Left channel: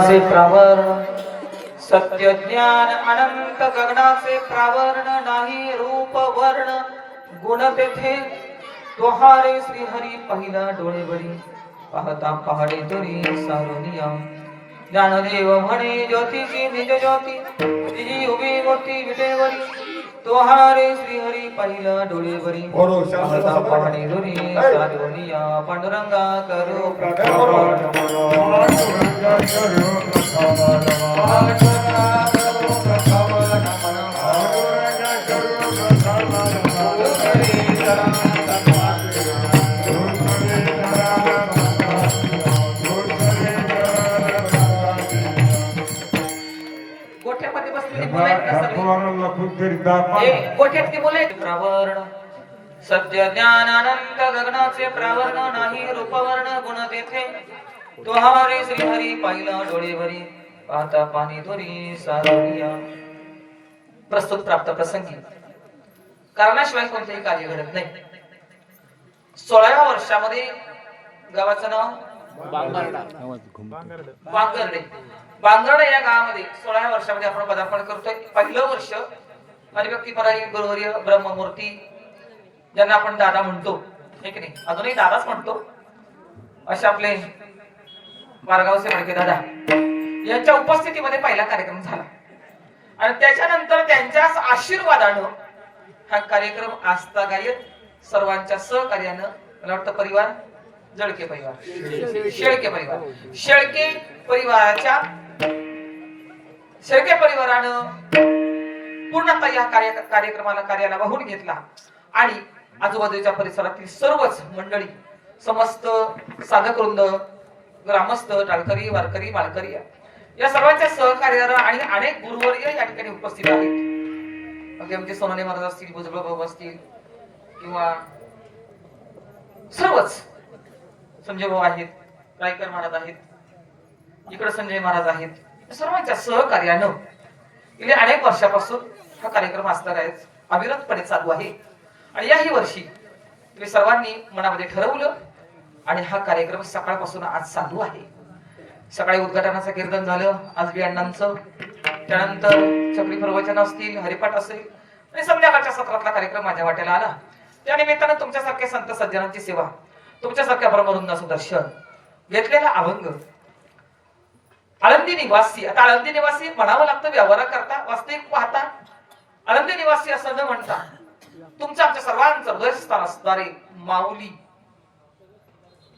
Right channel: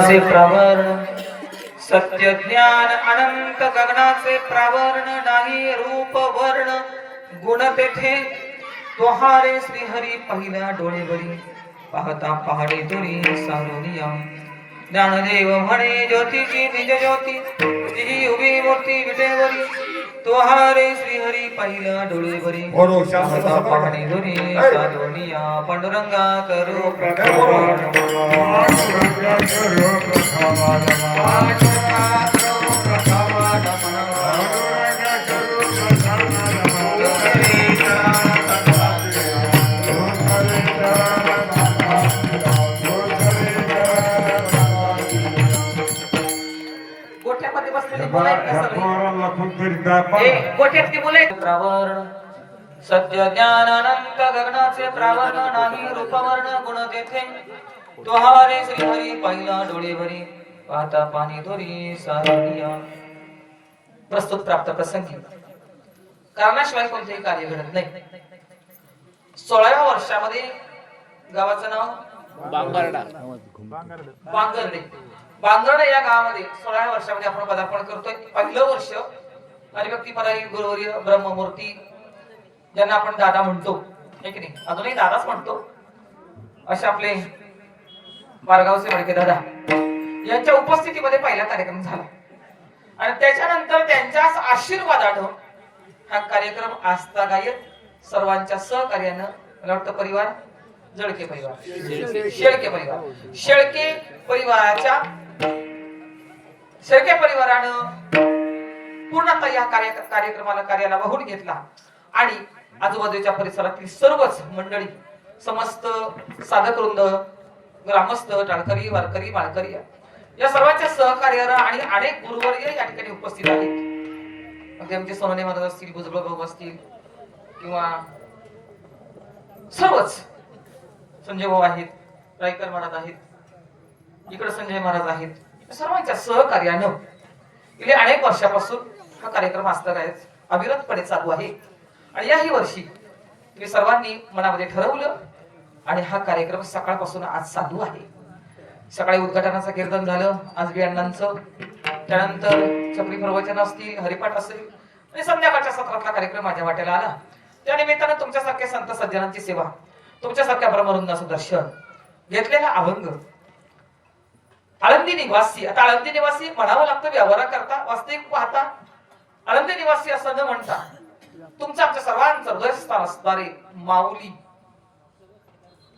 से प्रावरण सत्य ज्ञान अनंत गगनाचे प्रावरण नाही रूप वर्ण गुण तेथे तोहारे श्री हरी पहिला डोळेवरी पाहता पहाडे तरी सारुनिया ज्ञानदेव म्हणे ज्योतीची निज ज्योती तिची उभी मूर्ती विटेवरी तोहारे श्री हरी पहिला डोळेवरी पाहता पहाडे तरी सारुनिया पांडुरंगा करो गोठ्यामध्ये बसलेली गोठ्यातली मुले प्रावरण सत्य ज्ञान अनंत गगनाचे प्रावरण नाही रूपवर्ण गुण तेथे तोहारे श्री हरी पहिला डोळेवरी पाहता पाणी धोरी सारुनिया प्रस्तुत प्राप्त प्रसंगी कारणाशिवाय कोणतेही कार्य घडत नाही. 16व्या वर्षामध्ये गावाचं नाव बांगरडे. बांगरडे या गावामध्ये 16व्या वर्षामध्ये आपण पदार्पण करतोय. पहिलं वर्ष हरिभक्ती परायण गुरुवर्य ब्रह्ममूर्ती ज्यांना आपण दादा म्हणतो, हे की नाही, अजूनही दादाच म्हणतो, असे आपले वारगावचे मडके दादा यांच्या उपस्थितीमध्ये पहिला कार्यक्रम झाला आणि त्याच्यानंतर त्यांच्याच आशीर्वादानं हा कार्यक्रम आस्थागायत सर्वांच्या सहकार्यानं, मला वाटतं परिवार जळके परिवार शेळके परिवारानं पूर्णतः या कार्याला वाहून घेतला आणि आजूबाजूच्या परिसरातील सर्वच मंडळी, समस्त साधक वृंद, ग्रामस्थ, टाळकरी, वारकरी, माळकरी या सर्वांच्या सहकार्यानं आणि अनेक गुरुवर्य या ठिकाणी उपस्थित आहेत. अगदी आमचे सोनोने महाराज असतील, भुजबळ भाऊ असतील किंवा सर्वच, संजय भाऊ आहेत, रायकर महाराज आहेत, इकडे संजय महाराज आहेत, सर्वांच्या सहकार्यानं गेल्या अनेक वर्षापासून हा कार्यक्रम आस्थागायत अविरतपणे चालू आहे आणि याही वर्षी तुम्ही सर्वांनी मनामध्ये ठरवलं आणि हा कार्यक्रम सकाळपासून आज चालू आहे. सकाळी उद्घाटनाचं कीर्तन झालं, आज बियाणांचं, त्यानंतर चक्री प्रवचन असतील, हरिपाठ असेल आणि संध्याकाळच्या सत्रातला कार्यक्रम माझ्या वाटेला आला. त्या निमित्तानं तुमच्यासारख्या संत सज्जनांची सेवा, तुमच्यासारख्या ब्रह्मवृंदाचं दर्शन, घेतलेला अभंग, आळंदी निवासी. आता आळंदी निवासी म्हणावं लागतं व्यवहाराकरता, वास्तविक पाहता आळंदी निवासी असं न म्हणता तुमचं आमच्या सर्वांचं हृदयस्थान असणारे माऊली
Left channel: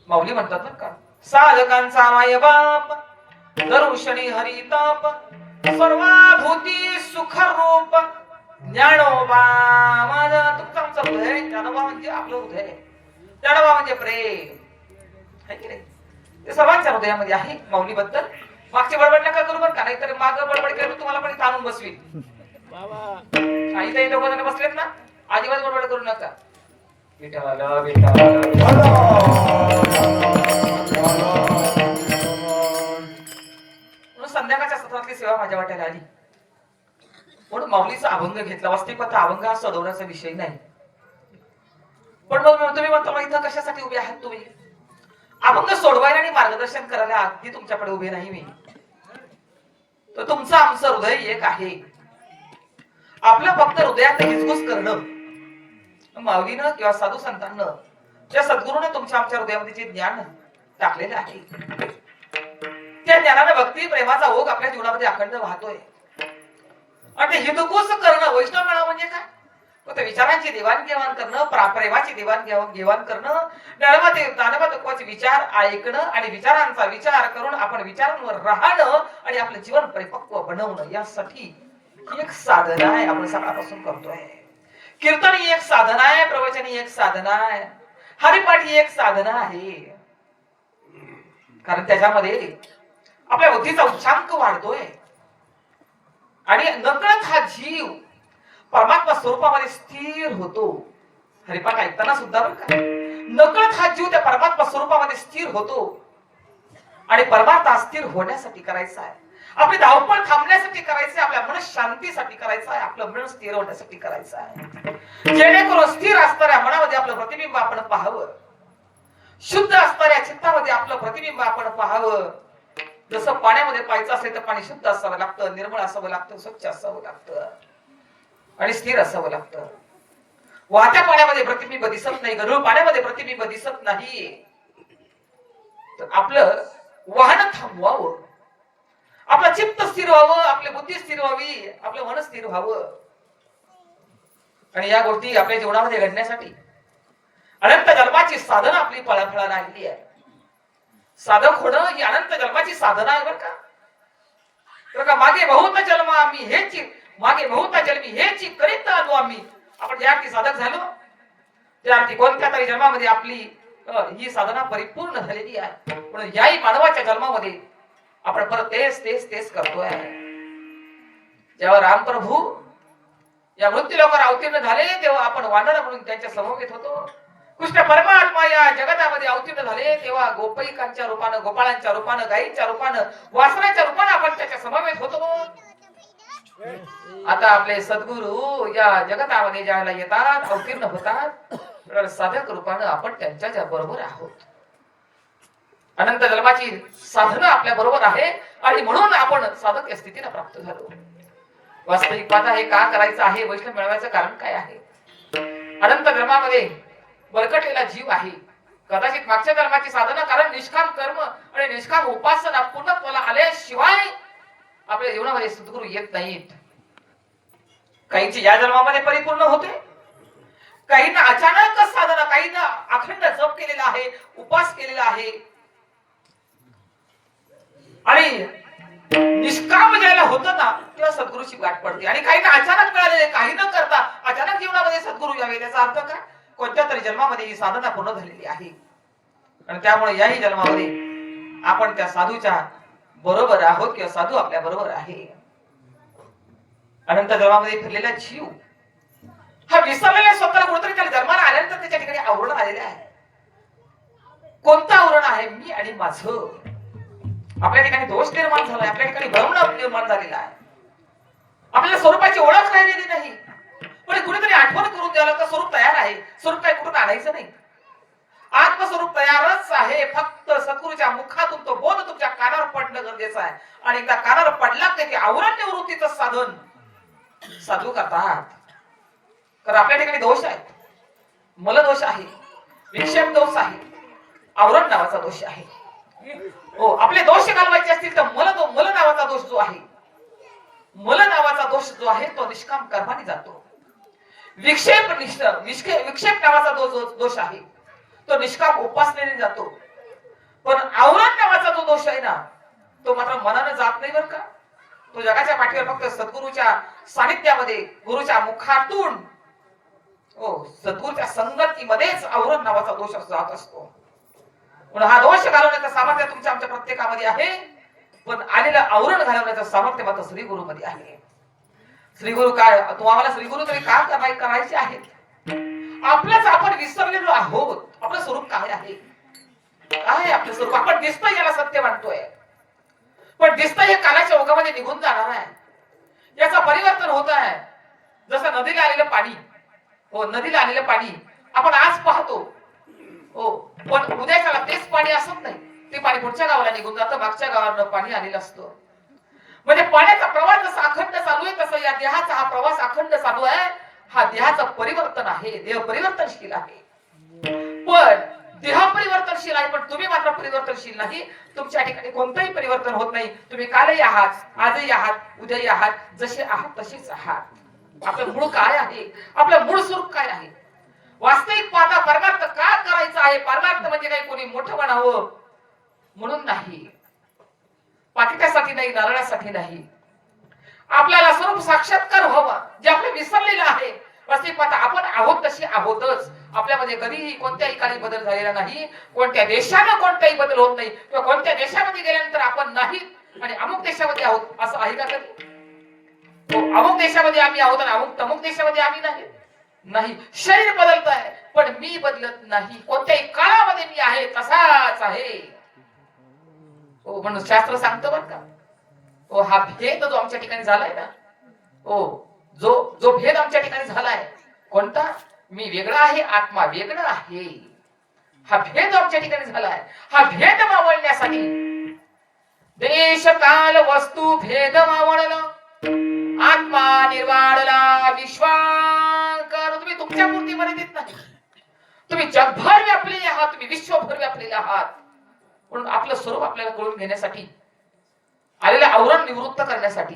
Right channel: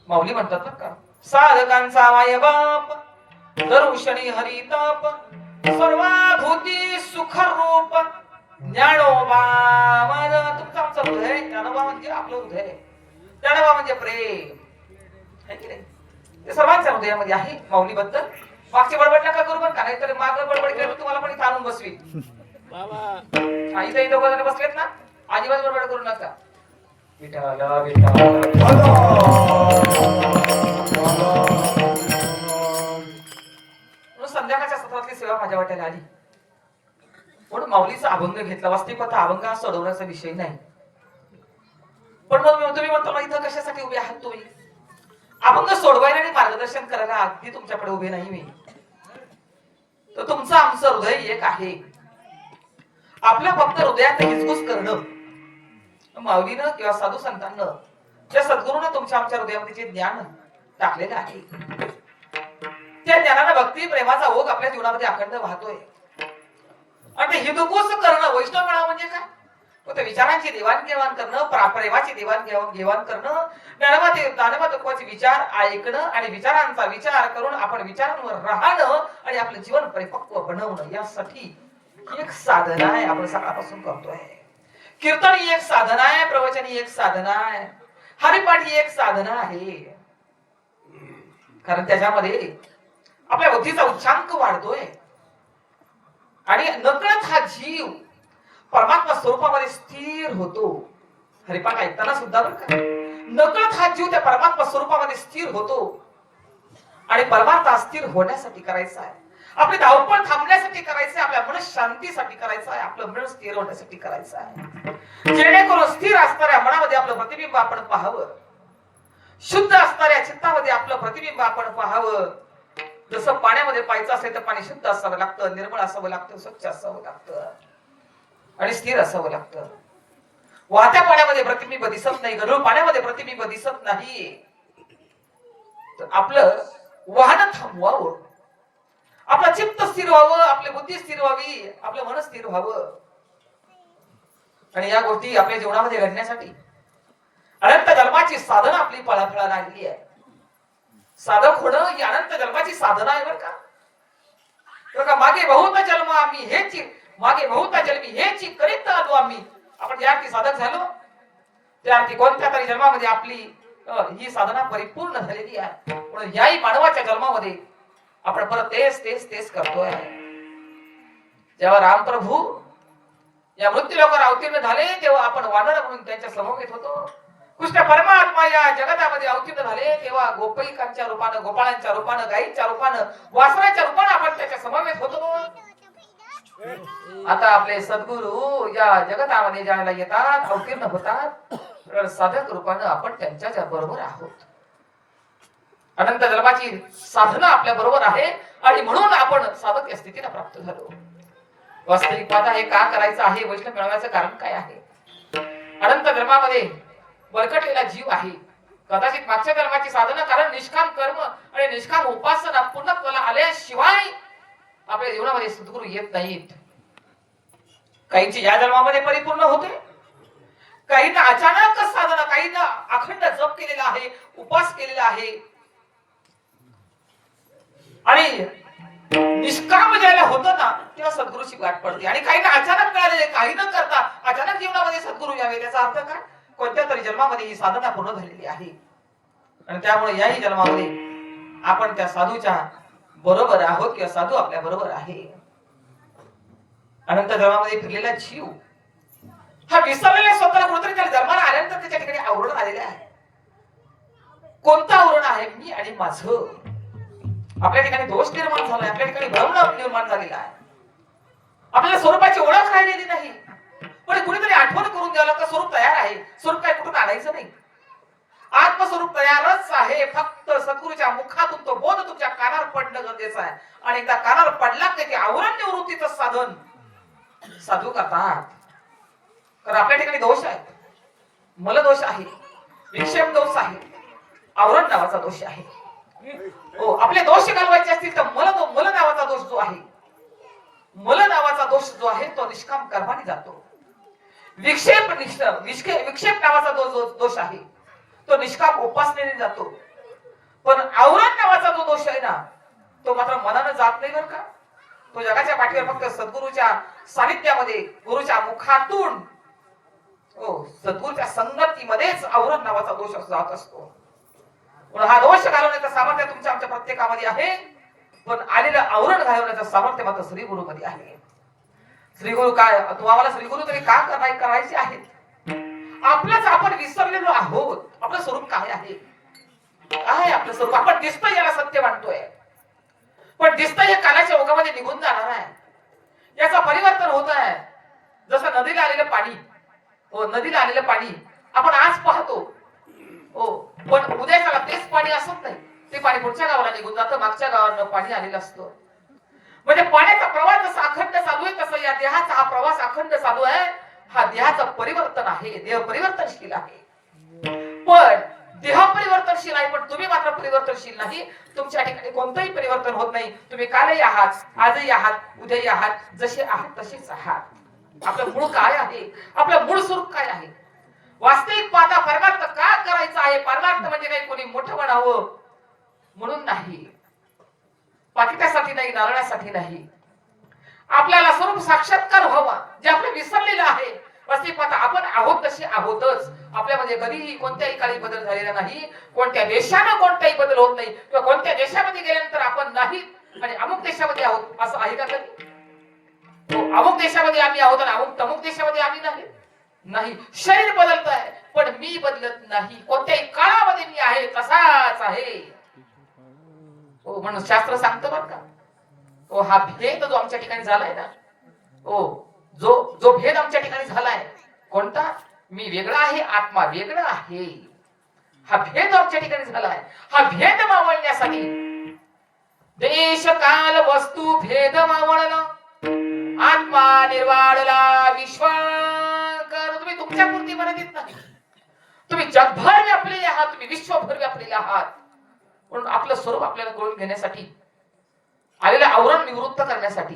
म्हणतात बरं का. साधकांचा माय बाप दर्शनी हरिताप सर्वभूती सुख रूप ज्ञानोबा. माझा तुमचं आमचं हृदय, ज्ञानोबा म्हणजे आपलं हृदय, ज्ञानोबा म्हणजे प्रेम आहे की नाही, ते सर्वांच्या हृदयामध्ये आहे. माऊली बद्दल मागची बडबड नका करू बरं का, नाहीतर मागं बडबड केलं तुम्हाला पण ताणून बसवी. आई दोघं जण बसलेत ना, अजिबात बडबड करू नका. संध्याकाळच्या सत्रातली सेवा माझ्या वाट्याला आली म्हणून माऊलीचा अभंग घेतला. वास्तविकता अभंग हा सोडवण्याचा विषय नाही, पण मग तुम्ही म्हणता इथं कशासाठी उभे आहात तुम्ही? अभंग सोडवायला आणि मार्गदर्शन करायला अगदी तुमच्याकडे उभे नाही मी, तर तुमचं आमचं हृदय एक आहे. आपल्या फक्त हृदयात हिचकुस करणं, माऊलीनं किंवा साधू संतांना, त्या सद्गुरूनं तुमच्या आमच्या हृदयामध्ये जे ज्ञान टाकलेलं आहे, त्या ज्ञानानं भक्ती प्रेमाचा ओघ आपल्या जीवनामध्ये अखंड वाहतोय. आणि ते हितकुस करणं, वैष्णव मेळा म्हणजे काय? ते विचारांची देवाणघेवाण करणं, प्रेमाची देवाणघेवाण करणं, ज्ञानोबाचे विचार ऐकणं आणि विचारांचा विचार करून आपण विचारांवर राहणं आणि आपलं जीवन परिपक्व बनवणं, यासाठी एक साधना आहे. आपण सकाळपासून करतोय. कीर्तन ही एक साधना आहे, प्रवचन ही एक साधना आहे, हरिपाठ ही एक साधना आहे. कारण त्याच्यामध्ये आपल्या बुद्धीचा उच्चांक वाढतोय आणि नकळत हा जीव परमात्मा स्वरूपामध्ये स्थिर होतो. हरिपाठ ऐकताना सुद्धा बरं का, नकळत हा जीव त्या परमात्मा स्वरूपामध्ये स्थिर होतो आणि परमात्मा स्थिर होण्यासाठी करायचा आहे, आपली धावपळ थांबण्यासाठी करायचं आहे, आपल्या मन शांतीसाठी करायचं आहे, आपलं मन स्थिर होण्यासाठी करायचं आहे. जेणेकरून स्थिर असणाऱ्या मनामध्ये आपलं प्रतिबिंब आपण पाहावं, शुद्ध असणाऱ्या चित्तामध्ये आपलं प्रतिबिंब आपण पाहावं, जसं पाण्यामध्ये पाहायचं असेल तर पाणी शुद्ध असावं लागतं, निर्मळ असावं लागतं, स्वच्छ असावं लागतं आणि स्थिर असावं लागतं. वाहत्या पाण्यामध्ये प्रतिबिंब दिसत नाही, गढूळ पाण्यामध्ये प्रतिबिंब दिसत नाही. तर आपलं वाहन थांबवावं, आपलं चित्त स्थिर व्हावं, आपली बुद्धी स्थिर व्हावी, आपलं मन स्थिर व्हावं. आणि या गोष्टी आपल्या जीवनामध्ये घडण्यासाठी अनंत जन्माची साधना आपली फळाफळा राहिली आहे. साधक होणं ही अनंत जन्माची साधना आहे बरं का. मागे बहुत जन्म आम्ही हेच मागे बहुत जन्मी हेच करीत आलो आम्ही. आपण ज्या अर्थी साधक झालो त्या अर्थी कोणत्या तरी जन्मामध्ये आपली ही साधना परिपूर्ण झालेली आहे. म्हणून याही मानवाच्या जन्मामध्ये आपण परत तेच तेच तेच करतोय. जेव्हा रामप्रभू या मृत्यू लोकांवर अवतीर्ण झाले तेव्हा आपण वानर म्हणून त्यांच्या समवेत होतो. कृष्ण परमात्मा या जगतामध्ये अवतीर्ण झाले तेव्हा गोपिकांच्या रूपानं, गोपाळांच्या रूपानं, गायींच्या रूपानं, वासराच्या रूपानं आपण त्याच्या समवेत होतो. आता आपले सद्गुरू या जगतामध्ये ज्याला येतात, अवतीर्ण होतात, साधक रूपानं आपण त्यांच्या बरोबर आहोत. अनंत जन्माची साधना आपल्या बरोबर आहे आणि म्हणून आपण साधक या स्थितीला प्राप्त झालो. वास्तविक पाहता हे का करायचं आहे, वैष्णव मिळवायचं कारण काय आहे? अनंत जन्मामध्ये बळकटलेला जीव आहे. कदाचित मागच्या जन्माची साधना कारण निष्काम कर्म आणि निष्काम उपासना पूर्णत्वाला आल्याशिवाय आपल्या जीवनामध्ये सद्गुरू येत नाहीत. काहींची या जन्मामध्ये परिपूर्ण होते, काहींना अचानक साधना, काहींना अखंड जप केलेला आहे, उपास केलेला आहे आणि निष्काम ज्याला होतं ना तेव्हा सद्गुरूची गाठ पडते. आणि काहींना अचानक मिळालेले, काही न करता अचानक जीवनामध्ये सद्गुरू यावे. त्याचा अर्थ काय? कोणत्या तरी जन्मामध्ये ही साधना पूर्ण झालेली आहे आणि त्यामुळे याही जन्मामध्ये आपण त्या साधूच्या बरोबर आहोत किंवा साधू आपल्या बरोबर आहे. अनंत जन्मामध्ये फिरलेला जीव हा विसरलेला स्वतःला कुठेतरी त्या जन्माला आल्यानंतर त्याच्या ठिकाणी आवरण आलेलं आहे. कोणतं आवरण आहे? मी आणि माझं. आपल्या ठिकाणी दोष निर्माण झालाय, आपल्या ठिकाणी भ्रम निर्माण झालेला आहे. आपल्याला स्वरूपाची ओळख राहिलेली नाही. पण कुणीतरी आठवण करून द्यायला तर स्वरूप तयार आहे. स्वरूप काय कुठून आणायचं नाही. आत्मस्वरूप तयारच आहे. फक्त सद्गुरूच्या मुखातून तो बोध तुमच्या कानावर पडणं गरजेचं आहे. आणि एकदा कानावर पडला की ते आवरण निवृत्तीचं साधन साधू करतात. तर आपल्या ठिकाणी दोष आहेत, मल दोष आहे, विक्षेप दोष आहे, आवरण नावाचा दोष आहे. हो, आपले दोष घालवायचे असतील तर मल नावाचा दोष जो आहे, मल नावाचा दोष जो आहे तो निष्काम कर्माने जातो. विक्षेप नावाचा दोष आहे तो निष्काम उपासनेने जातो. पण आवरण नावाचा जो दोष आहे ना तो मात्र मनानं जात नाही बरं का. तो जगाच्या पाठीवर फक्त सद्गुरूच्या सानिध्यामध्ये, गुरुच्या मुखातून, हो, सद्गुरूच्या संगतीमध्येच आवरण नावाचा दोष जात असतो. म्हणून हा दोष घालवण्याचं सामर्थ्य तुमच्या आमच्या प्रत्येकामध्ये आहे. पण आलेलं आवरण घालवण्याचं सामर्थ्य मात्र श्री गुरु मध्ये आहे. श्री गुरु काय, तुम्हाला श्री गुरु तरी का करायचे आहेत? आपलंच आपण विसरलेलो आहोत. आपलं स्वरूप काय आहे? काय आपलं स्वरूप? आपण दिसतोय याला सत्य मानतोय, पण दिसतंय हे कालाच्या ओघामध्ये निघून जाणार आहे. याचं परिवर्तन होत आहे. जसं नदीला आलेलं पाणी, हो, नदीला आलेलं पाणी आपण आज पाहतो, हो, पण उद्याच्याला तेच पाणी असत नाही. ते पाणी पुढच्या गावाला निघून जातं, मागच्या गावाला पाणी आलेलं असतं. म्हणजे पाण्याचा प्रवास जसा अखंड चालू आहे तसं या देहाचा हा प्रवास अखंड चालू आहे. हा देहाचं परिवर्तन आहे, देह परिवर्तनशील आहे. पण देह परिवर्तनशील आहे, पण तुम्ही मात्र परिवर्तनशील नाही. तुमच्या ठिकाणी कोणतंही परिवर्तन होत नाही. तुम्ही कालही आहात, आजही आहात, उद्याही आहात, जसे आहात तसेच आहात. आपलं मूळ काय आहे? आपलं मूळ स्वरूप काय आहे? वास्तविक पाहता परमार्थ का करायचा आहे? परमार्थ म्हणजे काही कोणी मोठं म्हणावं म्हणून नाही, पाकिटासाठी नाही, नारळासाठी नाही. आपल्याला स्वरूप साक्षात्कार व्हावा, जे आपलं विसरलेलं आहे. वास्तविक पाहता आपण आहोत तशी आहोतच. आपल्यामध्ये कधीही कोणत्याही काळी बदल झालेला नाही. कोणत्या देशानं कोणताही बदल होत नाही किंवा कोणत्या देशामध्ये गेल्यानंतर आपण नाही आणि अमुक देशामध्ये आहोत असं आहे का कधी? अमुक देशामध्ये आम्ही आहोत आणि अमुक देशामध्ये आम्ही नाही. शरीर बदलत आहे पण मी बदलत नाही. कोणत्याही काळामध्ये मी आहे तसाच आहे. हो, म्हणून शास्त्र सांगतं बरं का, हो, हा भेद जो आमच्या ठिकाणी झालाय ना, हो, जो भेद आमच्या ठिकाणी झालाय, कोणता? मी वेगळा आहे, आत्मा वेगळा आहे. हा भेद आमच्या ठिकाणी झालाय. हा भेद मावळण्यासाठी देश काल वस्तू भेद मावळला, आत्मा निर्वाळला विश्वाकार. तुम्ही तुमच्या पुरती मर्यादित नाही, तुम्ही जगभर व्यापलेले आहात, तुम्ही विश्वभर व्यापलेले आहात. म्हणून आपलं स्वरूप आपल्याला कळून घेण्यासाठी, आलेलं आवरण निवृत्त करण्यासाठी,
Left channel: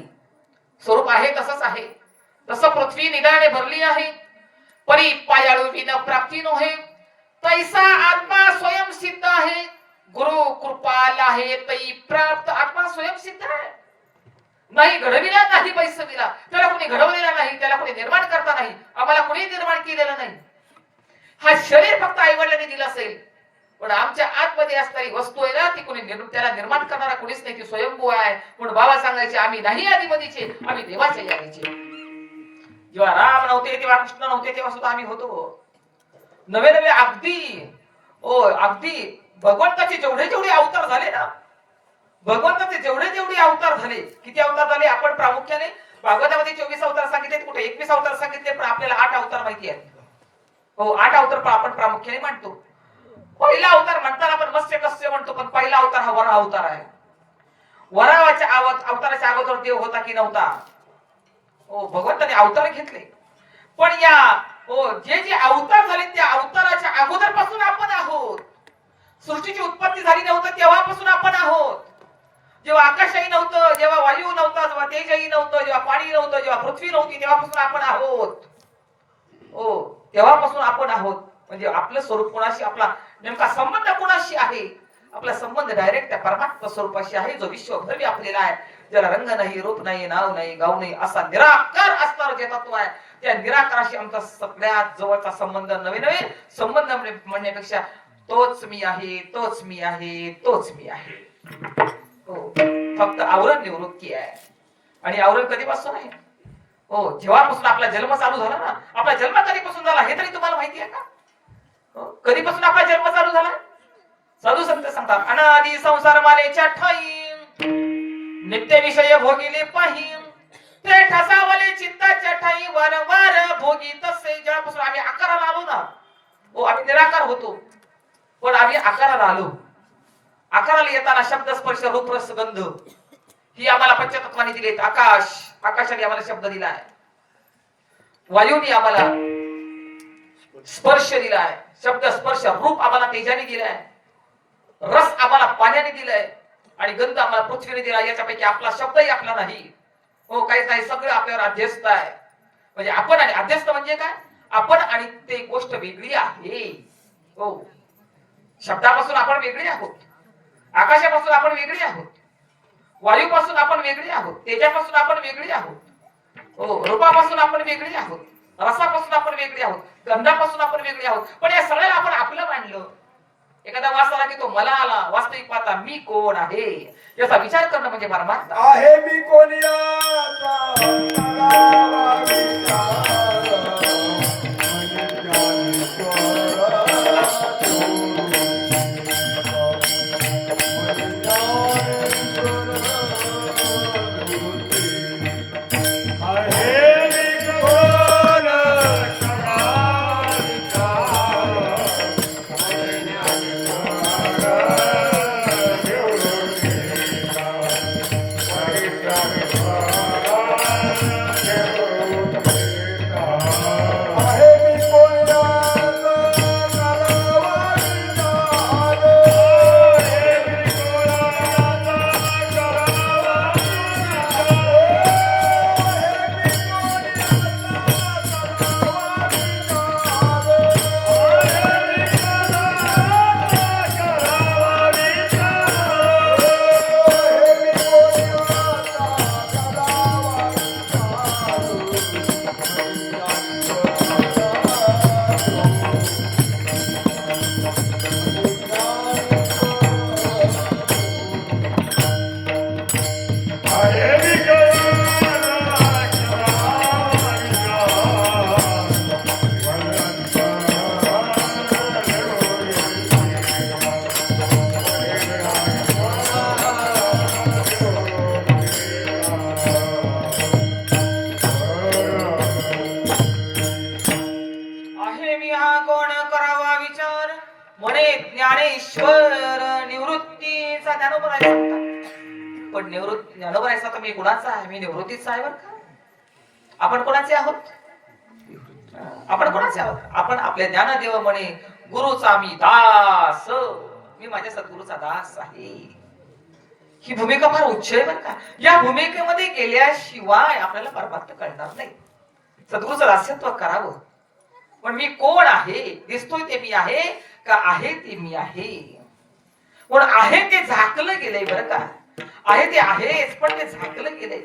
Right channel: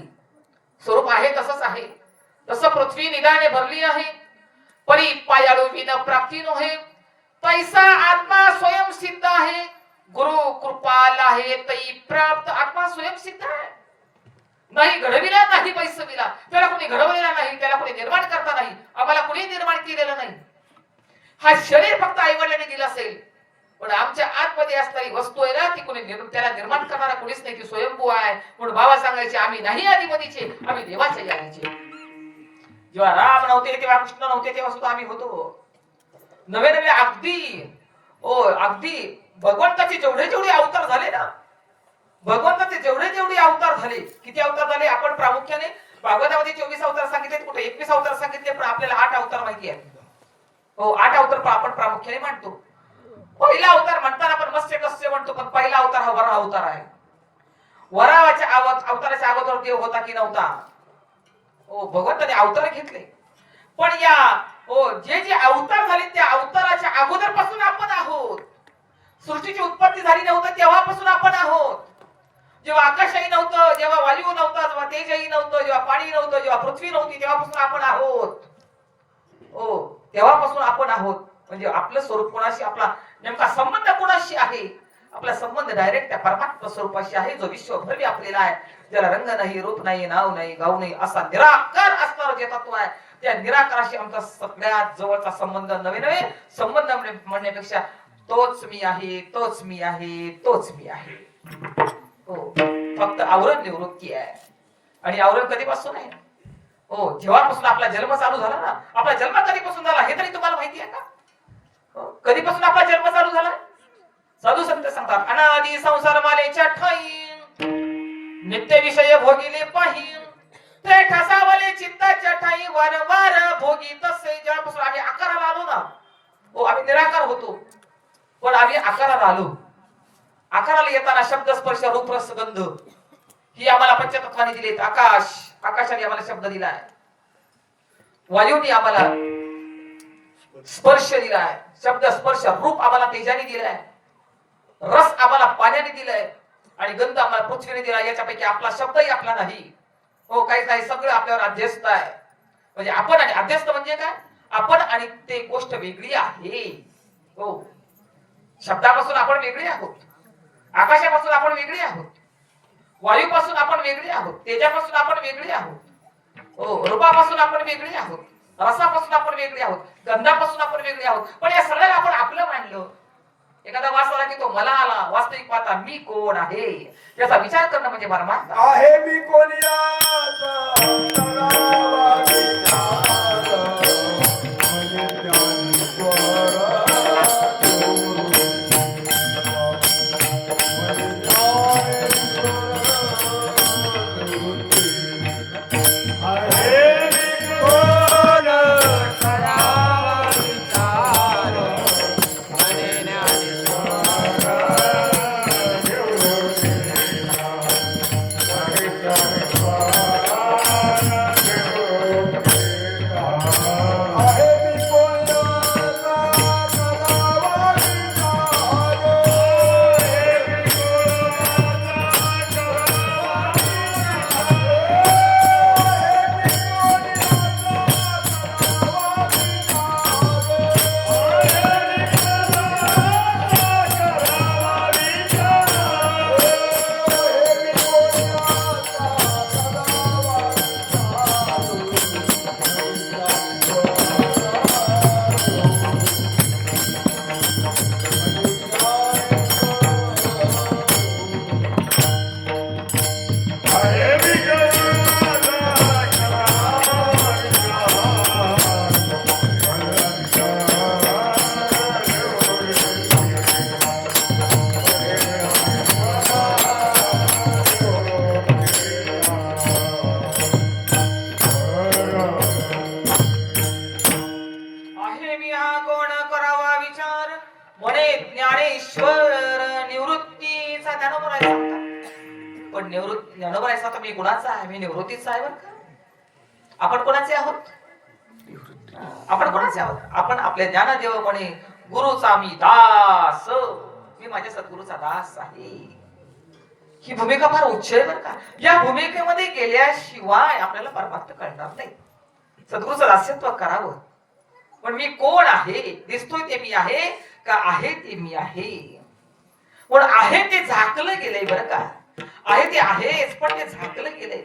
स्वरूप आहे तसंच आहे, तसं पृथ्वी निदाने भरली आहे. परी पायाळू विन प्राप्ती नोहे, तैसा आत्मा स्वयं सिद्ध आहे. गुरु कृपाल आहे तै प्राप्त. आत्मा स्वयं सिद्ध आहे, नाही घडविला नाही पैसविला, त्याला कोणी घडवलेला नाही, त्याला कोणी निर्माण करता नाही, आम्हाला कोणी निर्माण केलेलं नाही. हा शरीर फक्त आईवडिलांनी दिलं असेल, पण आमच्या आतमध्ये असणारी वस्तू आहे ना, ती कोणी त्याला निर्माण करणारा कोणीच नाही, ती स्वयंभू आहे. म्हणून बाबा सांगायचे आम्ही नाही आधीमधीचे, आम्ही देवाच्या यायचे. जेव्हा राम नव्हते, तेव्हा कृष्ण नव्हते, तेव्हा सुद्धा आम्ही होतो. नवे नवे अगदी भगवंताचे जेवढे जेवढे अवतार झाले ना, भगवंताचे जेवढे जेवढे अवतार झाले, किती अवतार झाले आपण प्रामुख्याने भागवतामध्ये 24 अवतार सांगितले, कुठे 21 अवतार सांगितले, पण आपल्याला 8 अवतार माहिती आहे. हो, 8 अवतार आपण प्रामुख्याने मानतो. पहिला अवतार म्हणताना आपण मत्स्य कस्य म्हणतो, पण पहिला अवतार हा वराह अवतार आहे. वराहाच्या अवताराच्या अगोदर देव होता की नव्हता? हो, भगवंताने अवतार घेतले, पण जे जे अवतार झाले त्या अवताराच्या अगोदर पासून आपण आहोत. सृष्टीची उत्पत्ती झाली नव्हतं तेव्हापासून आपण आहोत. जेव्हा आकाशही नव्हतं, जेव्हा वायू नव्हता, जेव्हा तेजही नव्हतं, जेव्हा पाणी नव्हतं, जेव्हा पृथ्वी नव्हती, तेव्हापासून आपण आहोत. हो, तेव्हापासून आपण आहोत. म्हणजे आपलं स्वरूप कोणाशी, आपला नेमका संबंध कोणाशी आहे? आपला संबंध डायरेक्ट त्या परमात्मा स्वरूपाशी आहे, जो विश्वभर व्यापलेला आहे, ज्याला रंग नाही, रूप नाही, नाव नाही, गाव नाही, असा निराकार असणारा जे तत्व आहे, त्या निराकाराशी आमचा सगळ्यात जवळचा संबंध. नवे नवे संबंध म्हणण्यापेक्षा तोच मी आहे, तोच मी आहे, तोच मी आहे. हो, फक्त आवरण निवृत्ती आहे. आणि आवरण कधीपासून आहे? हो, जेव्हापासून आपला जन्म चालू झाला ना. आपला जन्म कधीपासून झाला हे तरी तुम्हाला माहिती आहे का? कधीपासून आपला जन्म चालू झाला? साधू संत सांगतात, अनादि संसार मालेच्या ठाई नित्य विषय भोगिले पाहिन, ते ठसावले चित्ताच्या ठाई वारंवार भोगी तसे. जेव्हापासून आम्ही आकाराला आलो ना, हो, आम्ही निराकार होतो, पण आम्ही आकाराला आलो. आकाराला येताना शब्द स्पर्श रूप रस गंध ही आम्हाला पंचतत्वाने दिलेत. आकाशाने आम्हाला शब्द दिलाय, वायूने आम्हाला स्पर्श दिलाय, शब्द स्पर्श रूप आम्हाला तेजाने दिलाय, रस आम्हाला पाण्याने दिलाय, आणि गंध आम्हाला पृथ्वीने दिलाय. याच्यापैकी आपला शब्दही आपला नाही. हो, काहीच नाही, सगळं आपल्यावर अध्यस्त आहे. म्हणजे आपण आणि अध्यस्त म्हणजे काय? आपण आणि ते गोष्ट वेगळी आहे. हो, शब्दापासून आपण वेगळे आहोत, आकाशापासून आपण वेगळे आहोत, वायूपासून आपण वेगळे आहोत, तेजापासून आपण वेगळे आहोत, हो, रूपापासून आपण वेगळे आहोत, रसापासून आपण वेगळे आहोत, गंधापासून आपण वेगळे आहोत. पण या सगळ्याला आपण आपलं मानलं. एखादा वास आला की तो मला आला. वास्तविक पाहता मी कोण आहे याचा विचार करणं म्हणजे परमार्थ आहे. मी कोण म्हणे ज्ञानेश्वर निवृत्तीचा ज्ञानोबा पण निवृत्ती ज्ञानोबा आहे तर मी कुणाचा आहे? मी निवृत्तीचा आहे बरं का. आपण कोणाचे आहोत? आपण कोणाचे आहोत? आपण आपल्या ज्ञानदेव म्हणे गुरुचा मी दास, मी माझ्या सद्गुरूचा दास आहे. ही भूमिका फार उच्च आहे बरं का. या भूमिकेमध्ये गेल्याशिवाय आपल्याला परमार्थ कळणार नाही. सद्गुरूचं दास्यत्व करावं. पण मी कोण आहे? दिसतोय ते मी आहे का आहे ते मी आहे? पण आहे ते झाकलं गेलंय बरं का. आहे ते आहेच पण ते झाकलं गेलंय.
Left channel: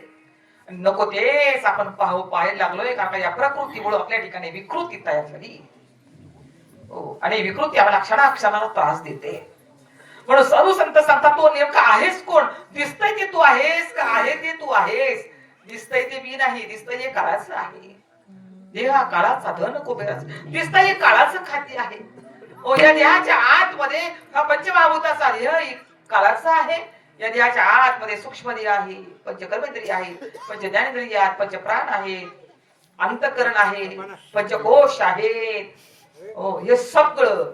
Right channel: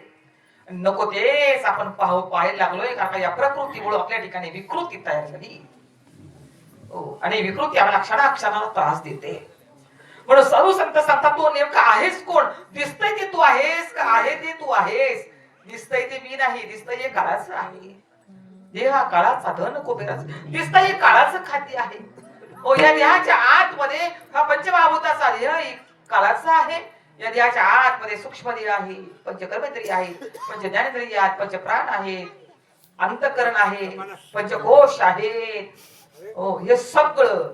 नको तेच आपण पाहायला लागलोय कारण या प्रकृतीमुळे आपल्या ठिकाणी विकृती तयार झाली. हो, आणि विकृती आम्हाला क्षणाक्षणाला त्रास देते. म्हणून साधू संत सांगतात तू नेमका आहेस कोण? दिसतंय ते तू आहेस का आहे ते तू आहेस? दिसतंय ते मी नाही, दिसतंय हे काळाचं आहे. देहा काळाचा धन कुबेराचा. दिसतंय हे काळाचं खाती आहे. ओ या देहाच्या आतमध्ये हा पंचमहाभूताचा देह काळाचा आहे. या देहाच्या आतमध्ये सूक्ष्म देह आहे, पंचकर्मेंद्रिय आहे, पंच ज्ञानेंद्रिय आहेत, पंच प्राण आहेत, अंतःकरण आहे, पंचकोश आहेत. हो, हे सगळं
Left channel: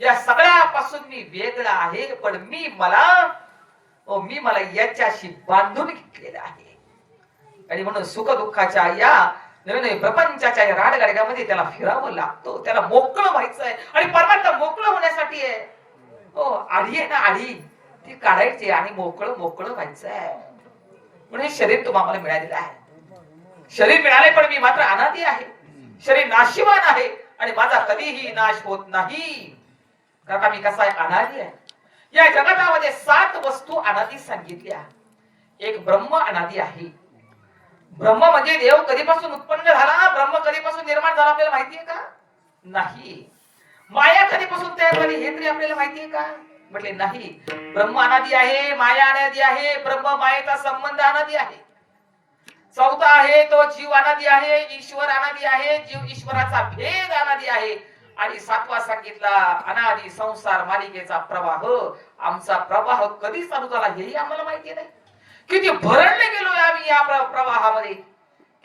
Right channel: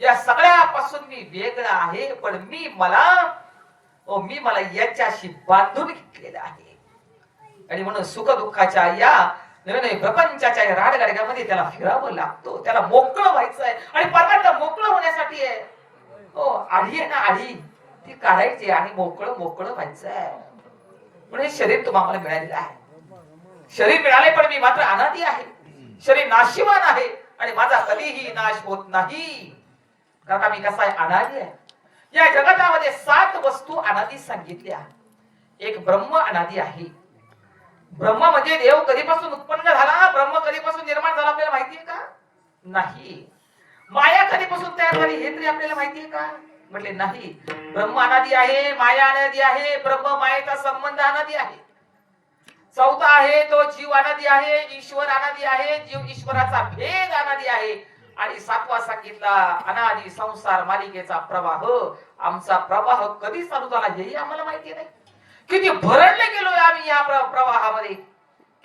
या सगळ्यापासून मी वेगळा आहे. पण मी मला याच्याशी बांधून घेतलेला आहे. आणि म्हणून सुख दुःखाच्या या नवीन प्रपंचाच्या या राडगाडग्यामध्ये त्याला फिरावं लागतो. त्याला मोकळं व्हायचं आहे. आणि परमात्मा मोकळं होण्यासाठी आहे. हो, आढी आहे ना, आढी ती काढायची आणि मोकळं व्हायचं आहे. म्हणून हे शरीर तुम्हाला मिळालेलं आहे. शरीर मिळाले पण मी मात्र अनादी आहे. शरीर नाशिवान आहे आणि माझा कधीही नाश होत नाही. कारण मी कसा आहे? अनादी आहे. या जगतामध्ये 7 वस्तू अनादी सांगितल्या. एक ब्रह्म अनादी आहे. ब्रह्म म्हणजे देव कधीपासून उत्पन्न झाला? ब्रह्म कधीपासून निर्माण झाला आपल्याला माहितीये का? नाही. माया कधीपासून तयार झाली हे तरी आपल्याला माहितीये का? म्हटले नाही. ब्रह्म अनादी आहे, माया अनादी आहे, ब्रह्म मायेचा संबंध अनादी आहे. चौथा आहे तो जीव अनादी आहे, ईश्वर अनादी आहे, जीव ईश्वराचा भेद अनादी आहे. आणि 7वा सांगितला अनादी संसार मालिकेचा प्रवाह. आमचा प्रवाह कधी चालू झाला हेही आम्हाला माहिती नाही. किती भरडले गेलोय आम्ही या प्रवाहामध्ये.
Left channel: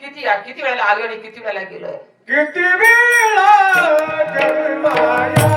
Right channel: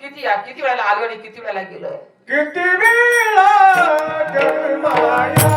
किती वेळेला आलो आणि किती वेळेला गेलोय. किती वेळा जन्माया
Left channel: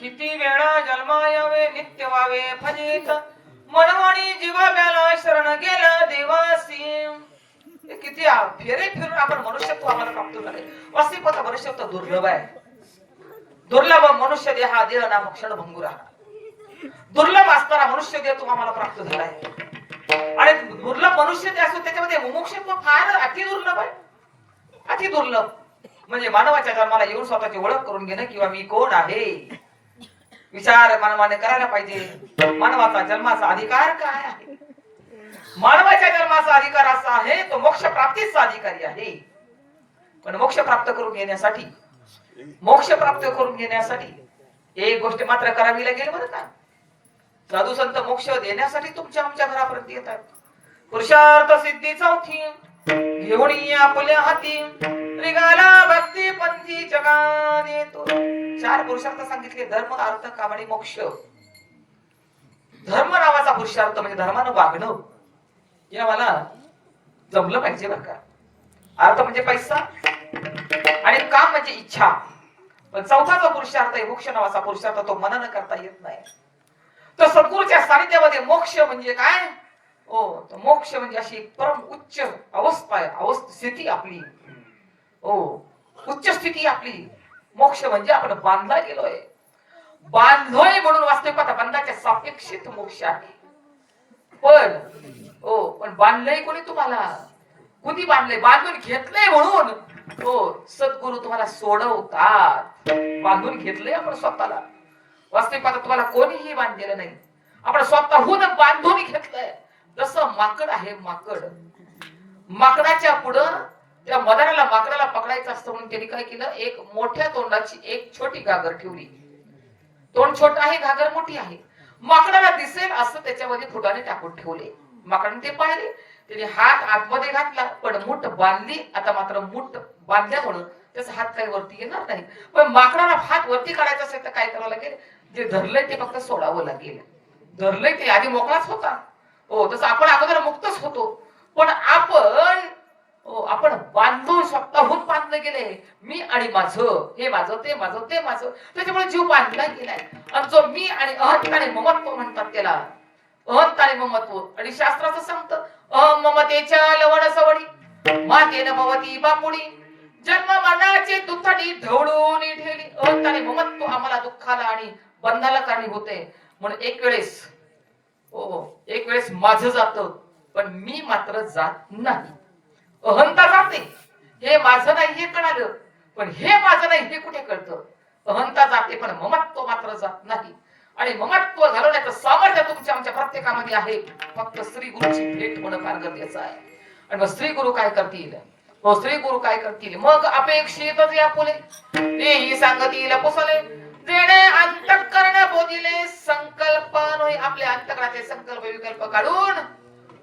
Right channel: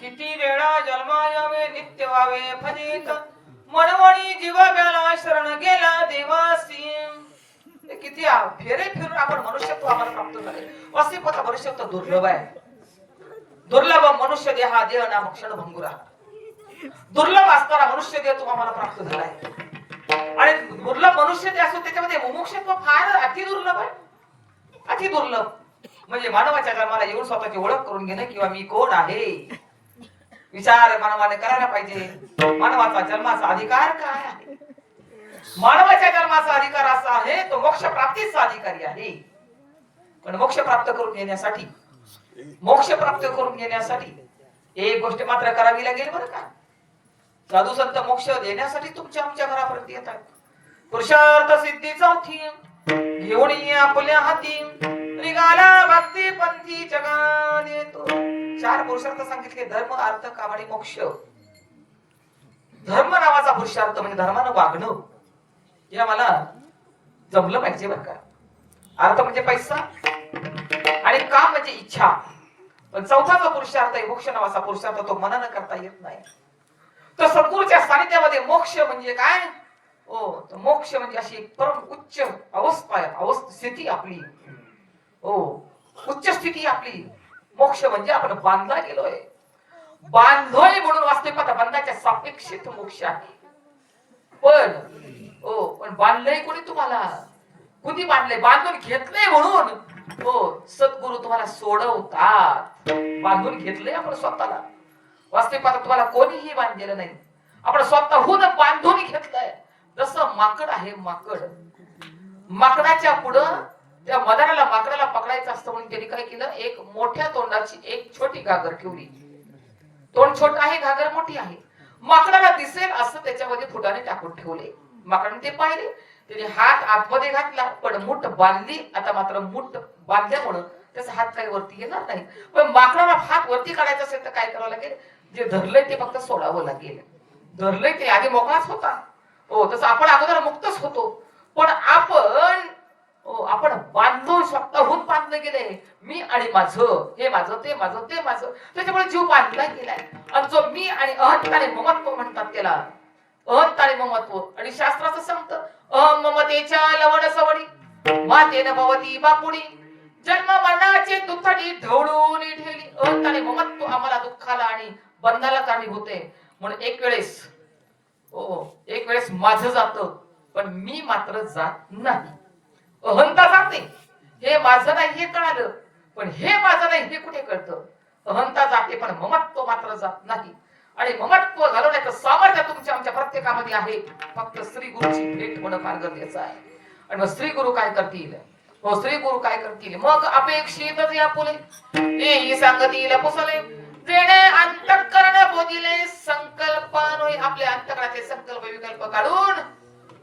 किती वेळा जन्माया फेरे फिरून आपण मनुष्यत्व आम्हाला प्राप्त झाले. अस्तित्वाचा मनुष्यत्व दुर्लभ आहे. दुर्लभ मनुष्य देह हा देह नाम क्षणभंगुरा. दुर्लभ असणारा मनुष्य देह तुम्हाला प्राप्त झाला आहे. आणि दुर्लभ मनुष्य देह असतो त्याच्यामध्ये मुमुक्षत्व फार अति दुर्लभ आहे. अति दुर्लभ म्हणजे मानवाच्या जन्माला येऊन स्वतःची ओळख करून घेणं किंवा मी कोण आहे विचार मानवाने करायला पाहिजे. मानवाचा जन्माचा अधिकार काय आहे? मानवाच्या जन्माचा अधिकार असा आहे तो मोक्ष प्राप्तीचा अधिकारी आहे. पण मोक्ष प्राप्त करून घेण्यासाठी एक गोष्ट मात्र करावी लागेल बरं का. साधू संत मोक्ष देण्यासाठी तुमच्या आमच्या घरापर्यंत येत आहेत. पुरुषार्थ सिद्धी चौथी घेऊन आपल्या हाती निघाला भक्ती पंथी जगात येतो. 4 पुरुषार्थ सांगितले. धर्म अर्थ काम आणि मोक्ष. धर्म नावाचा पुरुषार्थ म्हणजे धर्मानं वागणं हे मला जमलं पाहिजे बरं का. अर्थ म्हणजे पैसा आणि काम म्हणजे इच्छा. पण चौथा जो पुरुषार्थ आहे मोक्ष नावाचा पुरुषार्थ तो मनानं करता येत नाही. तर सद्गुरूच्या सानिध्यामध्ये मोक्ष म्हणजे काय? तो मोक्ष म्हणजे अशी परम उच्च अवस्था आहे. स्थिती आपली उच्च स्थिती आपली. मोक्ष म्हणजे आपण बांधला गेलोय. बांधलोय म्हणून वास्तविकता बंधाच्या सापेक्षित मोक्ष आहे. पण बांधलंय कोणी तुम्हाला? कुणी बांधलंय? बांधून घेतलंय म्हणून सद्गुरु तुम्हाला सोडवतात. बांधून घेतलंय आपण स्वतःला. वास्तविकता तुम्हाला कोणीही बांधलेलं नाही, आपण स्वतःहून बांधून घेतलंय. जसं माकड आहे, माकडाच्या पुढं त्या मदाराला माकडाला पकडायचं असतं म्हणून त्यांनी काय केलं, एक मोठ्या तोंडाची एक छोटी घागर ठेवली. तोंड छोट आहे, घागर मोठी आहे. माकडाला दिसेल असं त्याच्यामध्ये फुटाने टाकून ठेवले. माकडाने ते पाहिले, त्याने हात आतमध्ये घातला, पण मूठ बांधली. आता मात्र मूठ बांधल्यामुळं त्याचा हात काही वरती येणार नाही. पण माकडाला हात वरती काढायचा असेल तर काय करावं लागेल? जे धरलंय ते फक्त सोडावं लागेल. धरलंय ते आधी मोकळाच होता, तसं आपण अगोदर मुक्तच होतो. पण आपण बांधून स्वतःहून बांधले गेले. मी आणि माझं, हे माझं, ते माझं, ते माझं, त्याच्यामुळे जीव बांधला गेलाय. आणि जो मी आणि अहंता आणि ममत्व म्हणतात त्याला, अहंता आणि ममत्व. आणि शास्त्राचं सांगतं, अहम ममतेच्या लवण सवडी मातेन भवती बापुडी, जन्म मरणाचे दुःखडी ढवळून ठेवली. अहंता आणि ममत्व आम्हाला दुःखाला आणि बंधाला कारणीभूत होते. म्हणून एक वेळेस माझं जातं, पण मी मात्र जात नाही. अहंता जाते, हे माझं नाही हे कळालं, पण हे माझं नाही हे कुठे कळतं? अहंता जाते पण ममत्व मात्र जात नाही. आणि ममत्व घालवण्याचं सामर्थ्य तुमच्या आमच्या प्रत्येकामध्ये आहे. फक्त श्री गुरुची भेट होणं फार गरजेचं आहे. आणि मग श्री गुरु काय करतील? श्री गुरु काय करतील? मग अपेक्षितच या फुले हेही सांगतील पुसले, जेणे अंतःकरण बोधिले संकल्प नोय. आपल्या अंतःकरणाचे संकल्प विकल्प काढून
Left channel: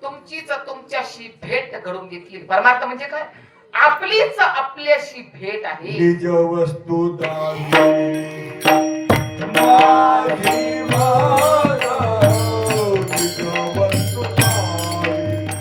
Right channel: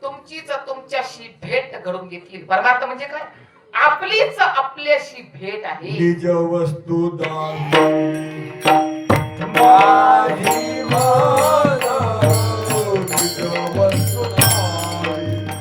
तुमच्याशी भेट घडून घेतील. परमार्थ म्हणजे काय? आपलीच आपल्याशी भेट आहे. निज वस्तू दान माझी माझा, निज वस्तू दान माझी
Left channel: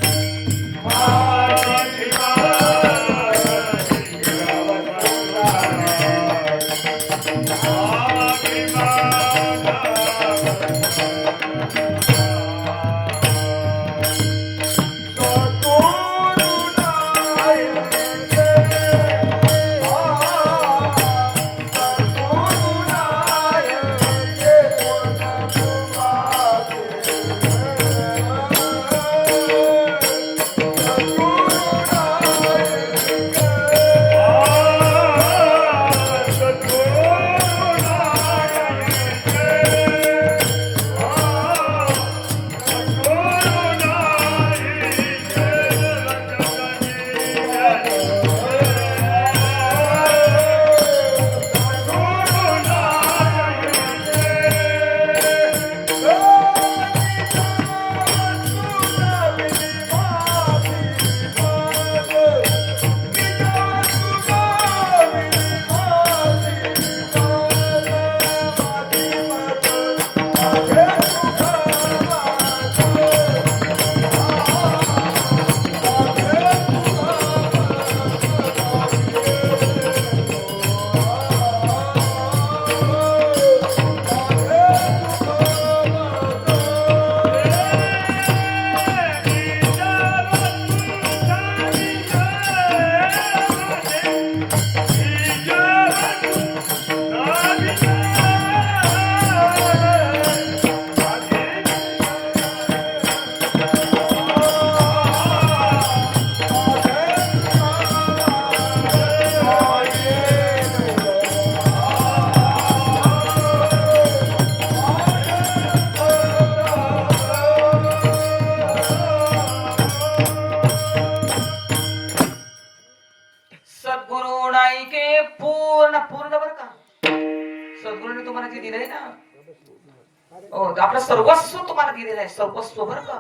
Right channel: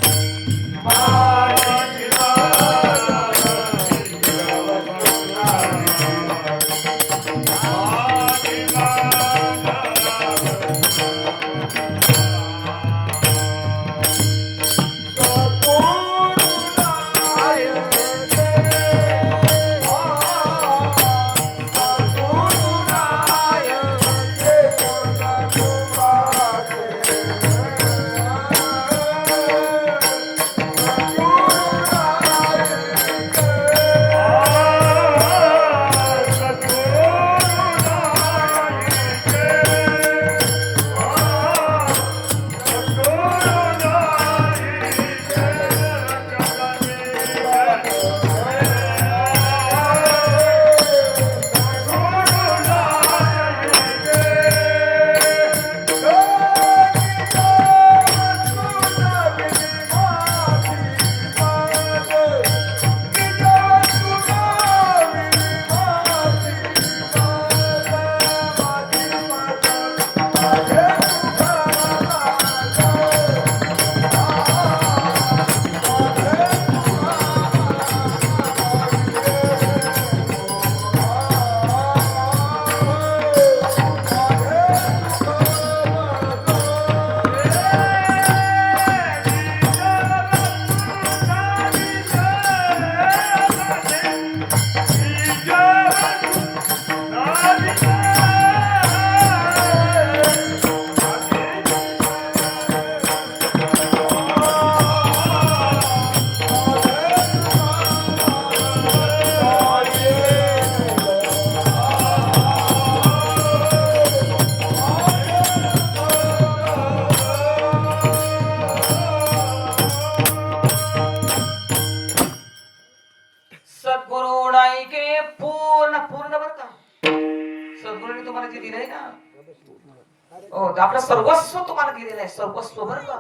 आपलं सर्वस्व तुम्हाला दिलेलं आहे, सर्वस्व बरं का.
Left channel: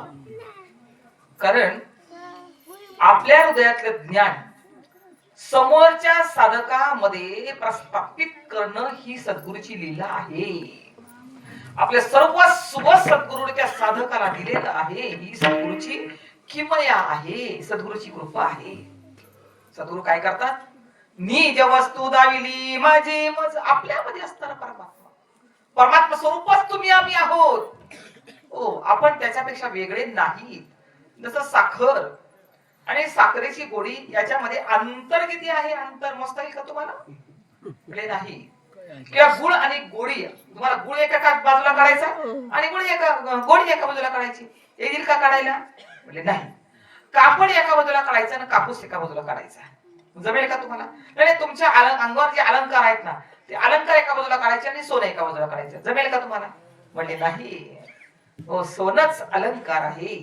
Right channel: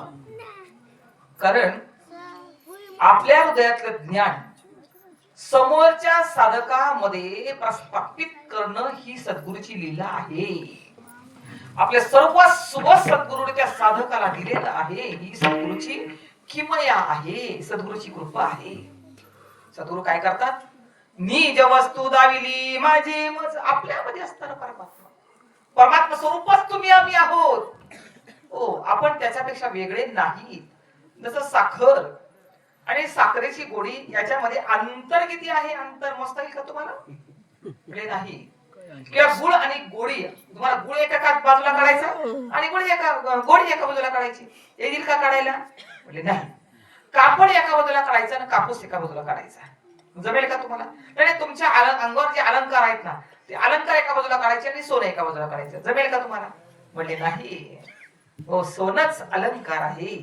कारण आपल्या हृदयातलं ज्ञान समोरच्या साधकामध्ये प्रस्थापित करणं ही सद्गुरूची लीला आहे. आपले सर्वस्व सद्गुरूने त्या साधकाला दिलेलं आहे. ही सद्गुरूची किमया आहे, सद्गुरूची कृपा आहे. सद्गुरू काय करतात? निज वस्तू दाविली माझे मज. आपल्यामध्ये असताना परमात्मा स्वरूपच तुम्ही आम्ही आहोत. आपण त्याच्यापेक्षा वेगळे नाही. जसं साखर आणि साखरेची गोडी याच्यामध्ये अंतर किती आहे? अंतर मोजता येईल का तुम्हाला? नाही. किंवा गुळ आणि गोडी, तुम्हाला गुळ एका बाजूला काढायचा आणि गोडी एका बाजूला काढायची, येईल का काढायला? म्हणजे नाही. कापड एका बाजूला काढायचं आणि कापूस एका बाजूला काढायचा, जमेल का तुम्हाला? नाही, तुमच्या अंगावर जे अलंकार आहेत ना, ते अलंकार एका बाजूला काढायचे आणि सोनं एका बाजूला काढायचं, जमेल का तुम्हाला? म्हणजे नाही. हो, सोनच अलंकार आहे,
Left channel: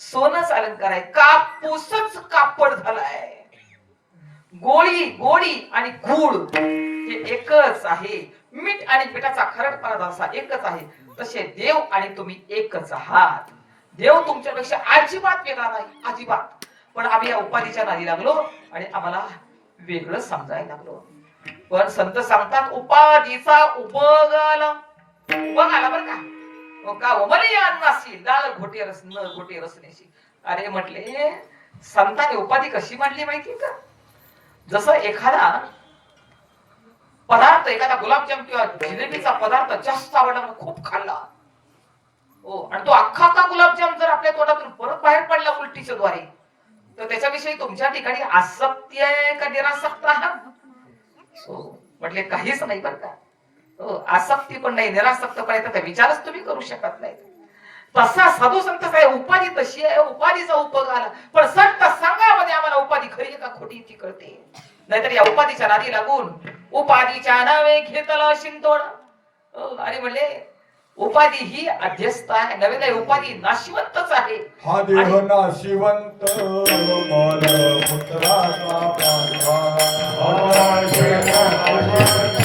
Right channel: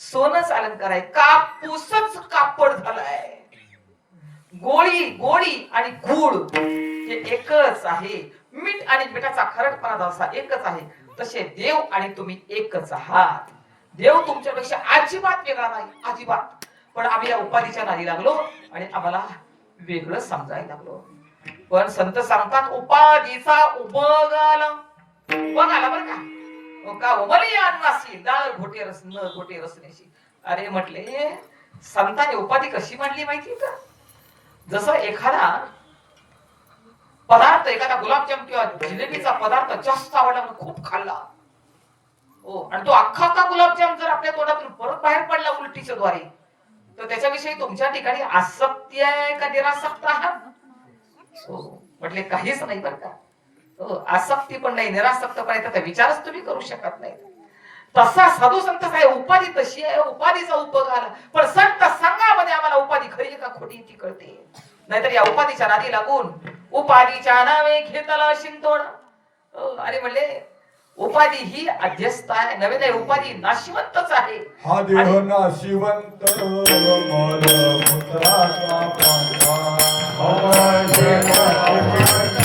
सोनच अलंकार आहे, कापूसच कापड झालाय. गोडी आणि गुळ हे एकच आहे. मीठ आणि मिठाचा खरटपणा जसा एकच आहे, तसे देव आणि तुम्ही एकच आहात. देव तुमच्यापेक्षा अजिबात वेगळा नाही, अजिबात. पण आम्ही या उपाधीच्या नादी लागलो आणि आम्हाला वेगळं समजायला लागलो. पण संत सांगतात, उपाधीचा उपयोग आला बरं का. का उमली अन्नासी डाळ घोटे रस न घोटे रसनेशी. अरे म्हटले, संतांनी उपाधी कशी मांडली माहिती का? जसं एखादा पदार्थ, एखादा गुलाबजाम किंवा जिलेबीचा पदार्थ जास्त आवडला, खूप खाल्ला, हो, आणि तो अख्खा गुलाबजाम जर आपल्या तोंडातून परत बाहेर पडला उलटीच्या द्वारे, तर त्याच्याविषयी तुमच्या ठिकाणी आसक्ती आहे का निरासक्त आहात? हो, म्हटले काहीच नाही बरं का. हो, आसक्ती पण नाही, निरासक्त पण आहे, विचारच तुम्ही करू शकत नाही. तसा साधू संत आहे, उपाधी तशी आहे, उपाधीचा उपयोग आला. पण संत संघामध्ये आम्हाला उपाधी खरी आहे का खोटी ती कळते. नाहीतर या उपाधीच्या नादी लागून उपाधीच्या नावे घेतला शिंतोड. अरे म्हणले, उपाधी ही अध्यस्त आहे, नव्हे नाही, उपाधी नाशिवंतच आहे. हा देह नाशिवंत मलमूत्राचा पांढरा. हा देह नाशिवंत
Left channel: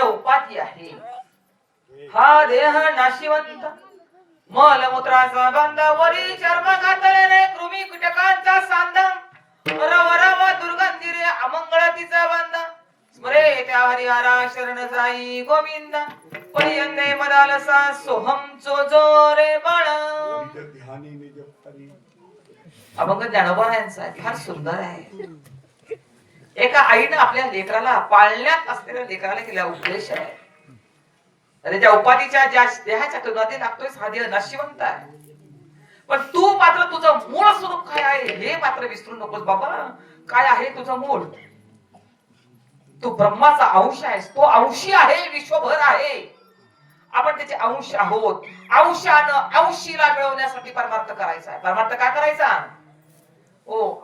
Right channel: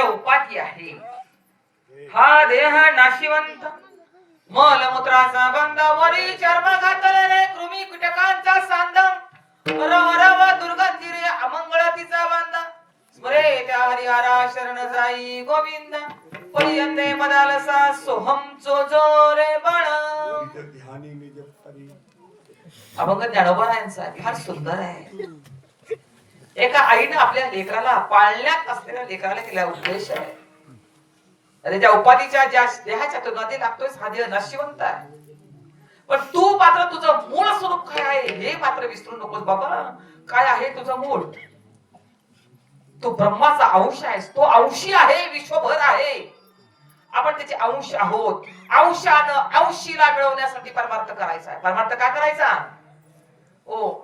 उपाधी आहे. हा देह नाशिवंत मलमूत्राचा बांधा, वरी चर्म घातलेले कृमी कीटकांचा सांदा, रव रव दुर्गंधी रे अमंगळातीचा बांधा, स्मरे त्या हरिहरा शरण जाई गोविंद, पर्यंते मदालसा सोहम चो रे बाळ. अभंग ज्ञानोबारायांचा फार सुंदर आहे. एका आईने आपल्या लेकराला, पाळण्यात असलेल्या लेकराला केला उपदेश आहे. अरे, ज्या उपाधीच्या, ज्या देहाच्या तुनादी लागतोय, हा देह नाशिवंत आहे, पण तू मात्र तुझं मूळ स्वरूप काय आहे हे मात्र विसरू नकोस बाबा. काय आहे तुझं मूळ? तू ब्रह्माचा अंश आहेस, तो अंशी आहे, विश्वभर आहे, आपण त्याचे अंश आहोत. अंशानं अंशीला मिळवण्यासाठी परमार्थ करायचा आहे. परमार्थ काय करायचा?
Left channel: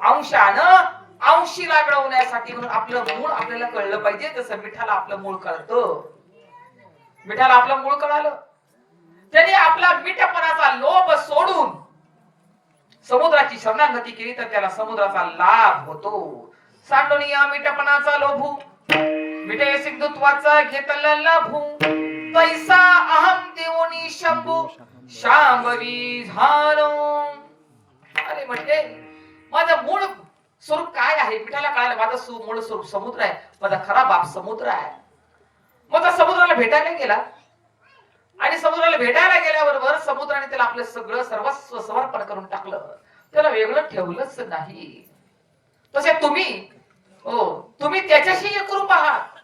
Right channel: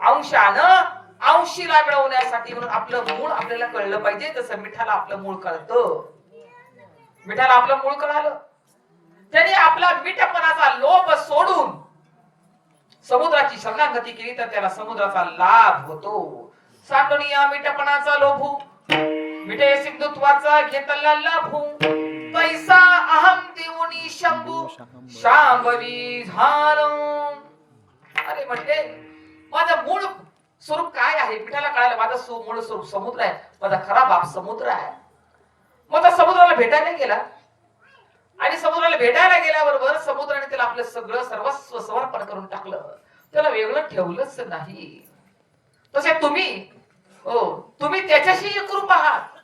अंशानं अंशीला मिळवण्यासाठी. म्हणून आपलं मूळ आपल्याला कळलं पाहिजे. जसं मिठाला आपलं मूळ कळतं, मिठाला आपलं मूळ कळालं, त्याने आपला मिठपणाचा लोभ सोडून समुद्राची शरणागती केली तर त्याला समुद्राचा लाभ होतो. सांडोनिया मिठपणाचा लोभू, मिठे सिंधुत्वाचा घेतला लाभू, पैसा अहम देऊनी शंभू शांभवी झालो. अरे म्हणजे माझं मूळ स्वरूप काय आहे मिठाला कळायला. माझं मूळ स्वरूप समुद्र आहे, माझा खरा बाप समुद्र आहे. मग समुद्राला भेटायला गेला आणि समुद्राला भेटायला गेल्याबरोबर समुद्राने त्याला आपलं सगळं सर्वस्व समर्पण करून टाकलं, त्याला वेगळं ठेवलंच नाही. तसे तुम्ही त्याच्याशी एकरूप आहात,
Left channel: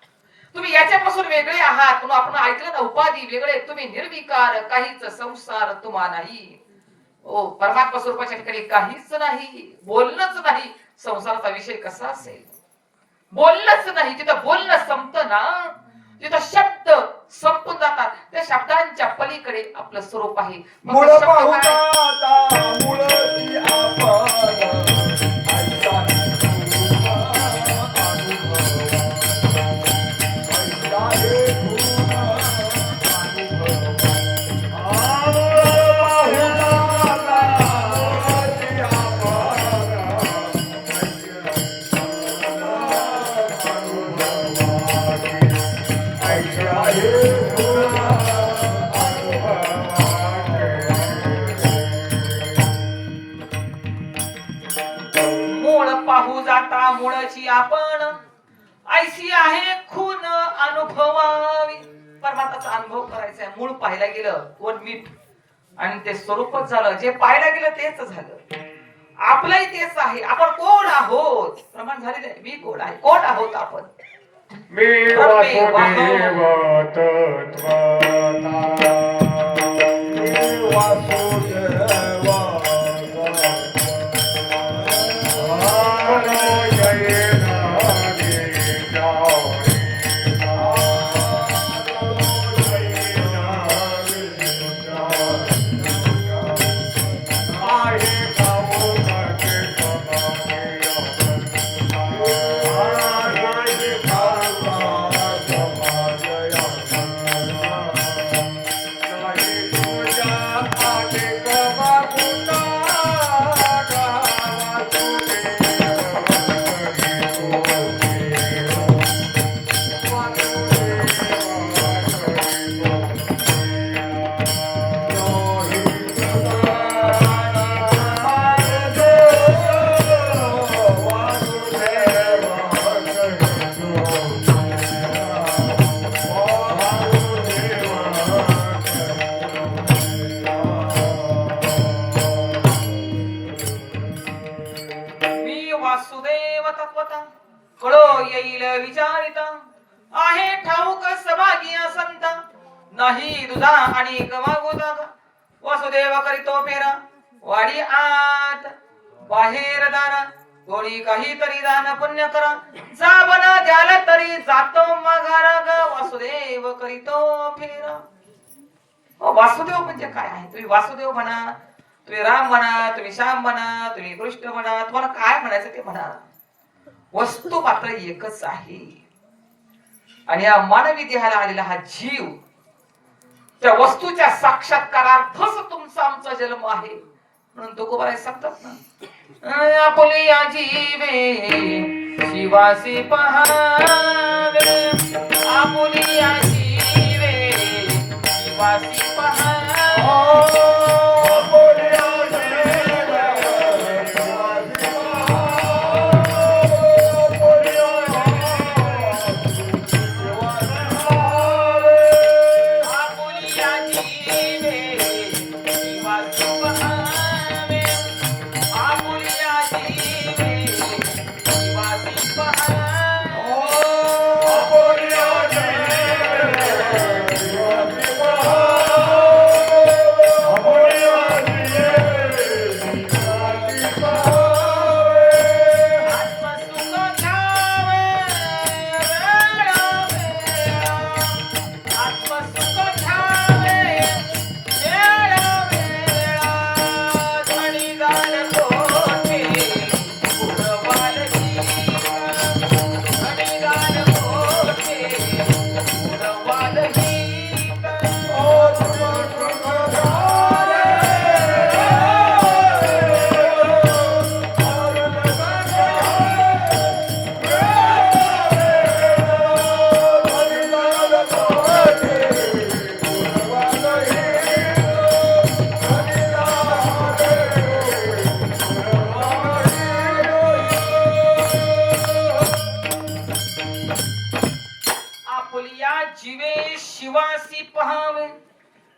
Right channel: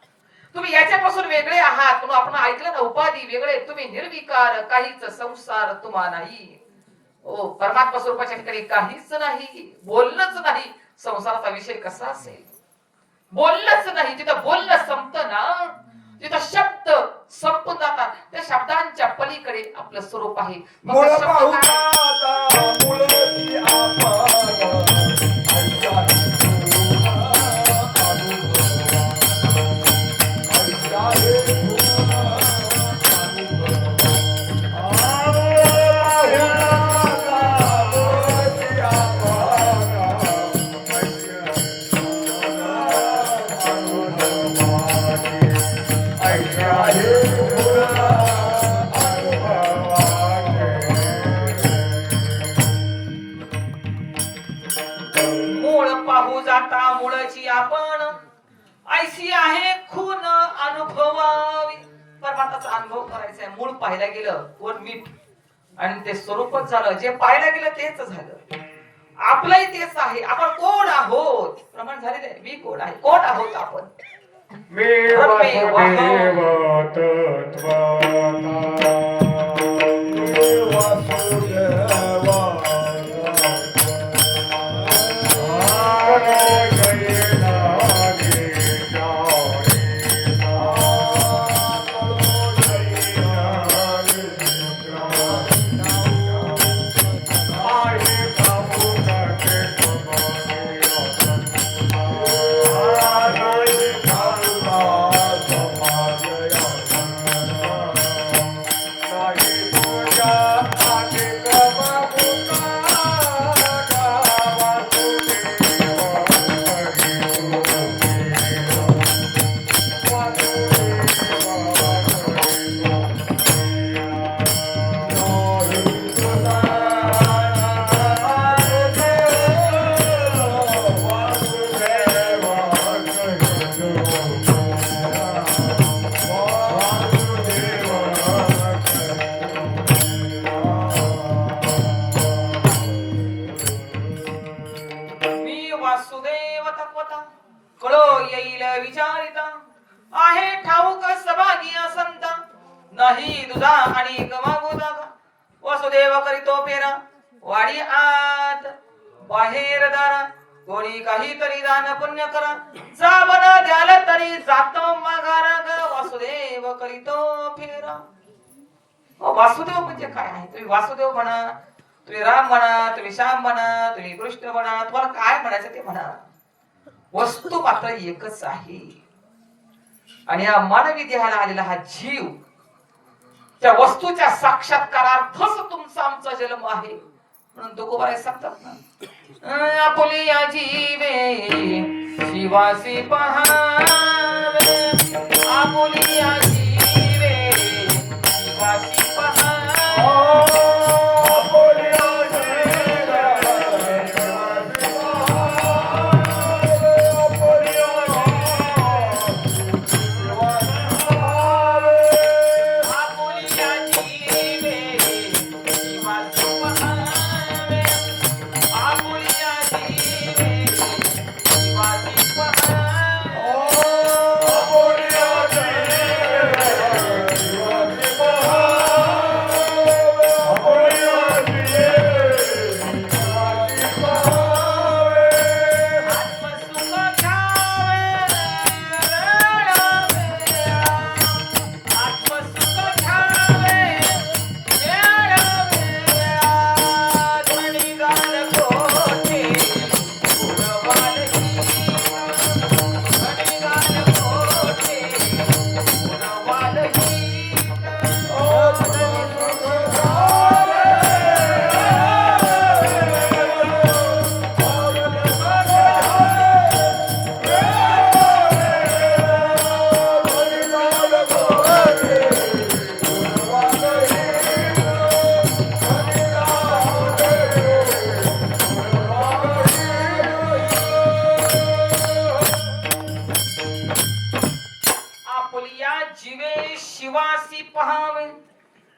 तुम्ही याच्यापासून वेगळे आहात. म्हणून आपण ऐकलं ना, उपाधी वेगळे, तुम्ही निर्विकार, काहीच संसार तुम्हा नाही. परमात्मा स्वरूपाच्या ठिकाणी काहीच नाही, बोलणंच नाही. संसाराचा विषय कसा असेल? बोललंच नाही. जिथं बोलणं संपतं ना तिथं शब्द संपून जातात. त्या शब्दांच्या पलीकडे आपलं स्वरूप आहे. मग मुळ ते शब्द पाहू काय? आता मुळची आपण ऐसा मूळ पाहू जाता मूळची आपण ऐशी आहे खून अनुभवावी. परमात्माचा अनुभव करायचा आहे. मूळ पाहायला गेलं वर मीठ आणि ते स्वरूपच झालं. जे पाहायला गेलं तेच झालं. आपलंही तेच आहे. आपण कोण आहोत प्रमाण झालेलं आहे. मी कोण आहे, कोण आहोत आपण. मी वासुदेव मी वासुदेव तत्वता कळो येईल विचारिता आहे ठाऊक सभागी संत नाही दुधा आणि गमागो जागा. वासुदेव करीतो फेरा वाडी आत बाहेर दारा कोणी काहीतरी दान पुण्य करा जावन द्याल तरी जातो माघारा ग. वासुदेव करीतो फेरा. वासुदेव म्हणजे काय आहे? तुम्ही वासुदेव म्हणा, तुम्ही राम म्हणा, तुम्ही श्याम म्हणा, तुम्ही कृष्ण म्हणा, तुम्हाला काय म्हणायचं ते म्हणा. वस्तू मात्र एकच आहे. आणि या मानवी देहाला आलेला हा जीव त्या वस्तूच्या साक्षात्कारार्थच तुमचा आमचा जन्म आहे. म्हणून तुकोबाराय सांगतात ना, आपुलिया जीवे शिवासी पहावे, आपुलिया जीवे शिवासी पहावे. शिवासी पहावे.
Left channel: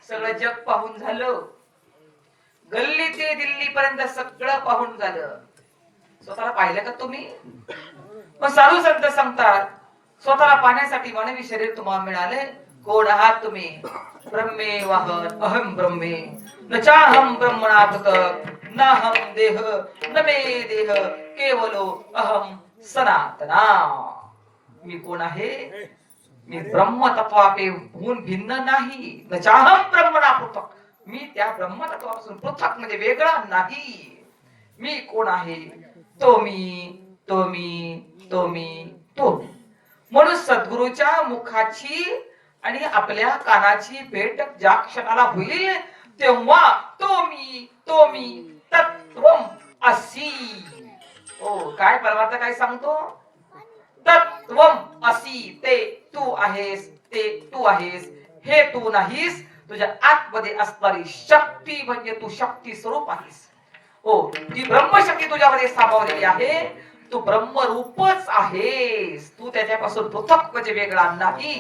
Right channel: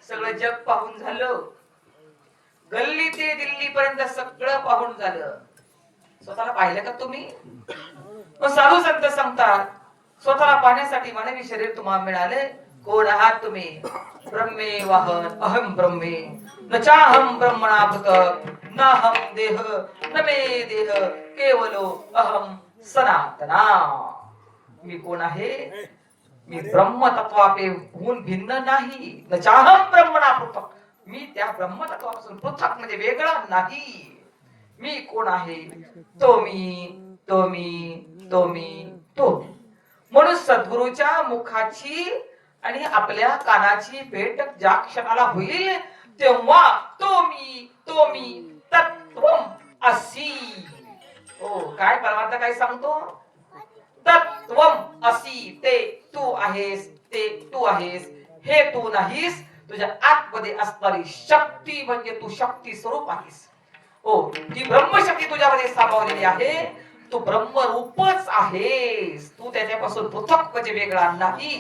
सगळं जग पाहून झालं. गल्ली ते दिल्ली पर्यंत सगळं पाहून झालं. स्वतःला पाहिलं का तुम्ही? साधू संत सांगतात स्वतःला पाहण्यासाठी मानवी शरीर तुम्हाला मिळाले. कोण आहात तुम्ही? ब्रह्मे वाहन अहम ब्रह्मे न चाहम ब्रह्मणा भृत नाहम देह न मे देह केवलो अहम सनातना. मी कोण आहे? मी ब्रह्मतत्वापेहून भिन्न नाही. न चाहम ब्रह्मणा पृथक्. मी त्या ब्रह्मतत्वापासून पृथक् म्हणजे वेगळा नाही. मी कोण आहे? तो मी, तो मी, तो मी, तो. म्हणून सद्गुरूच्या मुखाची आणि आपल्या कानाची भेट ज्या क्षणाला होईल तेव्हा तो मी तत्वम असी. ओ काय परमार्थ काय सांगतो? तत्वम असी. ते तू आहेस, ते तू आहेस, हे तू नाहीस. तुझ्या आतमध्ये असणारी शक्ती म्हणजे तू शक्ती स्वरूप आहेस. ओ ती ब्रह्मशक्ती तुझ्यामध्ये सामावलेली आहे. तू ब्रह्मरूपच आहेस. तू त्याच्यापासून पृथक म्हणजे वेगळा नाही.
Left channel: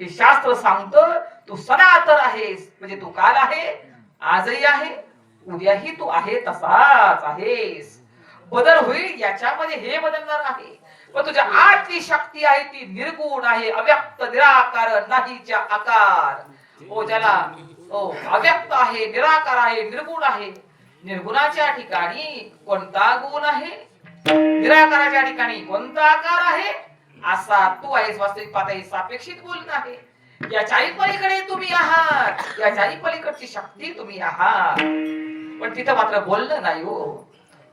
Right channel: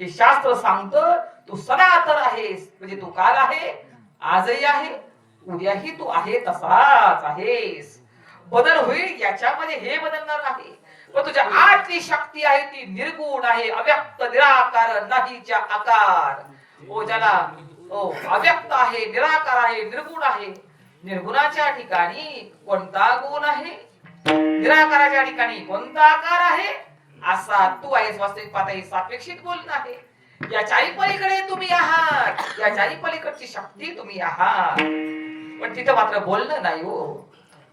हे शास्त्र सांगतं. तू सनातन आहेस म्हणजे तू काल आहे, आजही आहे, उद्याही तू आहे तसाच आहेस. बदल होईल याच्यामध्ये हे बदलणार नाही. पण तुझ्या आतली शक्ती आहे ती निर्गुण आहे, अव्यक्त निराकार नाहीच्या आकार. ओ ज्याला अव्यक्त आहे, निराकार आहे, निर्गुण आहे. निर्गुणाच्या ठिकाणी कोणता गुण आहे? निराकाराच्या ठिकाणी कोणता आकार आहे? असा तू आहेस. वास्तविक पातळी सापेक्षित बोलणं आहे. याच्याही पलीकडे तुम्ही आहात, याच्याही पलीकडची शक्ती तुम्ही आहात. पण तिथं मात्र बोलणं नाही हो.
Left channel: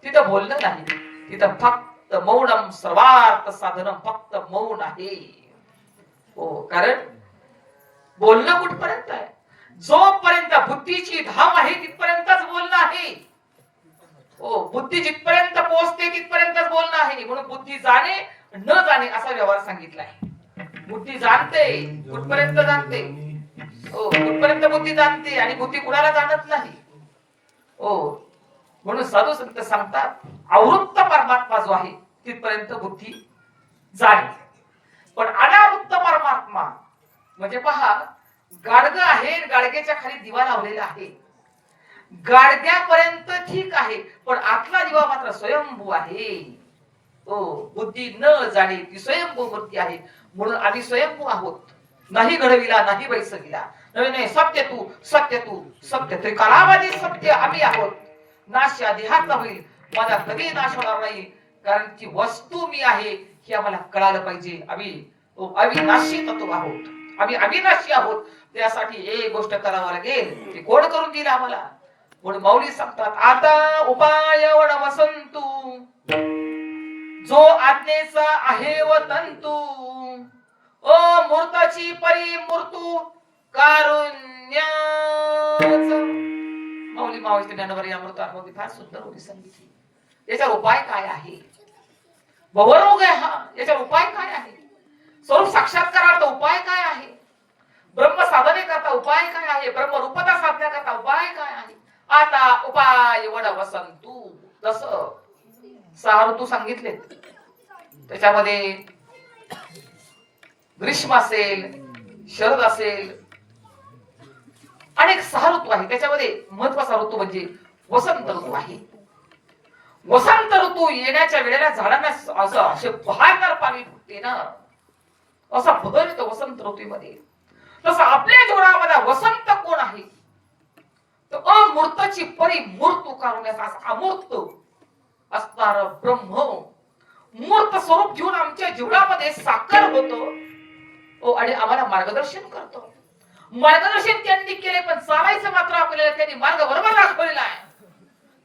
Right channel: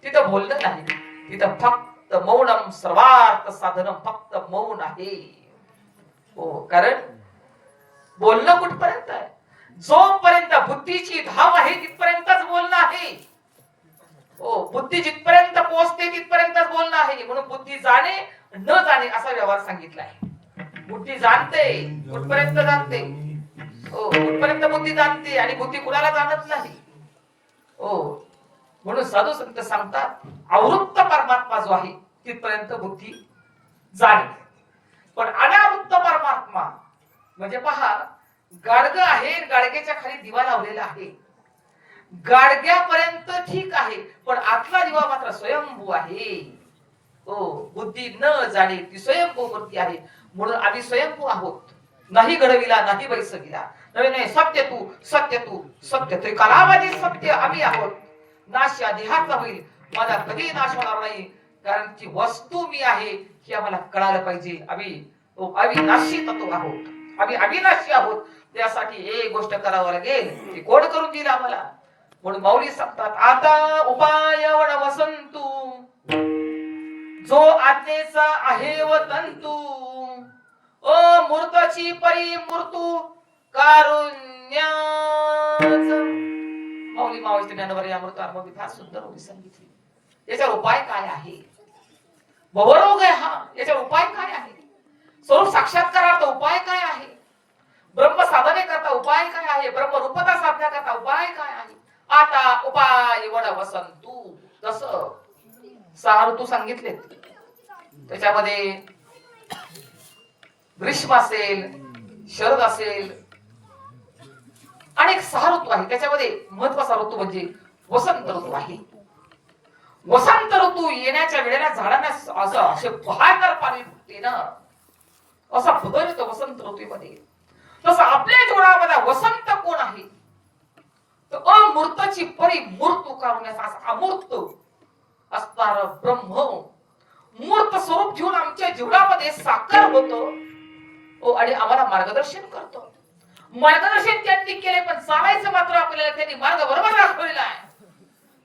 तिथं बोलणं नाही. तिथं फक्त मौनम सर्वार्थ साधनम. फक्त मौन आहे. हो कारण बोलणं कुठपर्यंत आहे? जोपर्यंत बुद्धीची धाम आहे तिथपर्यंतच बोलणं आहे. हो बुद्धी जिथपर्यंत पोहोचते तिथपर्यंतच बोलणं आहे. म्हणून बुद्धी जाणे न जाणे असा व्यवहार सांगितलाय. बुद्धी जाणते कुठपर्यंत जाणते. हो कुठपर्यंत बुद्धी जाणते आणि बुद्धी कुणाला जाणत नाही. हो म्हणून साधू संत सांगतात आवृत्त परमात्मा जो आहे तिथपर्यंत बुद्धी जाणे. पण अनावृत्त परमात्मा म्हणजे पहा गाडग आहे, गाडग्याच्या खाली दिवा लावलेला आहे. गाडग्यापर्यंत ठीक आहे पण आतला दिवा मात्र स्वयंभू आहे. हो बुद्धी न जाणे ती स्वयंभू बुद्धी आहे. म्हणून आम्ही स्वयंभू आहोत. नाही घडविला नाही बैसविला. नाही सत्य तू सत्य तू सत्य तू कालावधी सत्य आम्ही आहोत. नाश या देहाचा होईल, माझा कधी नाश होणार नाही. कारण ती वस्तू मी आहे हे आम्हाला कळालं पाहिजे. आम्ही अविनाशी तत्व आहोत, आम्ही अविनाशी आहोत. त्यासाठी एक गोष्ट करावं लागेल. ती कोण करून दिली आम्हाला? म्हणून माऊली सांगतात आता उपाय वसंतू जो आज्ञेचा आहे व तंतू. ओ मूर्ताची परी मूर्तू कारुण्याच. माऊली मावळी ज्ञानवर या अमृतामध्ये फार सुंदर होती सांगितली. याचा उपाय काय आहे? भवरोग आहे हा. याचा उपाय काय आहे? स्वरूप साक्षात्कारार्थ उपाय काय आहे? ब्रह्म साधने करता उपाय काय आहे? ब्रह्म रूपता साधण्या करता उपाय काय आहे? आता उपाय वड वसंतू. जसं 6 ऋतू सांगितले त्याच्यामध्ये ग्रीष्म असेल, शरद असेल, अनेक 6 ऋतू आहे. त्याच्यामध्ये महत्वाचा ऋतू म्हणजे वसंत ऋतू आहे. वसंत ऋतू येण्याच्या वेळेला झाडांना असं असे बहारदार पाणी फुटते ना, असा बदल येतो वसंत ऋतूमध्ये. तसं आपल्या जीवनामध्ये वसंत कोण आहे? तर अमूर्तची परी मूर्त उकारण्याचा असा अमूर्त असणार ब्रह्म मूर्त स्वरूप जीवन आमच्या जीवनामध्ये साकार होतो आणि आम्हाला मार्गदर्शन करतो. मार्गदर्शन त्यांनी केले पण चालायचं मात्र आपल्याला त्यांनी मार्ग बरोबर दाखवलेला आहे.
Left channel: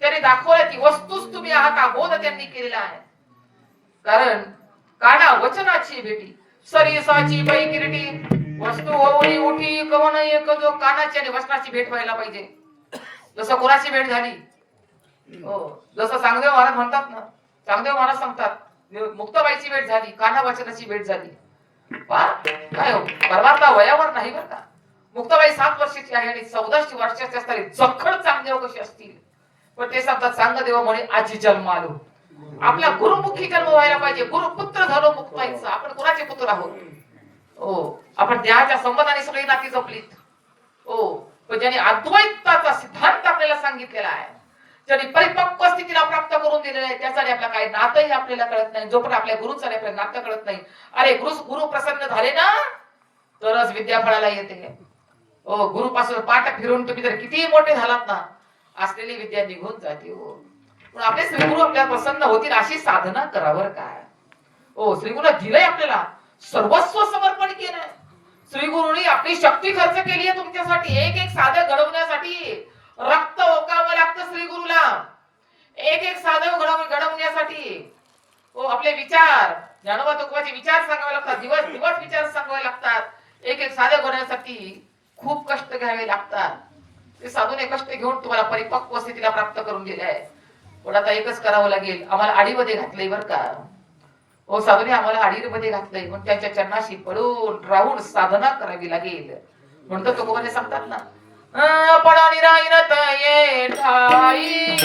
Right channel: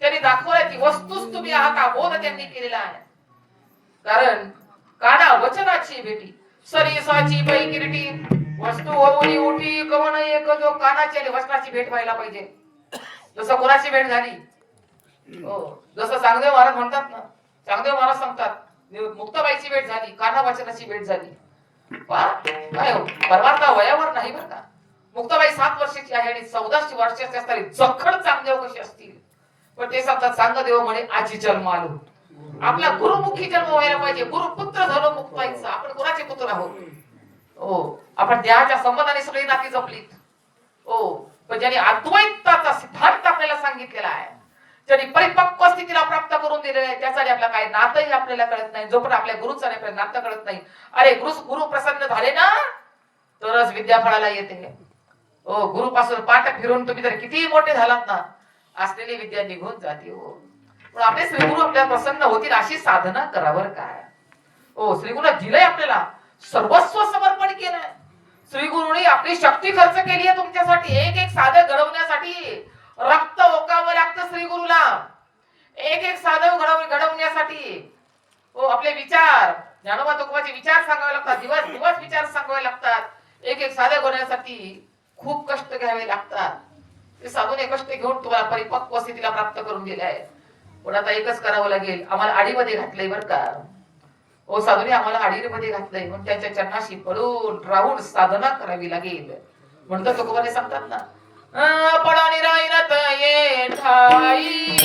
त्यांनी दाखवलं की वस्तूच तुम्ही आहात हा बोध त्यांनी केलेला आहे. कारण काना वचनाची भेटी सरीसाची बैकिरटी वस्तू होऊनी उठी कवन एक जो कानाची आणि वचनाची भेट व्हायला पाहिजे. जसं कोणाची भेट झाली? हो जसं चांगदेव महाराज म्हणतात ना, चांगदेव महाराज सांगतात मुक्ताबाईची भेट झाली, काना वचनाची भेट झाली. काय हो परमार्थ वयावर नाही बरं का. मुक्ताबाई 7 वर्षाची आहे आणि 14 वर्षाची असताना जखड चांगदेव कशी असतील. पण ते सांगतात चांगदेव म्हणे आजी जन्म आलो. आपला गुरुमुखी जन्म व्हायला पाहिजे. गुरुपुत्र झालो मुक्ताईचा. आपण कोणाचे पुत्र आहोत? हो आपण देहाच्या संबंधाने सगळी नाती जपलीत. हो पण ज्याने अद्वैताचा सिद्धांत आपल्याला सांगितलेला आहे, ज्याने परिपक्व स्थितीला प्राप्त करून दिलेला आहे, त्यासाठी आपला काय नातही आपल्याला कळत नाही. जोपर्यंत आपल्या गुरुचं आपल्याला नातं कळत नाही. अरे गुरु प्रसन्न झाले ना तरच विद्या फळाला येते. हो गुरु पासून पाठ फिरून तुम्ही जर कितीही मोठे झालात ना असलेली विद्या निघून जाते. हो पण आपले श्री गुरु आपल्याला प्रसन्न होतील अशी साधना करावर काय. ओ श्री गुरुला दिलंय आपल्याला, सर्वस्व समर्पण केलंय. श्री गुरुनी आपली शक्ती खर्च केली आहे तुमच्यासाठी. एक एक साधं घडवण्यासाठी रक्त ओकावं लागतं श्री गुरुला. एक एक साधं घडवण्यासाठी आपले विचार, ज्ञानोबा तुकोबाचे विचार सांगावे लागतात. दिवस दिवस विचार सांगावे लागतात. एक एक साधं करण्यासाठी खूप कष्ट घ्यावे लागतात. ते साधूने कष्ट घेऊन तुम्हाला परिपक्व स्थितीला प्राप्त करून दिले आहे. पण आता एकच करावं लागेल, आम्हाला आडीमध्ये घातलंय बरं का. साधूने आम्हाला आडीमध्ये घातलंय, म्हणून त्याच्या चरणाशी पडून राहून साधना करावी लागेल. म्हणतो तुकोबाने सांगतात ना, पडानी राईरत ये ठाई,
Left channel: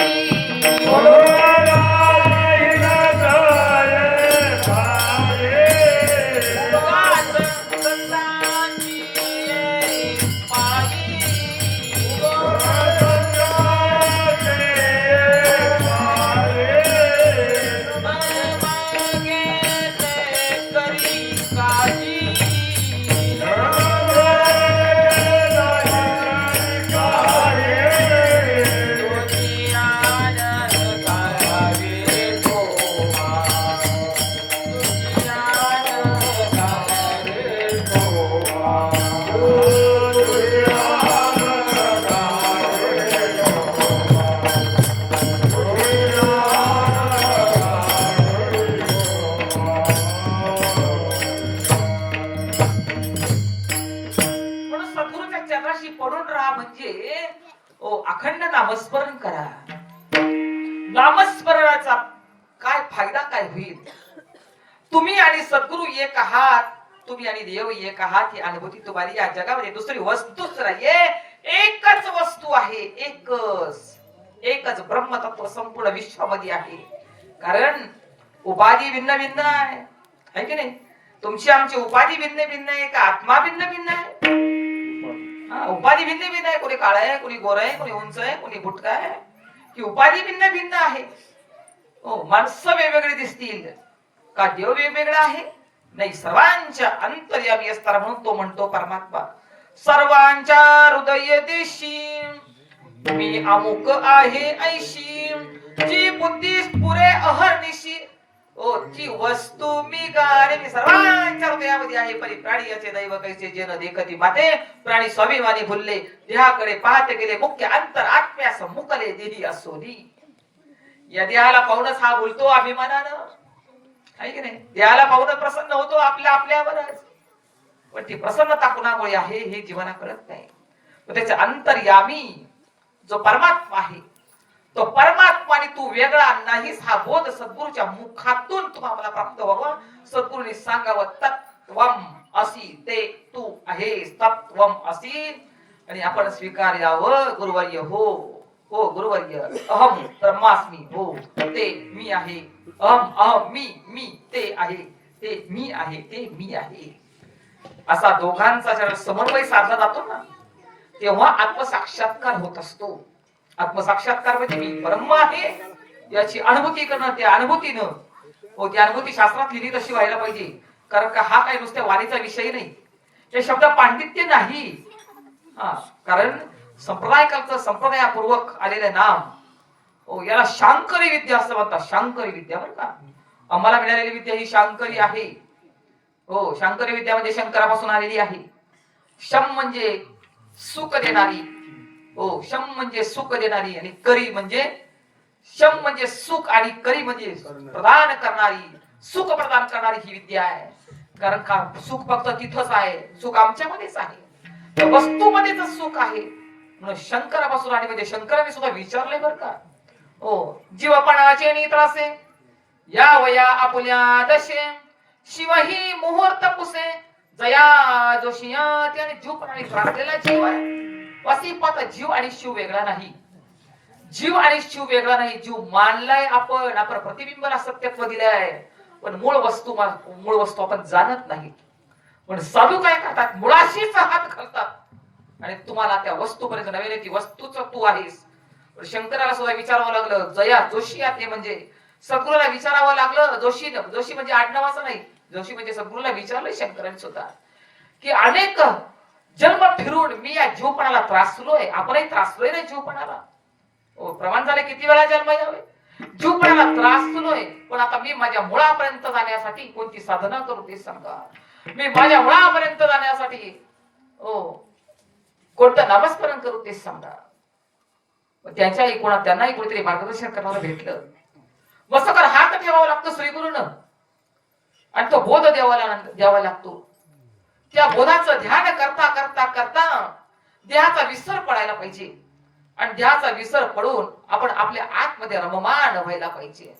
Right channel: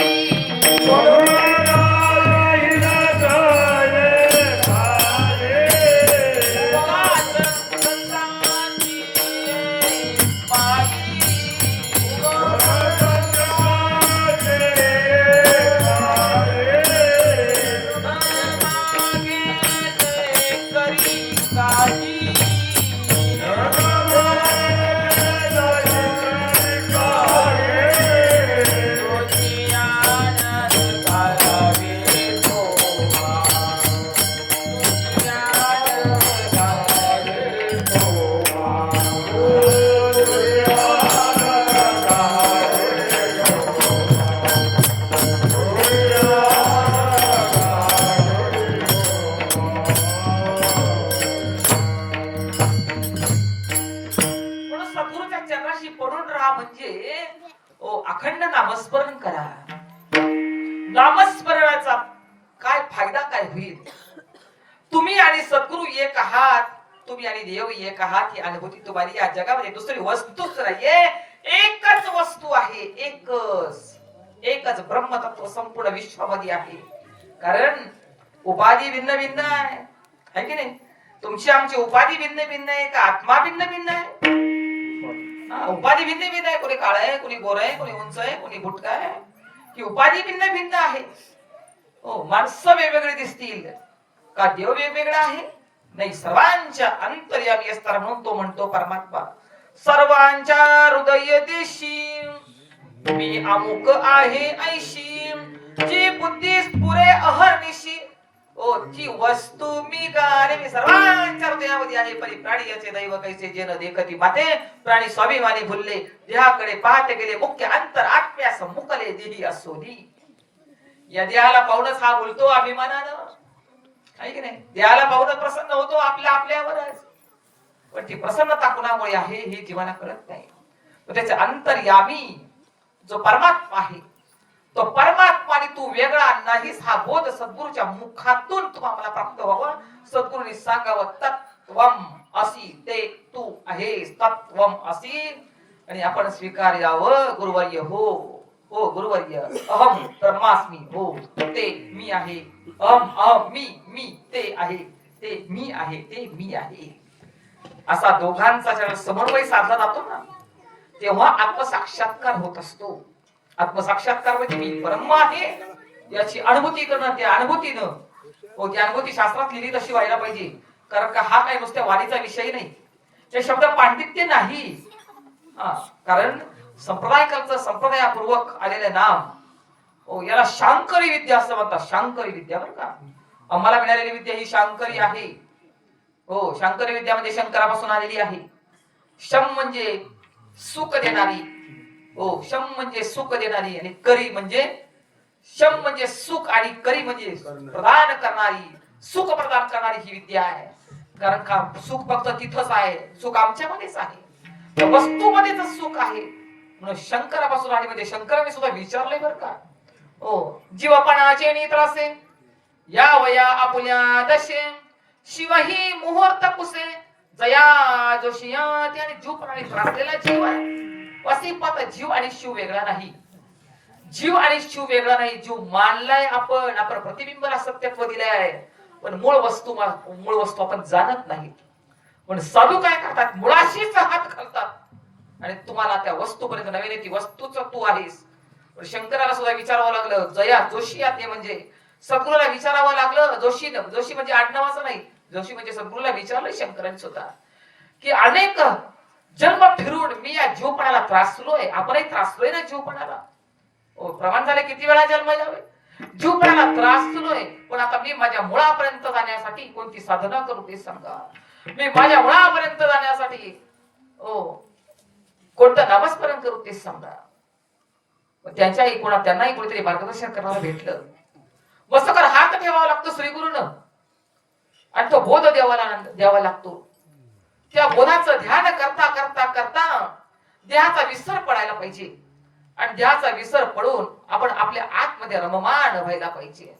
अखंड नामस्मरण करा. नामस्मरणाचा काय फायदा काय होईल? तुम्ही आणि सद्गुरु एक आहात, तुम्ही आणि देव एक आहात ही अनुभूती तुम्हाला या जगामध्ये दुसरी वस्तूच नाहीये. एकच वस्तू आहे, एकच ब्रह्मतत्व संपूर्ण विश्वामध्ये आहे. कारण उपाधी भिन्न भिन्न आहे की नाही? तुमची आमची उपाधी भिन्न भिन्न आहे का आत्मा भिन्न भिन्न आहे? उपाधी भिन्न भिन्न आहे. कोणी काळा आहे, कोणी गोरा आहे, कोणी उंच आहे, कोणी बुटका आहे, की उपाधी भिन्न भिन्न आहे. माणसं वेगवेगळी दिसतील का देव वेगवेगळा आहे? नाही, सर्वांच्या अंतर्यामी असताना म्हणून तो म्हणतो परमात्मा, सर्वांच्या हृदय देशी मी अमुक आहे ऐशी, जी बुद्धी पुरे अहर्निशी. ती वस्तू मी गाणे मी सर्वांच्या हृदयामध्ये आहे. परी प्राणी याचे दैव कैसे जे न देखती माते, प्राणी स्वाभिमानी भुलले देहाकडे पाहते गेले, मुख्य अंतर आत्म्यास मुकले देही असोनी. या देहाला पाहूनच हा बोलतो अभिमानानं, आहे की नाही? देहाला पाहून प्रसन्न होतो आपल्यावरच. पण ती प्रसन्नता कुणामुळे आहे हे जीवाला कळत नाही. त्याचे अंतर्यामी जो परमात्मा आहे, तो परमात्मा आणि तू वेगळा नाहीस हा बोध सद्गुरूच्या मुखातून तुम्हाला प्राप्त व्हावा. सद्गुरूने सांगावं, तत्वम असी ते तू आहेस, तत्वम असी. आणि आपण स्वीकारावं, गुरुवर्य हो गुरुवर्य, अहम ब्रह्मास्मी, हो ते मी आहे. अहम मी ते आहे, ते मी आहे, ते मी आहे. असा दोघांचा जेव्हा समन्वय साधला जातो ना, तेव्हा आत्मसाक्षात्कार होत असतो. आत्मसाक्षात्कार म्हणजे मी ब्रह्म आहे याची अनुभूती करणं. त्या अनुभूतीनं ती अनुभूती शास्त्रात लिहिली तशी व्हायला पाहिजे. कारण का हा काय नुसत्या वाणीचा विषय नाही, ते शब्द पांडित्य नाही. कारण संप्रदायापूर्वक आलेले नाम याला शांकरी विद्या असं म्हणतात. शांकरी विद्या बरं का, आम्हाला मिळालेली विद्या ही शांकरी आहे. शांकरी विद्या म्हणजे शंकरापासून आलेली आहे. शम म्हणजे सुख देणारी, शम म्हणजे सुख देणारी, आणि करी म्हणजे शम म्हणजे सुख आणि करी म्हणजे प्रदान करणारी, सुख प्रदान करणारी ही विद्या आहे. कारण का सुख फक्त तिथंच आहे, सुख आमच्यामध्येच आहे, वस्तूमध्येच सुख आहे. म्हणून शंकरापासून आणि म्हणजे शंकराने सुद्धा विचारले बरं का, जीवपणाचे नित्रासे या वया आपुल्या दशे, शिवही मुहूर्त पुसे जया जोशिया. त्याने जीव प्राणी त्रासलेला जीव आहे. वसिपत जीव आणि शिव वेगळा नाही, जीव आणि शिव वेगळा नाही. जीव मानलाय आपण प्रतिबिंबाला सत्यत्व दिलंय, पण मूळ वस्तू आपण जाणत नाही. पण साधू काय करतात, मुळाशीच हात घालतात आणि तुम्हाला त्या वस्तूपर्यंत नव्हे, ती वस्तूच तू आहेस. शंकराला सुद्धा विचारावं लागलं, जया जोशी ते म्हणजे सद्गुरूला विचारावं लागलं. जोशी म्हणजे आडनावाचं नाही, जोशी म्हणजे सद्गुरूला विचारलं शंकरांनी सुद्धा, की अनेक जन्म फिरून मी या जीवपणाला त्रासलोय. आपणही त्रासलोय ना जीवपणाला. प्रमाण झाले किती वेळा जन्म यावे. जीवपणाला त्रास सुनोय, पण आता मी माझ्या मुळापर्यंत जाण्यासाठी कोणती साधना करू ते सांगा. मी माझ्या मुळापर्यंत जाण्यासाठी कोणतं नामस्मरण करू ते सांगा. त्यांच्याही त्यांनाही कोणीतरी मार्गदर्शन करणारं भेटलं. मस्तकर हात ठेवावा लागतो श्रीगुरूनं आणि तो बोध द्यावा लागतो. त्या बोधाचं ध्यान करता करता करता देहाचा विसर पडायला पाहिजे आणि देहाचा विसर पडून आपण आपल्या आतमध्ये रममान व्हायला पाहिजे.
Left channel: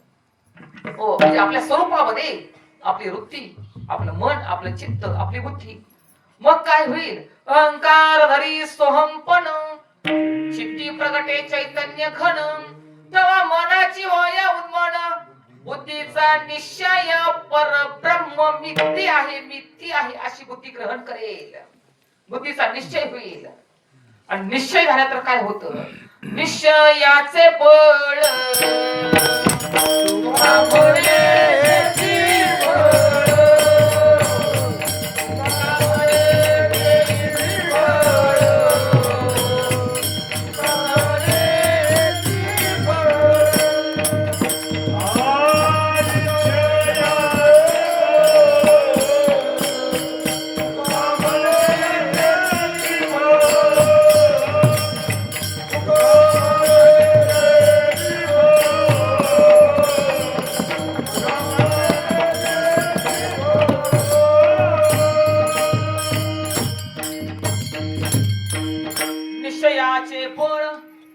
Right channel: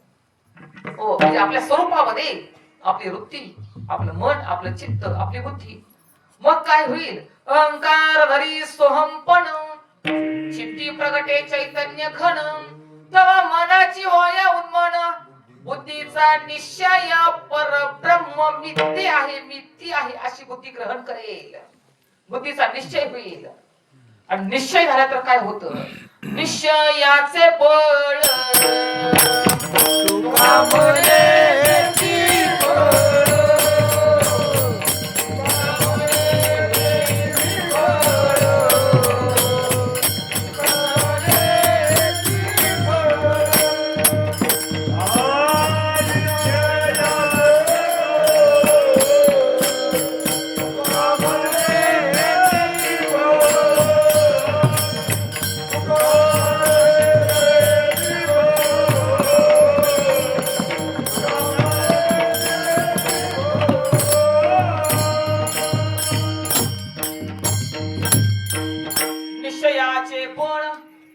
म्हणजे आपल्या स्वरूपामध्ये आपली वृत्ती, आपलं मन, आपलं चित्त, आपली बुद्धी. मग काय होईल? अहंकार धरी सोहमपण चित्ती प्रगटे चैतन्य घन, तेव्हा मनाची होय उन्मन, बुद्धीचा निश्चय परब्रह्म मिथ्य आहे, मिथ्य आहे अशी बुद्धी ग्रहण करेल. बुद्धीचा निश्चय होईल आणि निश्चय झाला तर काय होतं? निश्चयाचे बळ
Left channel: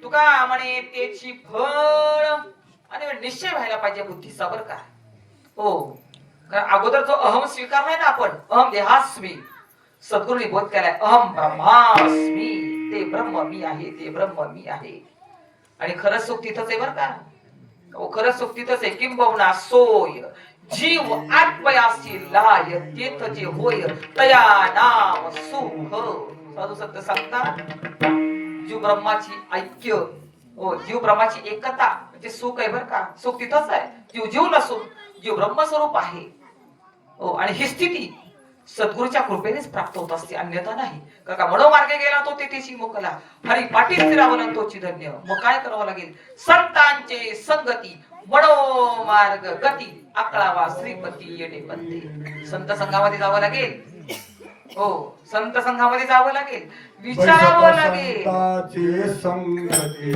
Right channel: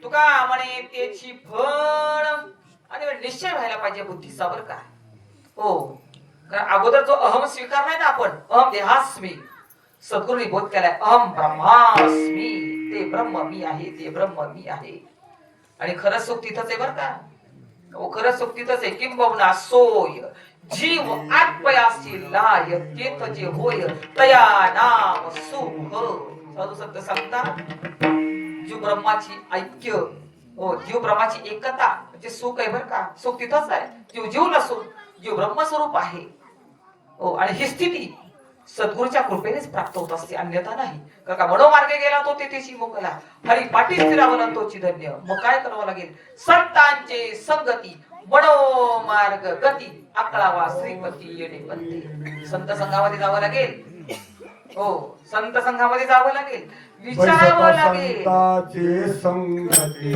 तुका म्हणे त्याची फळ. आणि निश्चय व्हायला पाहिजे बुद्धीचा, बरं का. कारण अगोदर जो अहम स्वीकार नाही ना आपण, अहम देहास्मी, सद्गुरूंनी बोध केलाय अहम ब्रह्मास्मी, ते ब्रह्म मी आहे, ते ब्रह्म मी आहे. आणि खरं सुख तिथंच आहे, बरं का. खरं सुख तिथंच आहे. किंबहुना सोय जीव आत्मयासी लाय, तेथ जे होय तया नाम सुख. साधू संत सांगतात जीव ब्रह्माची ऐक्य, जीव ब्रह्माची एकता म्हणजे सुख आहे, बरं का. सुख तिथंच आहे. जीव जीव नसून जीव ब्रह्मस्वरूप आहे. आणि ही स्थिती सद्गुरूच्या कृपेनेच प्राप्त होत असते, अन्यथा नाही. कारण का मनोमार्गे गेला तो तेथेशी मुकला, हरी पाटील फिरावला तोची धन्य. मग काय करावं लागेल? संतांचे संगती मनोमार्ग गती, अकळावा श्रीपती येणे पंथी. संत संघामध्ये जावं लागेल. संत संघामध्ये जावं लागेल, विचारावं लागेल. संतांचे संगती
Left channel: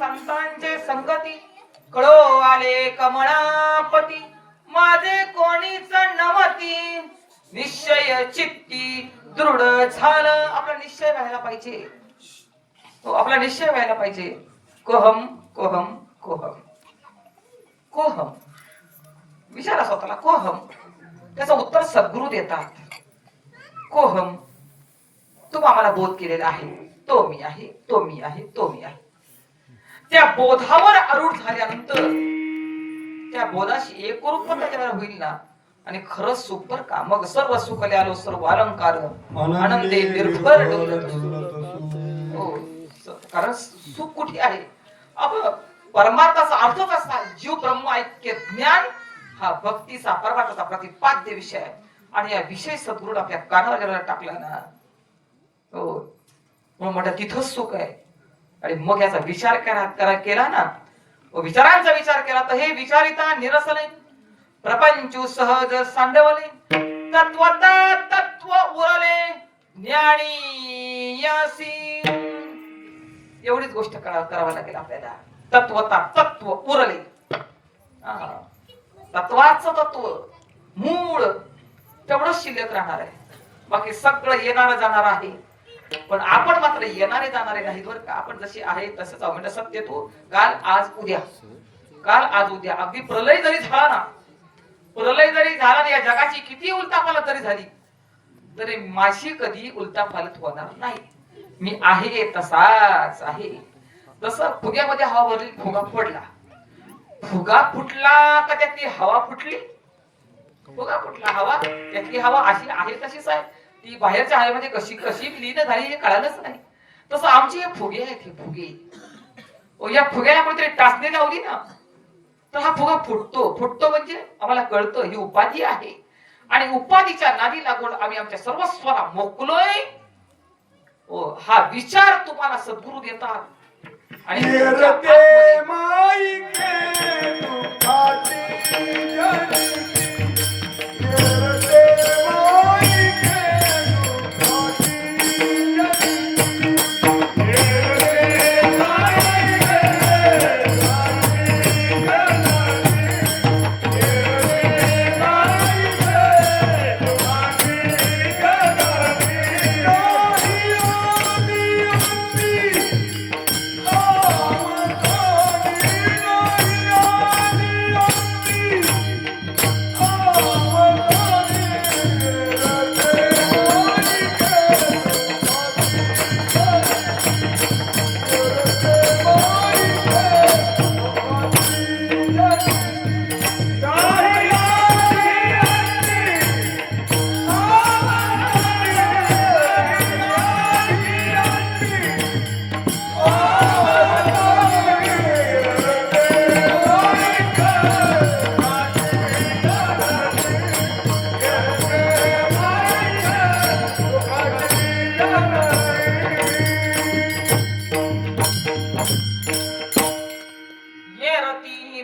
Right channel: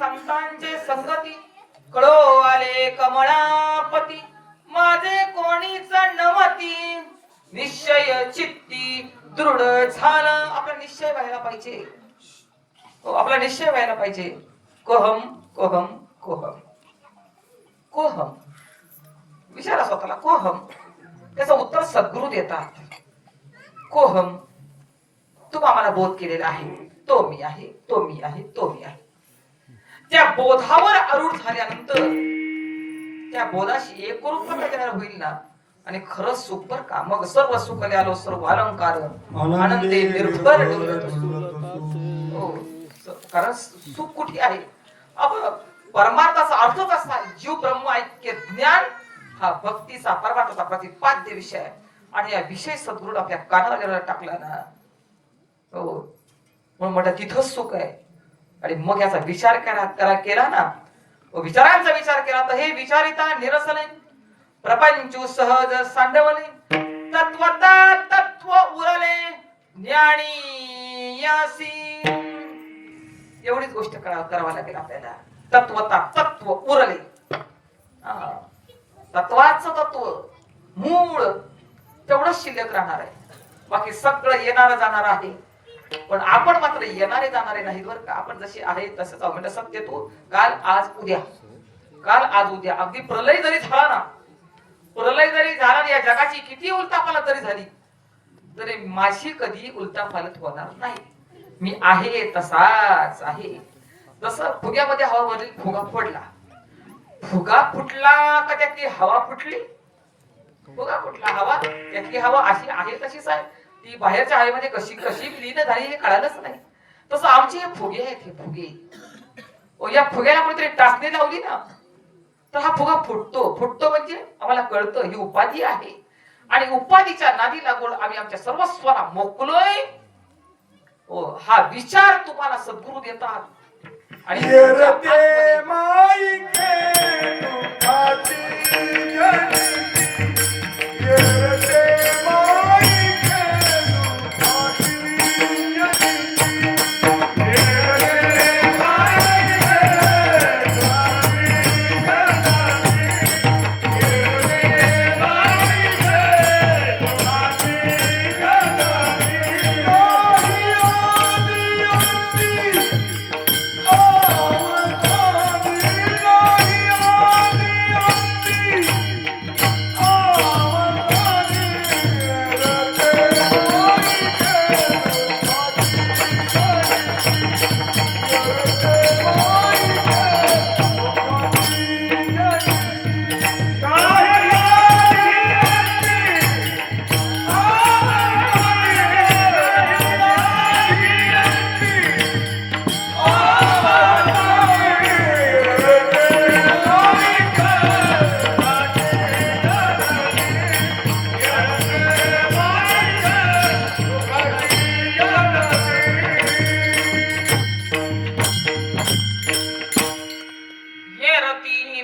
संतांचे संगती कळो आले कमळापती, माझे कोणीच नवती. निश्चय चित्ती दृढ झालं. आपला निश्चय व्हायला पाहिजे. आपला निश्चय व्हायला पाहिजे. कोहम कोहम कोहम कोहम. विचारा स्वतःला, कोहम. त्याचं उत्तर सद्गुरू देतात. कोहम, तू आम्हाला बोध केलेला आहे, तो मी आहे, तो मी आहे, तो मी आहे. त्या बोधावर आरूढ झाल्यानंतर त्या बोधाशी एकरूपता त्याच्यावर होईल ना, आणि खरंच सुख, बरं का. मग सर्व सुख आलो सर्व अलंकार आनंदे निर्भर. कारण सुख कुठे आहे? परमार्थाचा अर्थ कसा? जीव ब्रह्म ऐक्य ज्ञान हा भक्तीचा परमार्थाचा प्रतिपाद्य विषय आहे. आणि या विषय सद्गुरू आपल्या कानावर टाकला ना, म्हणून म्हणतात तिथंच सुख आहे. आणि मग याचा विचार केला ना, विचारांचा विचार केला तर हे विचारिता निरसले, प्रपंचू सहज सांडवले, तत्वता तत्व उरले, ज्ञानी यासी. एवढीच गोष्ट करावं लागेल आपल्याला. तत्वता तत्व उरले, तत्वाचं तत्व मूळ तेवढंच शिल्लक राहणार आहे. बाकी सगळं येणार जाणार आहे, पण आपण मात्र येणारे जाणारे नाही बरं का. आपण जसे आहे तसंच आहोत. म्हणजे सत्य तो काल आज उद्या, काल आज उद्या. अगदी प्रलय जरी झाला ना, प्रलय जरी झाला ना, या जगाची किती उलटापालट जरी झाली तरी माझी कधी उलटापालट होणार नाही. मी आहे तसाच आहे. जसं फुग्यामध्ये हवा भरली, फुगा फोडला, फुगा फुटला का त्यातली हवा फुटली? फुगा फुटला, हवा त्यातली हवा अशी आहे तशीच आहे. ती बाहेरच्या हवेमध्ये कशी कशी विलीन झाली हे कळालंच नाही. तसं आमचे हे फुगे आहेत, हे फुगे. या फुग्याला कोणतरी टाचणी लावली ना तर हा फुगा फुटतो. फुटतो म्हणजे आम्हाला कळतं ही उपाधी आहे, आणि उपाधीच्या नादी लागून आम्ही आमच्या सर्वस्वाला मोकलोय. हा विचार तुम्हाला सद्गुरु देतात. आणि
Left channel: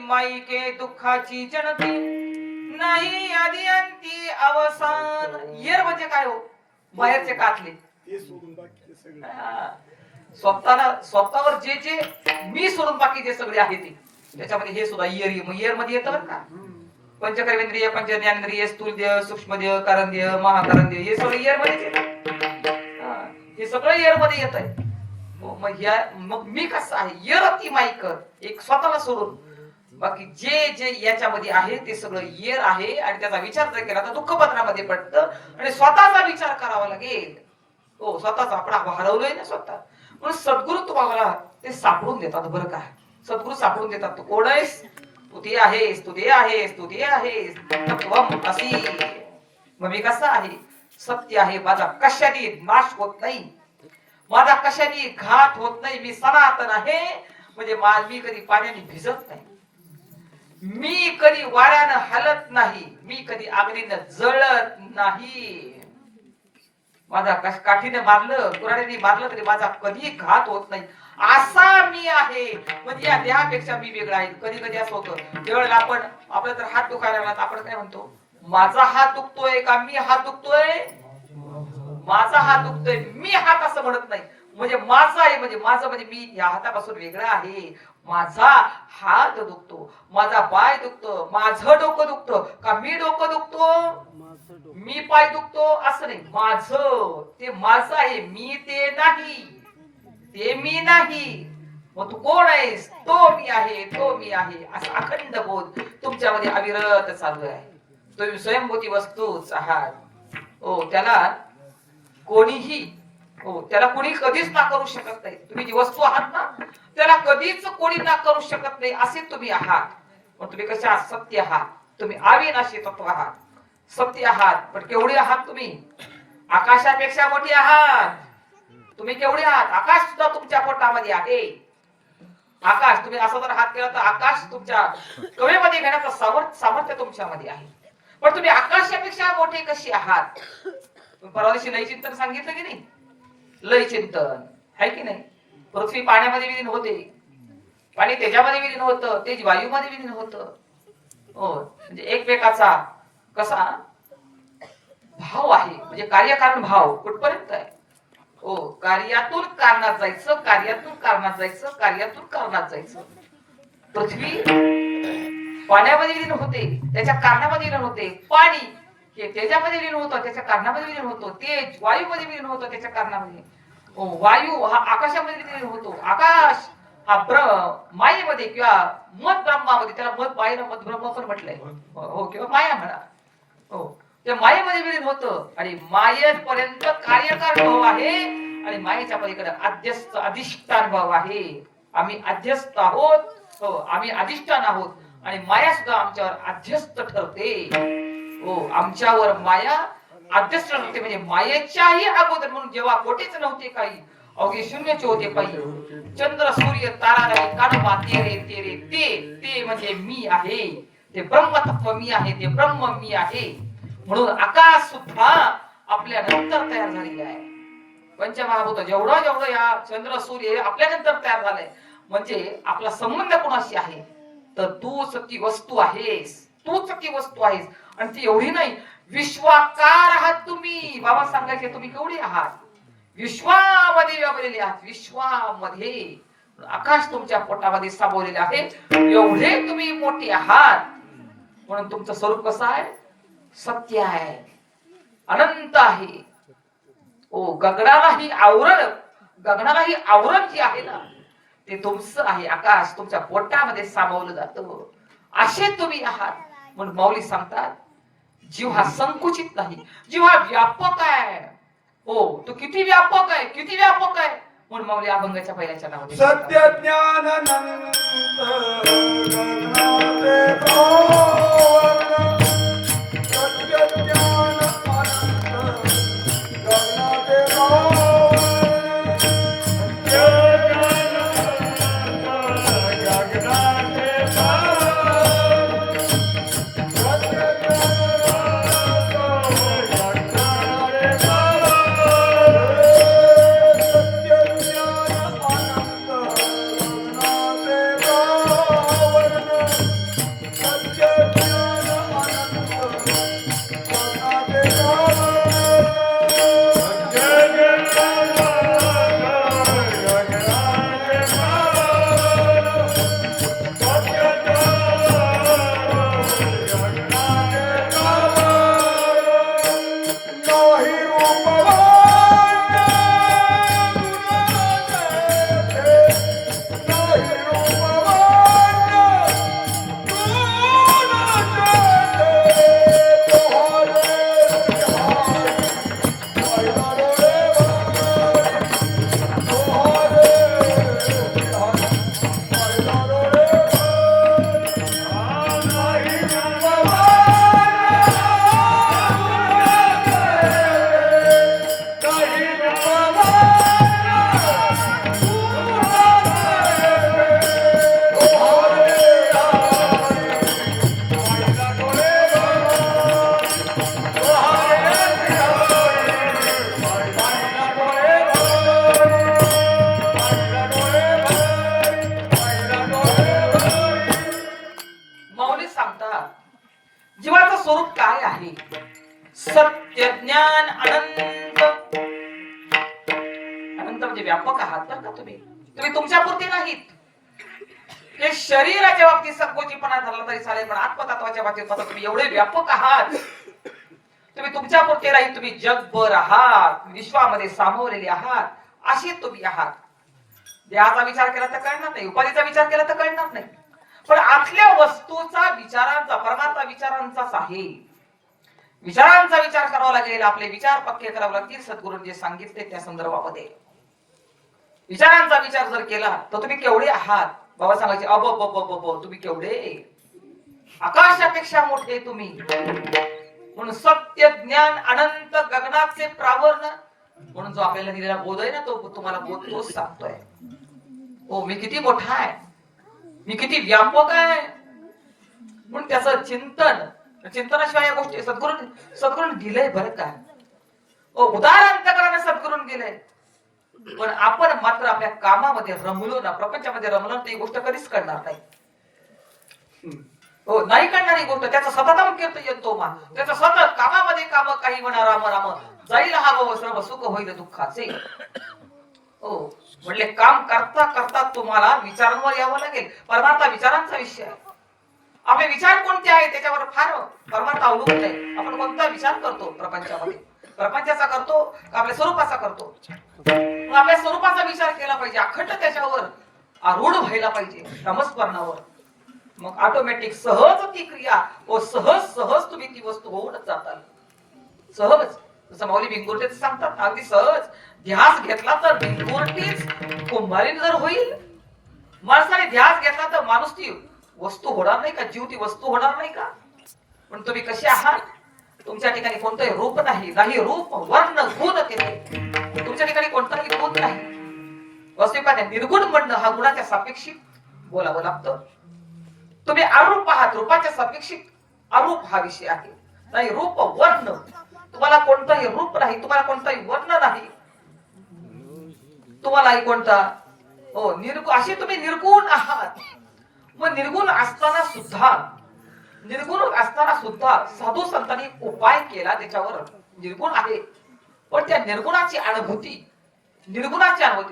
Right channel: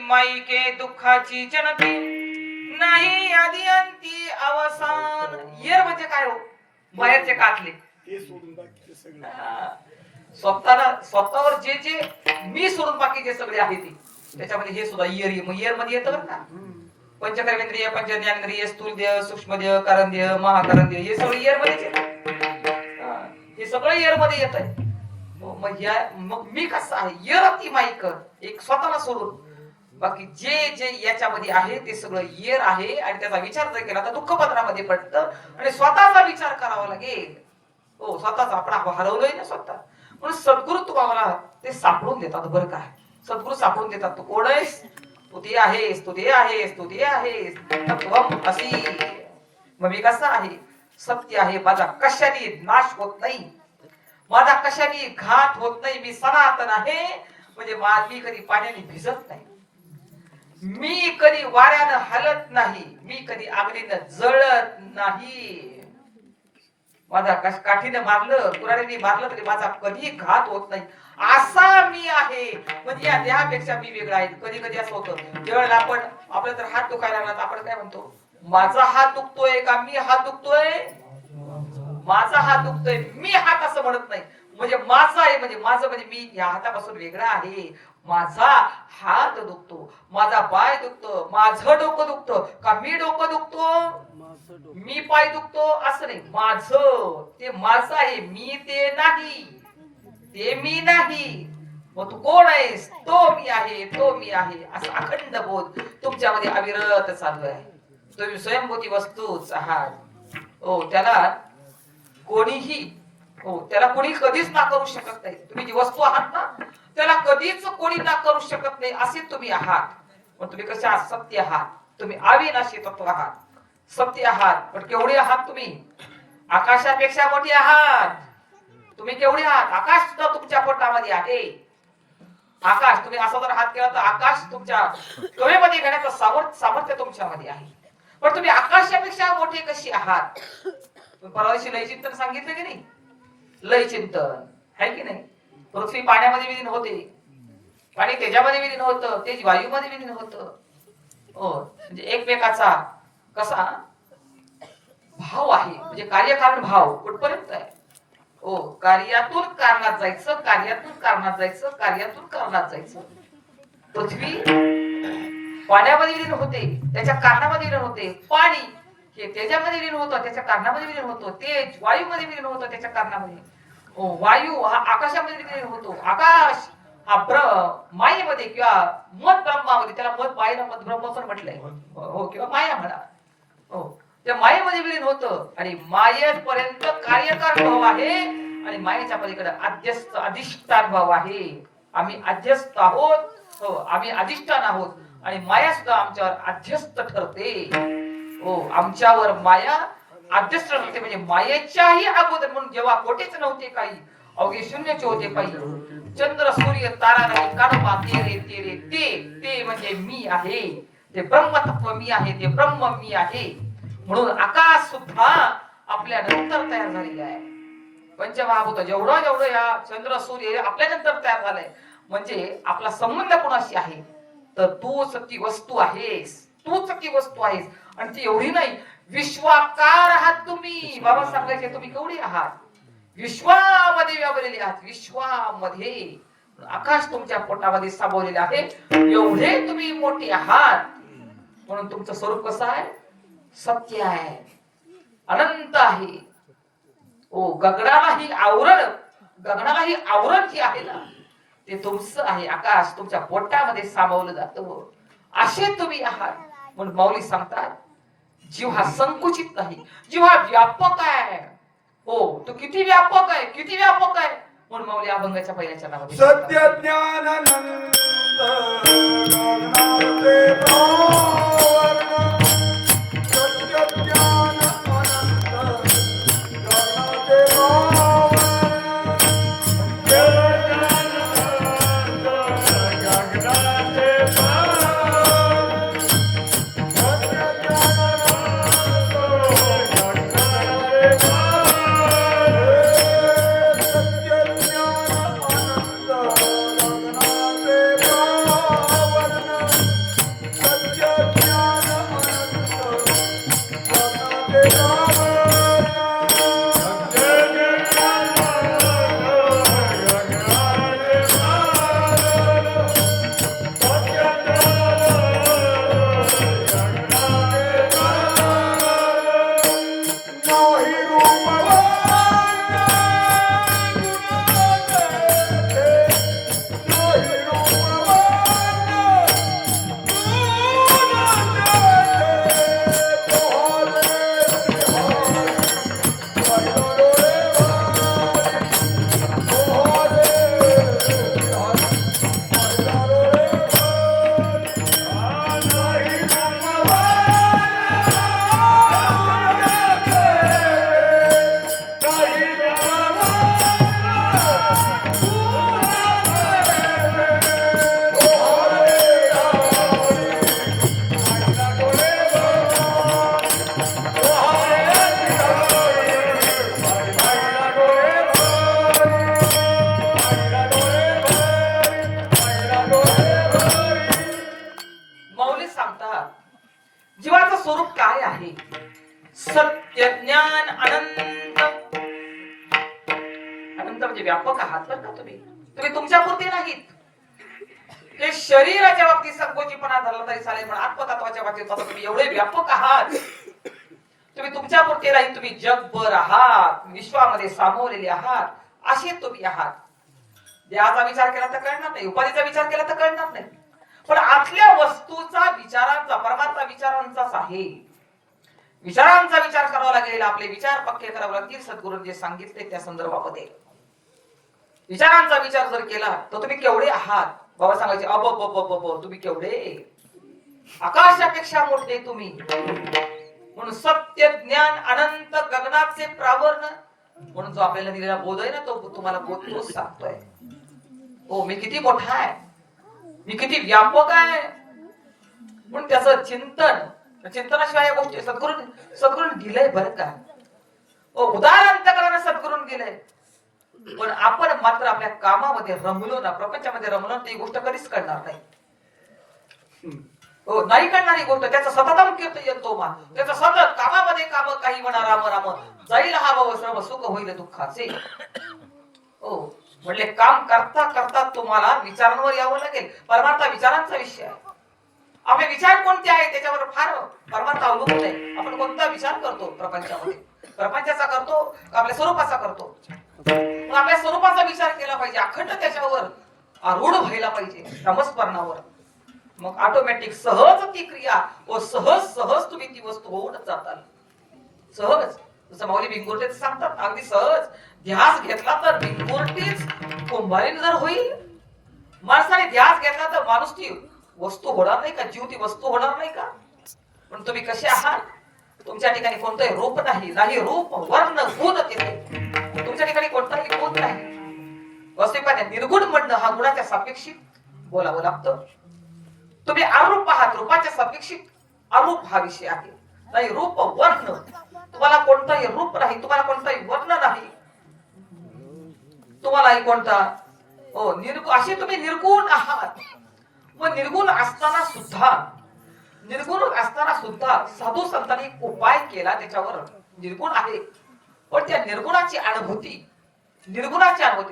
माईके दुःखाची जनती नाही आदी अंती अवसान. येर म्हणजे काय हो? बाहेरचे काटले. स्वतःवर जे जे मी सोडून बाकी जे सगळे आहे ते, त्याच्यामध्ये हे सुद्धा येर मध्ये येतं बरं का. पंचकर्मेंद्रिय, पंचज्ञानेंद्रिय, स्थूलदेह, सूक्ष्मदेह, कारणदेह, महाकारणदेह हे सगळं येर मध्येच येतं. हे सगळं येर मध्ये येत आहे. मग मी कसं आहे? येरती माईक एक स्वतःला सोडून बाकी जे जे याच्यामध्ये आहे ते सगळं येर आहे. आणि त्याचा विचार जर केला तर दुःख पत्रामध्ये पडतं, आणि स्वतःचा विचार करावा लागेल. स्वतःच आपण हरवलोय ना स्वतः. म्हणून सद्गुरु तुम्हाला ते सापडून देतात बरं का. सद्गुरु सापडून देतात. तू कोण आहेस? तू ते आहेस, तू ते आहेस, तू ते आहेस. तत्वम असी. मग मी कसं आहे? सत्य आहे. माझा कशाने नाश होत नाही, माझा कशाने घात होत नाही. मी सनातन आहे. म्हणजे मी कधी पाण्याने भिजत नाही, मी कधी वाऱ्यानं हलत नाही, मी कधी आगीनं जळत नाही. माझा काठीने मारलं, कुऱ्हाडीने मारलं तरी माझा कधी घात होत नाही. असा मी आहे. म्हणजे या देहापेक्षा मी वेगळा आहे. कधी कधी असं होतं, ज्यावेळेला आपण आपला जर हात दुखायला लागला आपण काय म्हणतो? माझा हात दुखतोय का मी हात दुखतोय? माझा हात दुखतोय, मी हात असं म्हणत नाही. म्हणजे माझा आहे, म्हणजे माझं म्हणजे मी या हातापासून वेगळा आहे. माझा हात दुखतो, माझा पाय दुखतो, माझं डोकं दुखतं का मी डोकं दुखतो, मी पाय दुखतो असं नाही. माझं ते माझं आहे, मी ते नाही, ते मी नाही. मग तू कोण आहेस? तो मी आहे, तो मी आहे. असा अखंड बोध तुमच्यामध्ये अविरत चालू आहे. तुम्ही स्वयंभूती वस्तूच आहात. त्याला कोणीही त्याला कोणी कधीच ना करू शकत नाही. तुम्ही जी वस्तू आहात ना त्याला कधीच कोणी ना करू शकत नाही, असे तुम्ही आहात. पण तुम्ही कसे आहात? सत्य आहात. तुम्ही अविनाशी तत्व आहात, सत्य आहात. पण केवढे आहात तुम्ही? आकाशापेक्षा मोठी आहात. तुम्ही केवढे आहात? आकाश सुद्धा तुमच्या पोटामध्ये आहे. आकाश, तुम्ही असा जर हात केला तर आकाश तुमच्या कवेमध्ये घेण्याचं सामर्थ्य तुमच्यामध्ये आहे. पण तुम्ही आकाशापेक्षा मोठे कशी आहात? परवा दिवशी लय चिंतन सांगितलं की नाही? लय चिंतन आहे की नाही? पृथ्वी पाण्यामध्ये विलीन होते, पाणी तेजामध्ये विलीन होतं, तेज वायूमध्ये विलीन होतं. हो, म्हणजे एकमेकाचा कसा भाव आहे, म्हणजे कार्यकारण भाव कुठपर्यंत आहे. हो, कार्यातून कारणात जायचं, कार्यातून कारणात जायचं, कार्यातून कारणात जायचं. पृथ्वी पाण्यामध्ये विलीन होते, त्याच्या कारणामध्ये विलीन होते. पाणी हे तेजामध्ये विलीन होतं, त्याच्या कारणामध्ये विलीन होतं. तेज वायूमध्ये विलीन होतं, त्याच्या कारणामध्ये. वायू हा आकाशामध्ये विलीन होतो. आकाश हा मायेमध्ये किंवा मत ब्रह्मामध्ये, त्याला मत मायेला मत ब्रह्म पण म्हटलंय. हो, किंवा माया म्हणा. हो, त्या मायेमध्ये विलीन होतं आणि मायेपर्यंत कार्यकारण भाव आहे आणि मायेच्या पलीकडे अध्यस्त अधिष्ठान भाव आहे. आम्ही अध्यस्त आहोत. हो, आम्ही अधिष्ठान आहोत आणि माया सुद्धा आमच्यावर अध्यस्त ठरते. हो, आमच्यावर माया अध्यस्त ठरते. म्हणजे मायेच्याही अगोदर, म्हणून जेव्हा कोठेच नव्हते काही, अवघे शून्यचे होते काही, चंद्र सूर्य तारा नाही, कानोबा तेरे तेरे ते म्हणजे मी आहे. ते ब्रह्मतत्व मी आहे, ते ब्रह्म मी आहे. म्हणून आकाश सुद्धा आपल्या नंतर तयार झालेले आहे. पंचमहाभूत जेवढं जेवढं या चंद्र सूर्य आपल्या नंतर तयार झालंय. म्हणजे आपला संबंध कोणाशी आहे, तर तूच ती वस्तू आहेस, तूच ती वस्तू आहेस. आणि ती एवढी नाही, विश्वाकार आहात तुम्ही. बाबा सांगायचे तुम्ही केवढी आहात, विश्वामध्ये व्यापलेले आहात. विश्वामध्ये आकाश तुमच्या पोटामध्ये सामावलेले आहे, एवढे तुम्ही मोठे आहात. म्हणून तुमचं स्वरूप कसं आहे, सत्य आहे, अनंत आहे. ओ, गगनालाही आवरण जे आहे ना, ते तुमचं आहे. आकाश तुमच्या पोटामध्ये सामावलं जातं, असे तुम्ही आहात. म्हणून माऊली सांगतात, जीव हा संकुचित नाही, जीव हा व्यापक आहे. हो, तो किती व्यापक आहे, किती व्यापक आहे. म्हणून माऊली अभंगाच्या पहिल्याच्या नावाने सत्य ज्ञानानंद गगनाचे भावन, सत्य ज्ञान अनंत गगनाचे भावन, गगनाचे भावन, सत्य ज्ञान जीवाचं स्वरूप काय आहे, सत्य ज्ञान अनंत. अनंत म्हणजे व्यापक आहात बरं का तुम्ही. तुम्ही तुमच्या पुरते नाहीत. हे शरीराच्या बाबतीत संकोचीपणा धरला तरी चालेल, पण आत्मतत्वाच्या बाबतीत तुम्ही एवढे व्यापक आहात. तुम्ही तुमच्या पुरते नाही, तुम्ही जगभर आहात, विश्वामध्ये सामावलेले आहात, असे तुम्ही आहात. देहाचा विचार केला तर कळणार नाही, उपाधीचा विचार केला तर कळणार नाही, पण आतल्या वस्तूचा विचारांचा, परमार्थ विचारांचाच आहे. विचारांचा विचार करावा लागेल, आपले विचार पक्के करावे लागतील. सद्गुरूंनी जे सांगितले त्या संदर्भामध्ये विचारांचा विचार जर केला तर तुम्ही केवढे आहात. बाबा सांगायचे अब तुम्ही केवढे, आकाशापेक्षा मोठे तुम्ही. म्हणून सत्य ज्ञान अनंत गगनाचे प्रावरण. म्हणून जो आपल्याला दिलेला बोध आहे ना, तो तुम्हाला बोध तोच सांगतोय, हो मी किती मोठा आहे, मी किती व्यापक आहे. म्हणून त्याचं चिंतनाशिवाय या गोष्टी सद्गुरूंनी दिलंय बरं का. उदाहरण अंतकरणाने सद्गुरूंनी दिलंय. पण आपण मात्र आपल्या कामामध्ये रमलो ना, प्रपंचामध्ये रमलो ना, ती गोष्ट कधीच करणार नाही. हो, नाही करणारी गोष्ट त्याचा सततम कीर्तन तो मा, त्याचं सतत कामामध्ये काम काही म्हणा राम राम, जाईल हा भाव सर्व सुख होईल दुःखाचे. हो, म्हणजे काम करता करता तुम्हाला विचारांवर यावं लागेल. परमार्थ विचारांचा विषय आहे. आपले विचार कोणते आहेत त्याच्यावर फार परमार्थ अवलंबून आहे. आपण कोणता विचार करतो प्रपंचामध्ये, प्रपंचाचा करतो का आपल्या स्वरूपाचा करतो? मग आपल्या स्वरूपाचा विचार केला पाहिजे, अखंड त्याच्यावर आरूढ व्हायला पाहिजे नामस्मरणावर. मग ऑटोमॅटिक सहज ती क्रिया व सहज सहज तुम्ही ती वस्तू होऊनच जाताल. सहज, जसं माऊली भिंगुर्ते सांगतात, अगदी सहज ध्यास घेतला तर भिंगुर्तीच कुंभारीण जर होईल. माणसाने ध्यास घेतला तर माणूस ती वस्तू होणार नाही का? जीव ती वस्तू होणार नाही का? पण तुम्ही कसे आहात? तुमच्या ठिकाणी कोणतंही रूप नाही, नाही रूप वर्ण गुण तिथे तुमच्या ठिकाणी कोणताही गुण नाही. वस्तुपाने निर्गुण म्हणणं हा गुणाच्या सापेक्षित बोलावं लागतं. तुम्ही अरूप आहात, रूपाच्या सापेक्षित अरूप हा विषय आहे. नाही रूप वर्ण, तुम्हाला कोणताही रूप नाही, तुम्हाला कोणताही वर्ण नाही, तुम्हालाही कोणता हो असे तुम्ही निर्गुण आहात. मग निर्गुण असताना सुद्धा साधू संतांनी उपाय केला त्याच्यावर. निर्गुण आहे पण त्या निर्गुणाची अनुभूती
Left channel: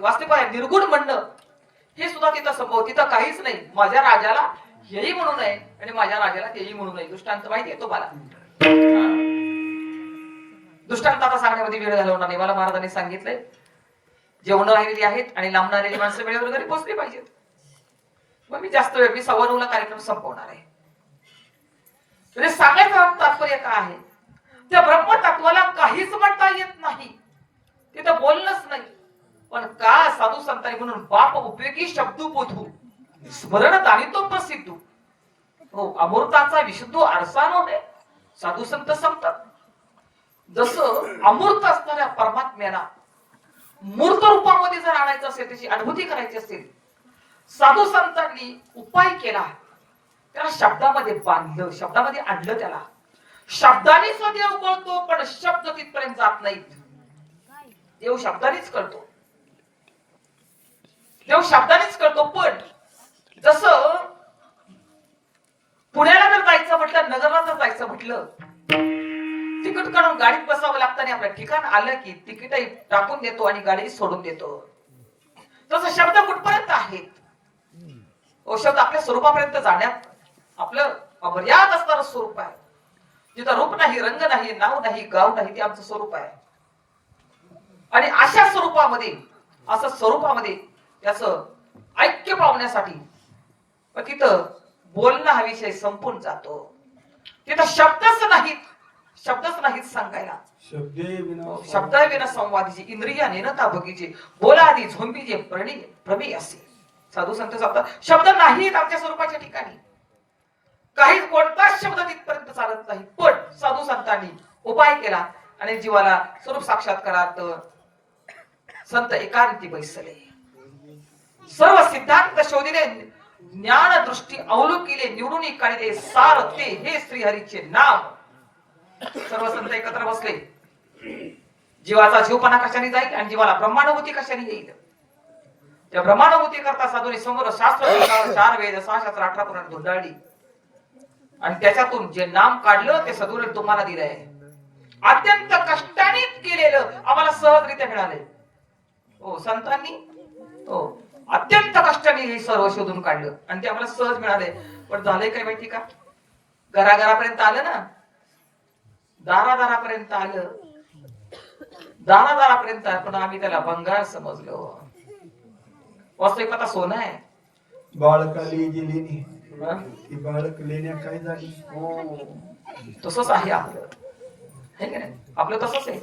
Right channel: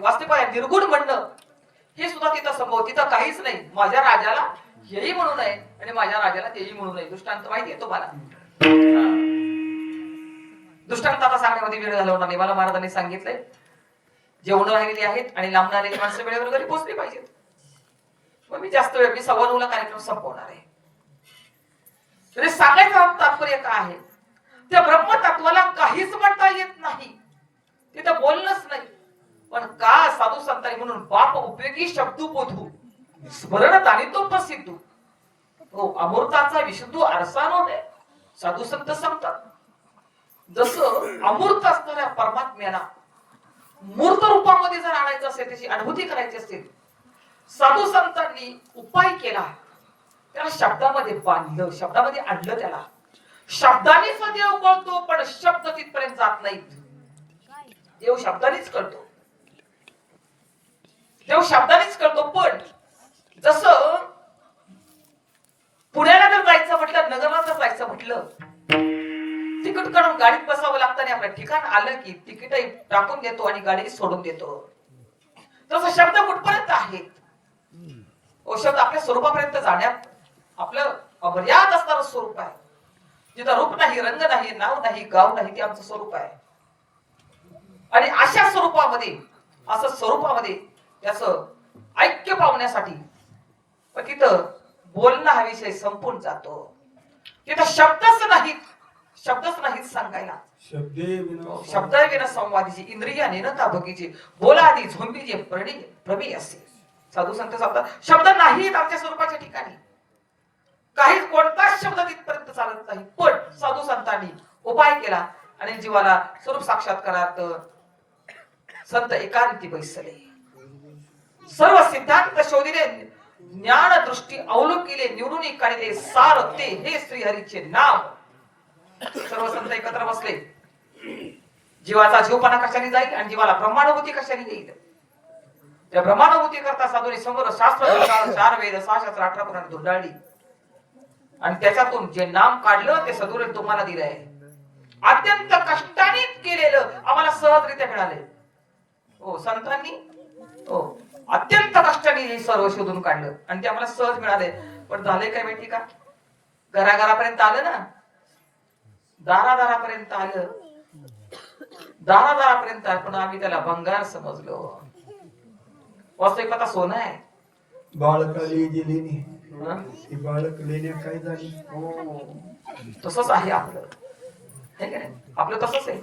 वास्तविक निर्गुण म्हणणं हे सुद्धा तिथं संभव. तिथं काहीच नाही. माझ्या राजाला हेही म्हणू नये आणि माझ्या राजाला तेही म्हणू नये. दृष्टांत माहिती आहे तुम्हाला? दृष्टांत आता सांगण्यामध्ये वेळ घालवणार नाही. मला महाराजांनी सांगितलंय जेवण राहिलेली आहेत आणि लांबणारी माणसं वेळेवर घरी पोहोचली पाहिजेत. मग मी जास्त वेळ, मी 9:15 कार्यक्रम संपवणार आहे. म्हणजे सांगायचं तात्पर्य काय आहे? त्या ब्रह्मतत्वाला काहीच म्हणता येत नाही, तिथं बोलणंच नाही. पण का साधू संतांनी म्हणून बाप उपयोगी शब्द बोधू स्मरण आणि तो प्रसिद्ध हो अमृताचा विशुद्ध आरसा नव्हे साधू संत सांगतात. जसं अमृत असणाऱ्या परमात्म्याला मूर्त रूपामध्ये जर आणायचं असेल, त्याची अनुभूती करायची असेल, साधू संतांनी उपाय केला. त्याला शब्दामध्ये बांधलं, शब्दामध्ये आणलं. त्याला शब्दानेच देव कळतो पण शब्द तिथपर्यंत जात नाहीत. देव शब्दानेच कळतो, देव शब्दानेच कळतो. पण जसं पुण्याला जर जायचं म्हटलं, नगरला जर जायचं म्हटलं, तिकीट काढून गाडीत बसावं लागतं आणि आपल्या ठिकाण आलं की तिकीट टाकून देतो आणि गाडी सोडून देतो. तसं शब्द कुठपर्यंत आहेत? शब्द आपल्या स्वरूपापर्यंत जाण्यात आपलं अमर्याद असणारं स्वरूप आहे. जिथं रूप नाही, रंग नाही, नाव नाही, गाव नाही, ते आमचं स्वरूप आहे. आणि अशा स्वरूपामध्ये त्याचं ऐक्य पावण्यासाठी तिथं बोलणं हा विषय संपून जातो. तिथं शब्दच नाहीत सांगायला. शब्द विना संवादीचे इंद्रिया नेनता बगीचे बोलादी झोंबीचे प्रमी असे. साधू संत सांगतात शब्द नाहीत आमच्या स्वरूपाच्या ठिकाणी. काही कोणताच शब्द तिथपर्यंत चालत नाही. पण साधू संतांनी उपाय केला आणि जीवाला स्वरूप साक्षात्कारात संत एकांती बैसले. सर्व सिद्धांत शोधिले, ज्ञान दृष्टी अवलोकिले, निवडून काढले सार ते हे श्रीहरीचे नाम. सर्व संत एकत्र बसले. जीवाचा जीवपणा कशाने जाईल आणि जीवाला ब्रह्मानुभूती कशाने येईल? त्या ब्रह्मानुभूती करता साधूने समोर शास्त्र 4 वेद 6 शास्त्र 18 पुराण धुंडाळली आणि त्याच्यातून जे नाम काढलं ते सद्गुरूने तुम्हाला दिलं आहे. अत्यंत कष्टाने केलेलं आम्हाला सहजरित्या मिळाले. हो संतांनी हो अत्यंत कष्टाने हे सर्व शोधून काढलं आणि ते आम्हाला सहज मिळाले. पण झालंय काय माहिती का? घराघरापर्यंत आलं ना, दारादारापर्यंत आलं, दारादारापर्यंत पण आम्ही त्याला भंगार समजलो. वास्तविकता सोनं आहे. बाळकाली दिली ती बाळक लेण्या काय झाली. हो तसंच आहे आपलं, है का नाही? आपलं तसंच आहे.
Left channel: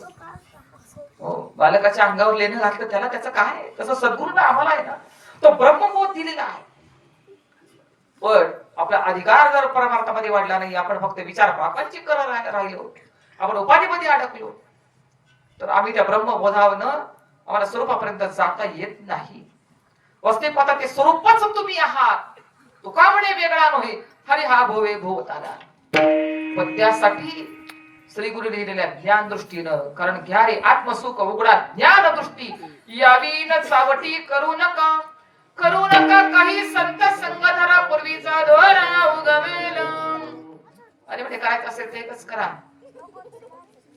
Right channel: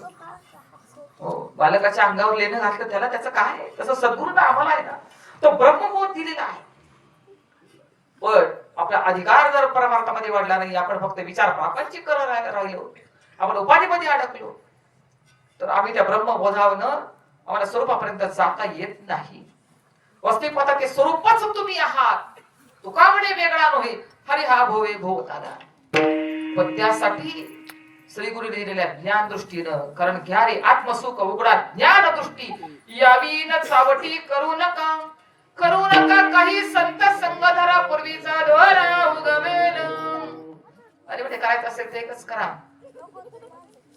हो बालकाच्या अंगावर लेणं घातलं त्याला त्याचं काय? तसं सद्गुरूला आम्हाला आहे ना, तो ब्रह्मबोध दिलेला आहे. पण आपला अधिकार जर परमार्थामध्ये वाढला नाही, आपण फक्त विचार पाकांची करत राहिलो, आपण उपाधीमध्ये अडकलो, तर आम्ही त्या ब्रह्मबोधावनं आम्हाला स्वरूपापर्यंत जाता येत नाही. वस्तुपाहता ते स्वरूपच तुम्ही आहात. तुका म्हणे वेगळा नव्हे, हरी हा भोवे भोवताला. पण त्यासाठी श्री गुरु लिहिलेल्या ज्ञान दृष्टीनं, कारण घ्या रे आत्मसुख उघडा ज्ञान दृष्टी, यावी न चावटी करू नका काही संत संग धरा, पूर्वीचा दोरा उगवेल. अरे म्हणजे करायचं असेल ते एकच करा.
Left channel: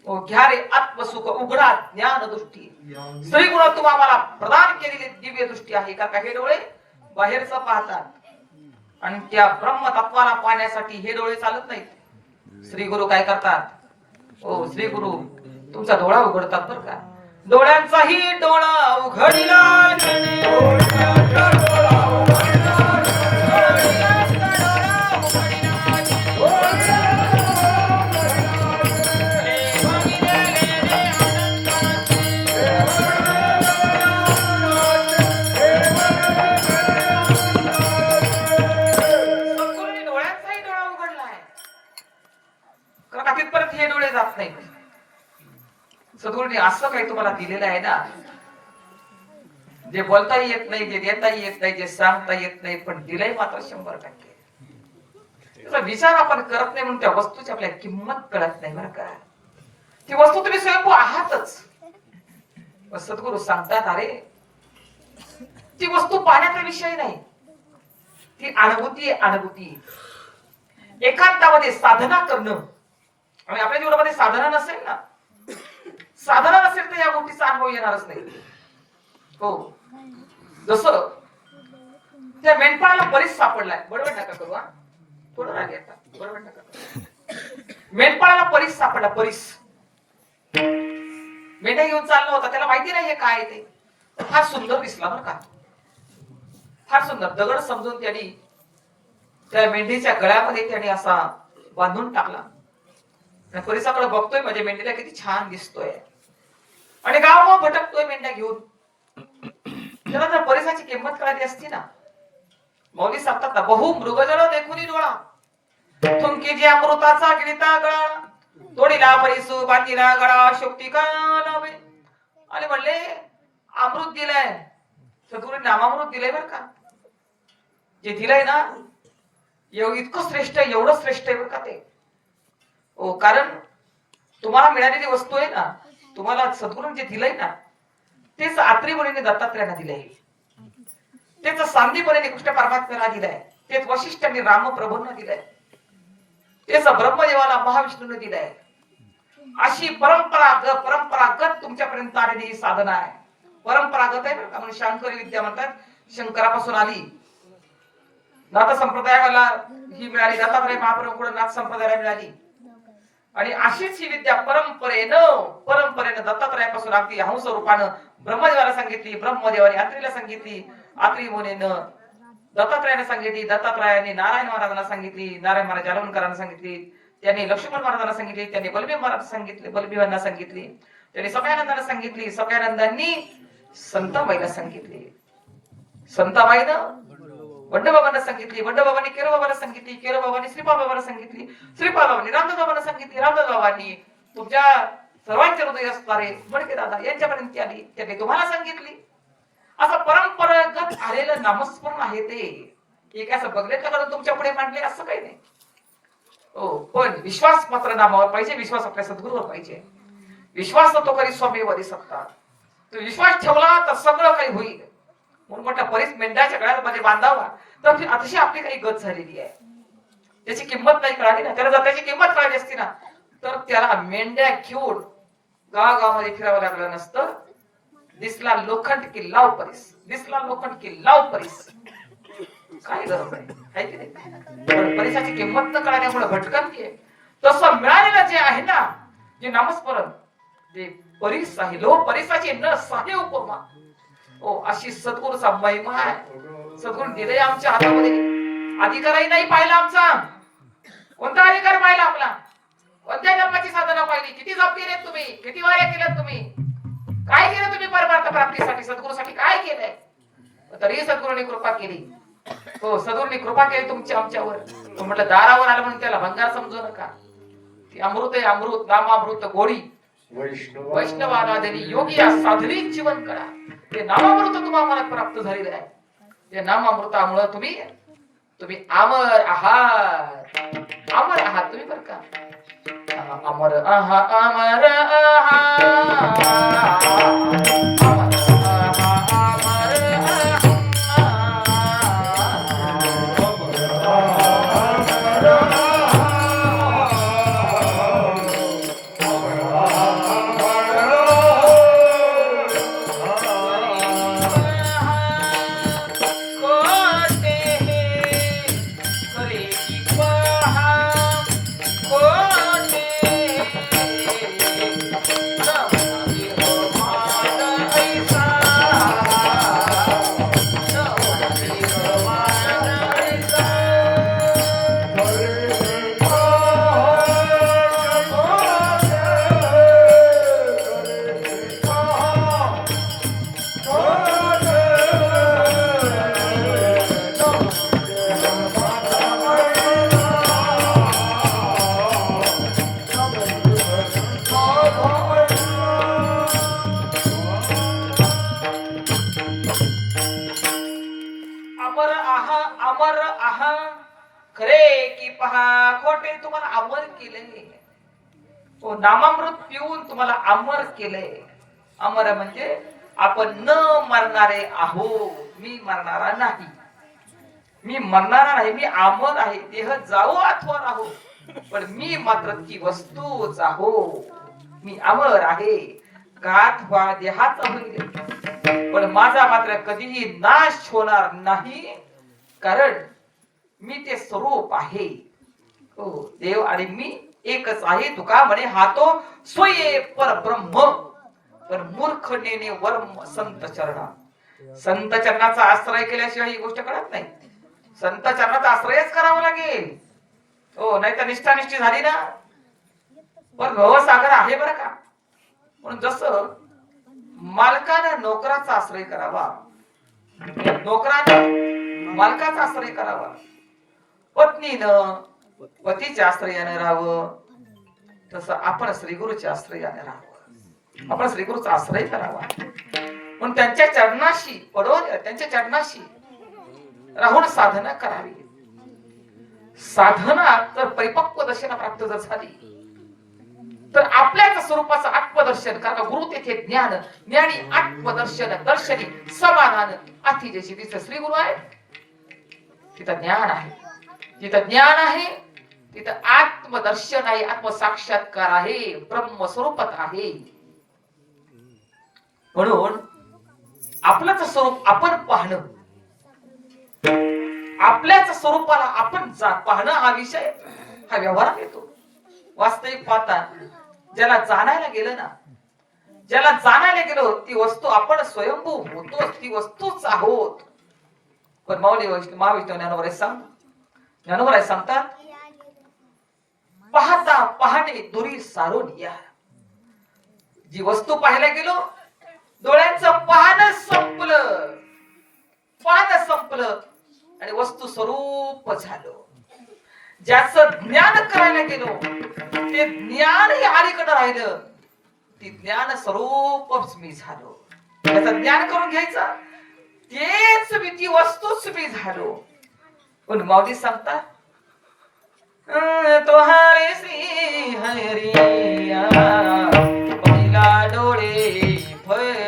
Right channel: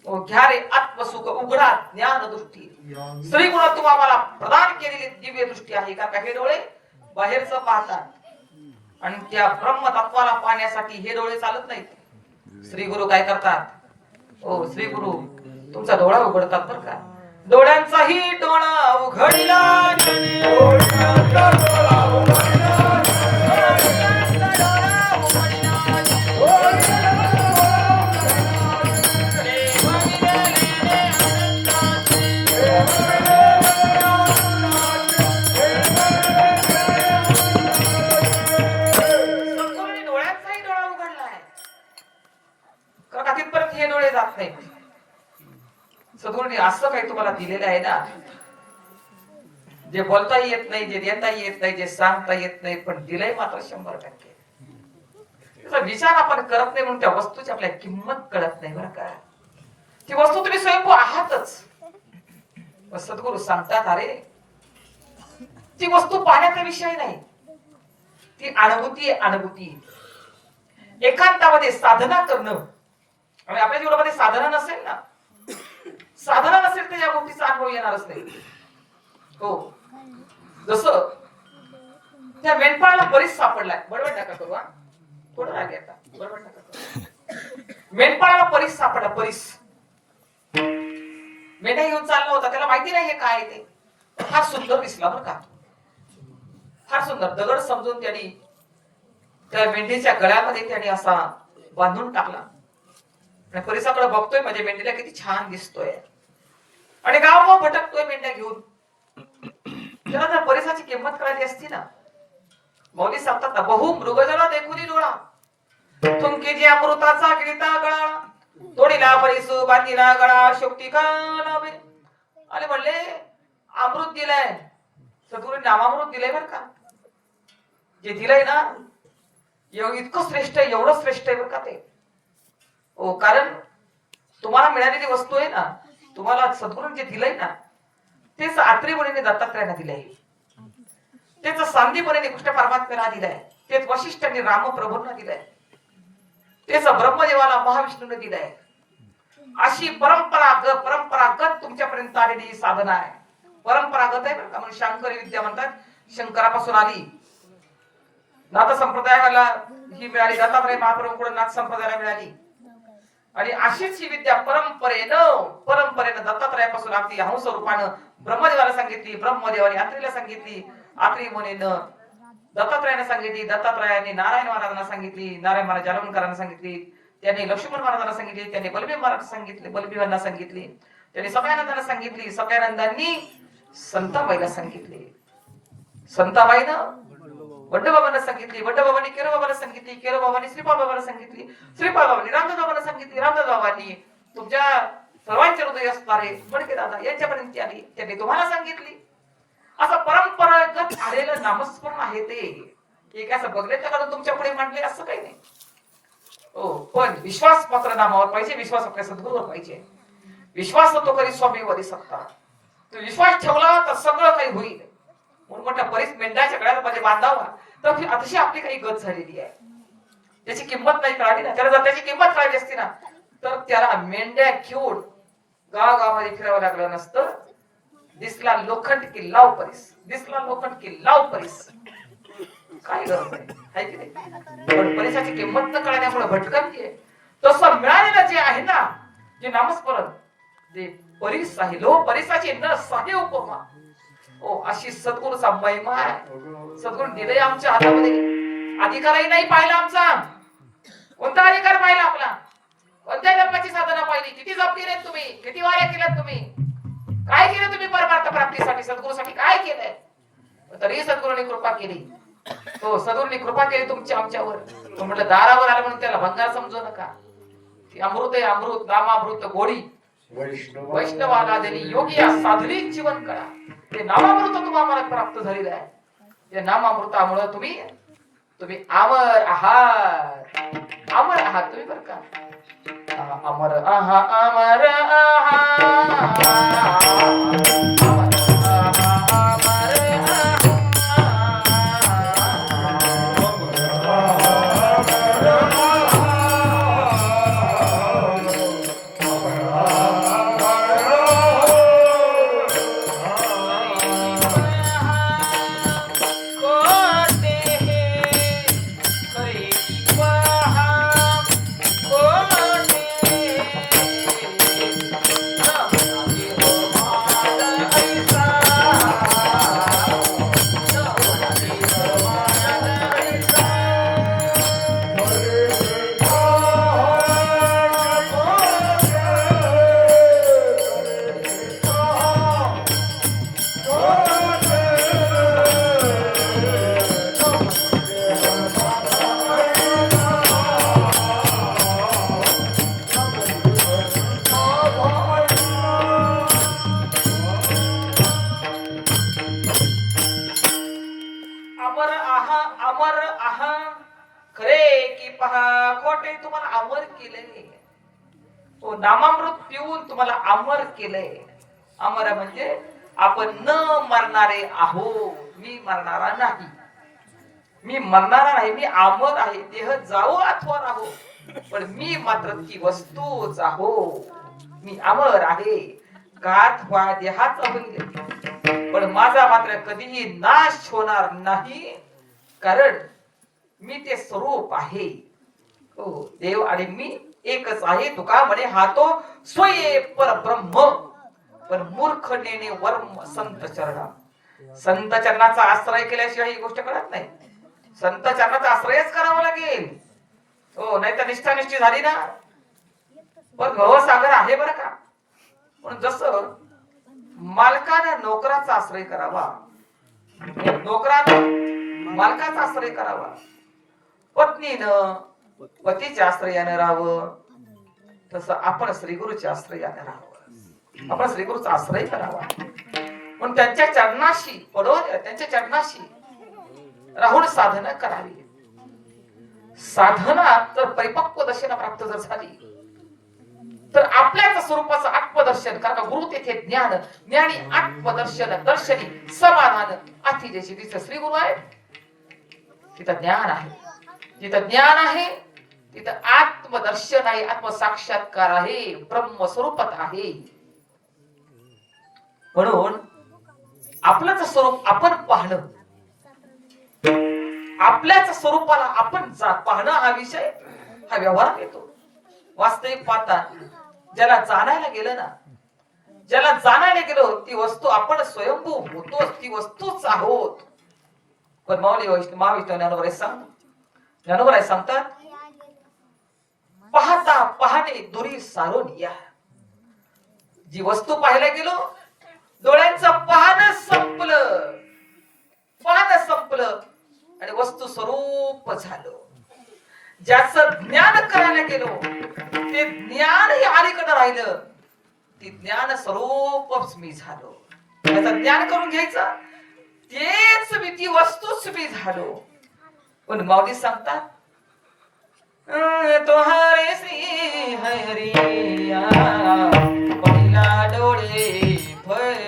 ओ घ्या रे आत्मसुख उघडा ज्ञान दृष्टी. श्री गुरु तू आम्हाला प्रदान केलेली दिव्य दृष्टी आहे का? हे डोळे बाहेरचं पाहतात आणि त्या ब्रह्म तत्वाला पाहण्यासाठी हे डोळे चालत नाहीत. श्री गुरु काय करतात? ओ श्री गुरु तुमचा डोळा उघडतात बरं का. डोळ्यांचाही डोळा उघडला, तिथपर्यंत हे डोळे जात नाहीत. सद्गुरूंनी असं काही तुम्हाला दिलेलं आहे ना, जे बोलताही येत नाही, जे देताही येत नाही, जे सांगता येत नाही, पण दिलंय मात्र 100%. त्याचा विचार आपण करत नाही म्हणून त्या वस्तूची आपल्याला किंमत कळत नाही बरं का. ती वस्तू तुम्ही स्वयंभू आहातच. सद्गुरू सांगतात अरे ती वस्तू पाहण्याचा विषय नाही, ती अनुभूती आहे. अनुभूती एकांतामध्ये साधना करणं. आणि आपल्या जीवनामध्ये साधना नसेल ना, साधना नसेल तर या गोष्टीचा अनुभव येणारच नाही. हो, जसं त्या मेंढपाळाला बरीच सापडलाय. बरोबर नका करू, थोडं राग येता. बरोबर नका करू. मेंढपाळाला परीस सापडला. परीस मेंढ्या घेऊन चालला होता, त्याला माहिती नाही हे काय ते. फार सुंदर दिसला बरं का, फार सुंदर. दगड समजून त्यांनी त्या मेंढीच्या गळ्यामध्ये त्याने असा बांधून टाकला. परिसाकडे बघतोय, म्हणजे मेंढीला किती छान दिसतोय आणि गाव भटकतोय मेंढ्या घेऊन. त्याला जर परिसाची किंमत कळाली असती ना, मौली सांगतात ना, बहु मृगजळ देखुनी डोळा, तुमकी जे अमृताचा गिळता गळा, तोडीला परिसू बांधीला गळा शोक्ती का लावे. आणि म्हणले अमृत दिलंय, सद्गुरू नामामृत दिलंय बर का. जे दिलंय ना इतकं श्रेष्ठ आहे, एवढं श्रेष्ठ आहे बर का ते. हो, कारण तुम्हाला मिळालेली वस्तू आहे ना, तुम्हाला सद्गुरूंनी जे दिलंय ना, तेच आत्री मुनीने दत्तात्रयाला दिलंय, तेच सांदीपनीने कृष्ण परमात्म्याला दिलंय, तेच वशिष्ठांनी रामप्रभूंना दिलंय, तेच ब्रह्मदेवाला महाविष्णूने दिलंय. अशी परंपरागत तुमच्यापर्यंत आलेली साधना आहे. परंपरागत आहे बरं का. म्हणजे शांकरी विद्या म्हणतात, शंकरापासून आली. नाथ संप्रदायाला ही मिळाली, दत्तात्रय महाप्रभूंकडून नाथ संप्रदायाला मिळाली. आणि अशीच ही विद्या परंपरेनं दत्तात्रयापासून अगदी हंस रूपानं ब्रह्मदेवाला सांगितली, ब्रह्मदेवाने आत्रीला सांगितली, आत्री मुनीनं दत्तात्रयाने सांगितली, दत्तात्रयाने नारायण महाराजांना सांगितली, नारायण महाराज जालवणकरांना सांगितली, त्यांनी लक्ष्मण महाराजांना सांगितली, त्यांनी बलभीम महाराज सांगितले, बलभीमांना सांगितली, त्यांनी सगळ्यानंदांना सांगितली, सगळ्यानंदांनी संताबाईला सांगितली, संताबाईनं वड्डबाबांना सांगितली, वड्डबाबांनी केरोबाबाला सांगितली, केरोबाबांनी श्रीपाबाबाला सांगितली, श्रीपाबाबांनी रामदासबाबांना सांगितली, रामदासबाबांनी तुमच्या सर्वांचे हृदय असणारे बडके दादा यांच्यापर्यंत आली, त्यांनी तुम्हाला सांगितली. असं परंपरागत आलेलं नामस्मरण आहे ते. एक असं बघण्याकडून तुमच्या पुढे मांडले असं काही नाही. हो, पण विश्वास मात्र नामावर पाहिजे, विश्वास आपल्या सद्गुरूवर पाहिजे. विश्वास तो करी स्वामी वरी सत्ता. तू विश्वास ठेवला तर सगळं काही होईल. म्हणून मोठ्या बरीच मेंढ्याच्या गळ्यामध्ये बांधावा, तर अतिशय आपली काही गत झालेली आहे. त्याची किंमत नाही कळाली ना. त्याला जर त्याची किंमत कळाली असती ना, तर त्याला मेंढ्या घेऊन गावागावामध्ये फिरावं लागलं नसतं. दिसला लोखंड की लाव परीस, दिसला लोखंड की लाव परीस. काय गरज आहे की नाही. पण परिसाची किंमत न कळण्यामुळे भटकंती आहे. तसं मिळालेलं जे आहे ना, जे नामस्मरण, ते परीस आहे. लो परिसाची न साहे उपमा. ओ अशी सद्गुरूचा महिमा आहे. सद्गुरू दिले आमच्या हातामध्ये. अधिकारही नाही पाहिला आमचा. कोणता अधिकार पाहिला आपला? कोणत्या जन्माची साधना पाहिली? किती जप केले तुम्ही? किती वाऱ्या केल्या तुम्ही? काय केलं तुम्ही परमार्थ प्राप्तीसाठी? सद्गुरूसाठी काय केलंय? तरी सद्गुरूने कृपा केली. हो, सद्गुरूने कृपा केली तुमच्या आमच्यावर. तो म्हटलं दारावर आलं म्हणून त्याला भंगार समजू नका. ती अमृत आहे, अमृत नामामृत गोडी वैष्णवाला देवी योगी साधरी जीवन करा. ते नामामृत तुम्हाला प्राप्त झालेलं आहे. ते नामामृतामुळे तुम्ही अमर आहात. अमर आहात तुम्ही बरं का. अमर आहा अमर आहा अमर आहा अमर आहा खरे की पहा खोटे तुम्हाला अमर केले तो नामामृत पिऊन तुम्हाला अमर केले अमर म्हणजे आपण न मरणारे आहो मी मरणारा नाही मी मरणारा आहे मी अमर आहे देह जावो अथवा राहो पण मी मात्र ती वस्तूच आहो मी अमर आहे गात व्हा देहाचा होईल पण माझा मात्र कधीही नाश होणार नाही कारण मी ते स्वरूप आहे हो देव आणि मी एकच आहे तुका म्हणे हा तो स्वये परब्रह्म पण मूर्ख नेने वर्म संत चरणा संत चरणाचा आश्रय केल्याशिवाय ही गोष्ट कळत नाही संत चरणाचा आश्रयच करावा लागेल हो नाही तर निष्ठानिष्ठी झाली ना पण भवसागर आहे बरं का म्हणून जसं मालकाने नोकराचा आश्रय करावा नोकराने मालकाचा आश्रय करावा पत्नीनं पतीच्या आश्रयाने राहावं तसं आपण श्री गुरुच्या आश्रयाने राहावं आपण श्री गुरुचा आश्रय करावा म्हणून त्यांच्या चरणाशी पडून त्यांच्या चरणाशी राहून साधना करावी साधना तर परिपक्व दशेला प्राप्त जर झाली तर आपल्याच स्वरूपाचं आत्मदर्शन कारण गुरु तेथे ज्ञान ज्ञानी आत्मदर्शन दर्शनी समाधान अति जशी तिचं श्री गुरु आहे तिथं ज्ञान आहे तिथं ज्ञान आहे तिथं आत्मदर्शन आहे आत्मसाक्षात्कार आहे ब्रह्म स्वरूपात आहे म्हणून आपलंच स्वरूप आपण पाहणं आपल्याच स्वरूपाला आपण पाहणं हा विषय हा व्यवहारात येतो वास्तविक पाहता ज्याला जाणायला गेलं ना ज्याला जाणायला गेलो ती वस्तू आपण स्वयंभू होतो ती वस्तूच आहोत पण माऊली महाविष्णू ज्ञानोबराय सांगतात पाहता पाहणे दुरी सारून या जी वस्तू पाहायला गेलो डोळ्यांचं पाहणं संपलं आणि वस्तू स्वरूप झालं ज्याचं ज्ञान करायला गेलो ते ज्ञानही अलीकडे राहिलं ती ज्ञान स्वरूपच मी झालो त्याचं ज्ञान करून घ्यायचं तेच मी ती वस्तूच मी झालो पण माऊली सांगतात तोहारे श्री हरिया पहिला डोळे भरी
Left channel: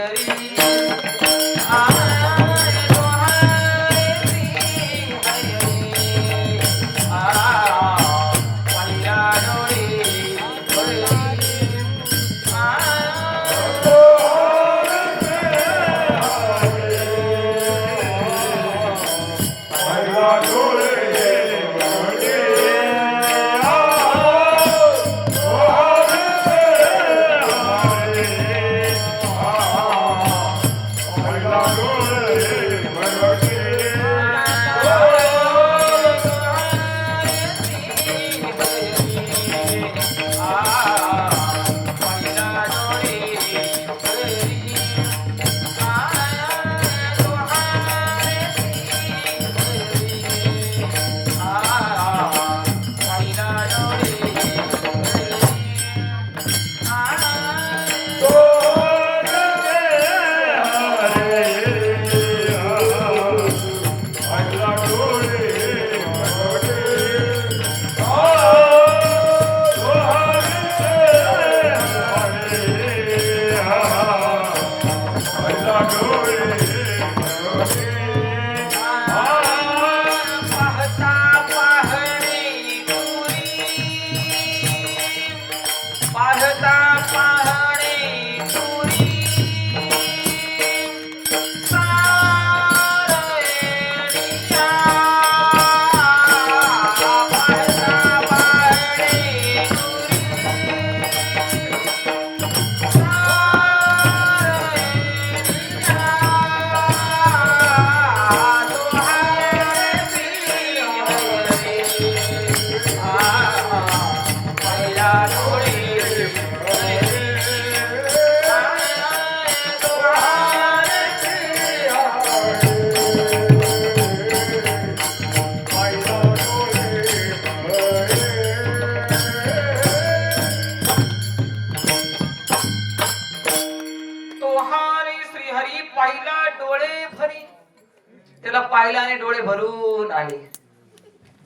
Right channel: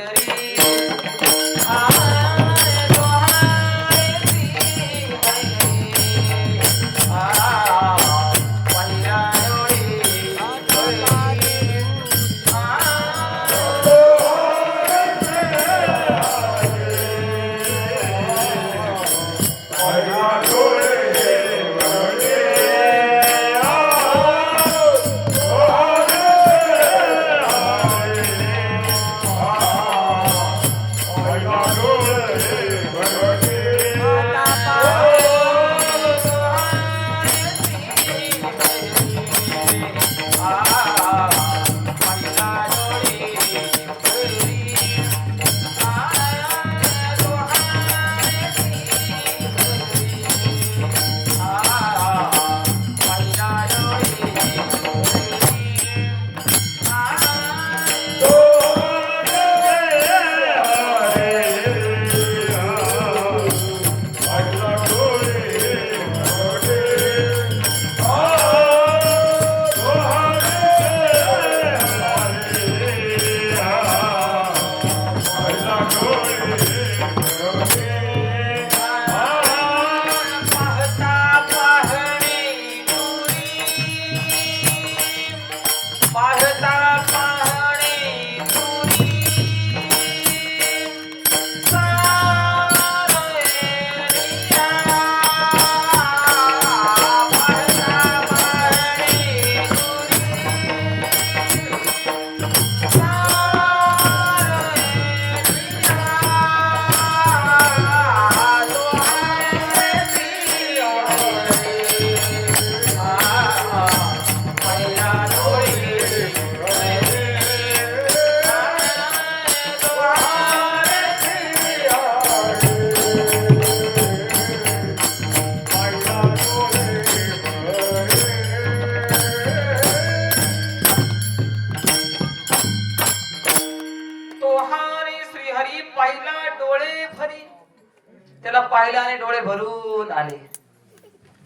त्याला पाहिलं आणि डोळे भरून आले.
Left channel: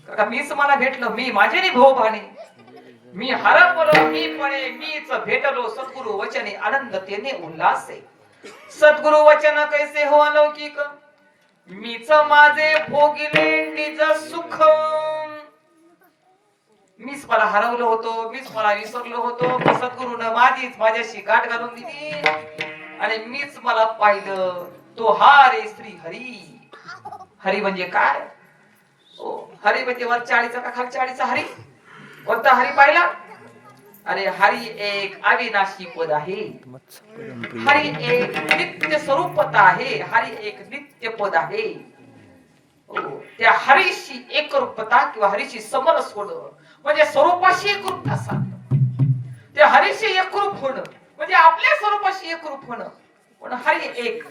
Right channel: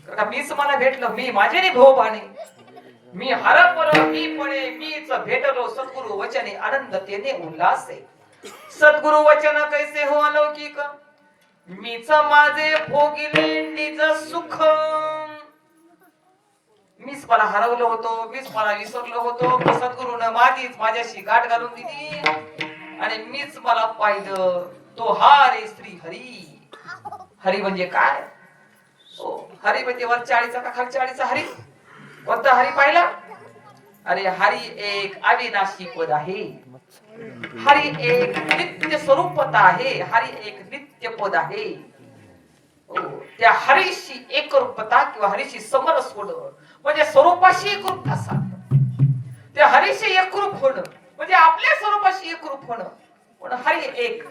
का मीच मला भेटलं, मी माझे भोग आले, मी हरपलो मी पळे, मीच भेटलो सद्गुरु वचने आनंदतेने उल्हासे. सद्गुरु वचन कैसे हो अलौकिक, मीच माझे भोगिले निज सुख. मीच मला हरवलो होतो, मीच मला विसरलो होतो, सद्गुरूनं माझ्याशी गाठ घालून दिली आणि मीच मला पाहिलं. तो हा रे श्री हरी. हरी म्हणजे काय? हरी म्हणजे वरच्या आळीचा का खालच्या आळीचा हरी? कोणता हरी पाहिला? अरे हरी एक अविनाशी पद आहे, हरी एक नित्य स्वरूपता आहे, हरी एक नित्य पद आहे. त्या हरीशी एकरूपता किंवा हरीशी समरस होणं म्हणजे स्वरूपाशी एकरूपता साधणं. त्या हरीशी एकरूप होणं म्हणजे आपल्या स्वरूपाशी एकरूप होणं. पण हरी एक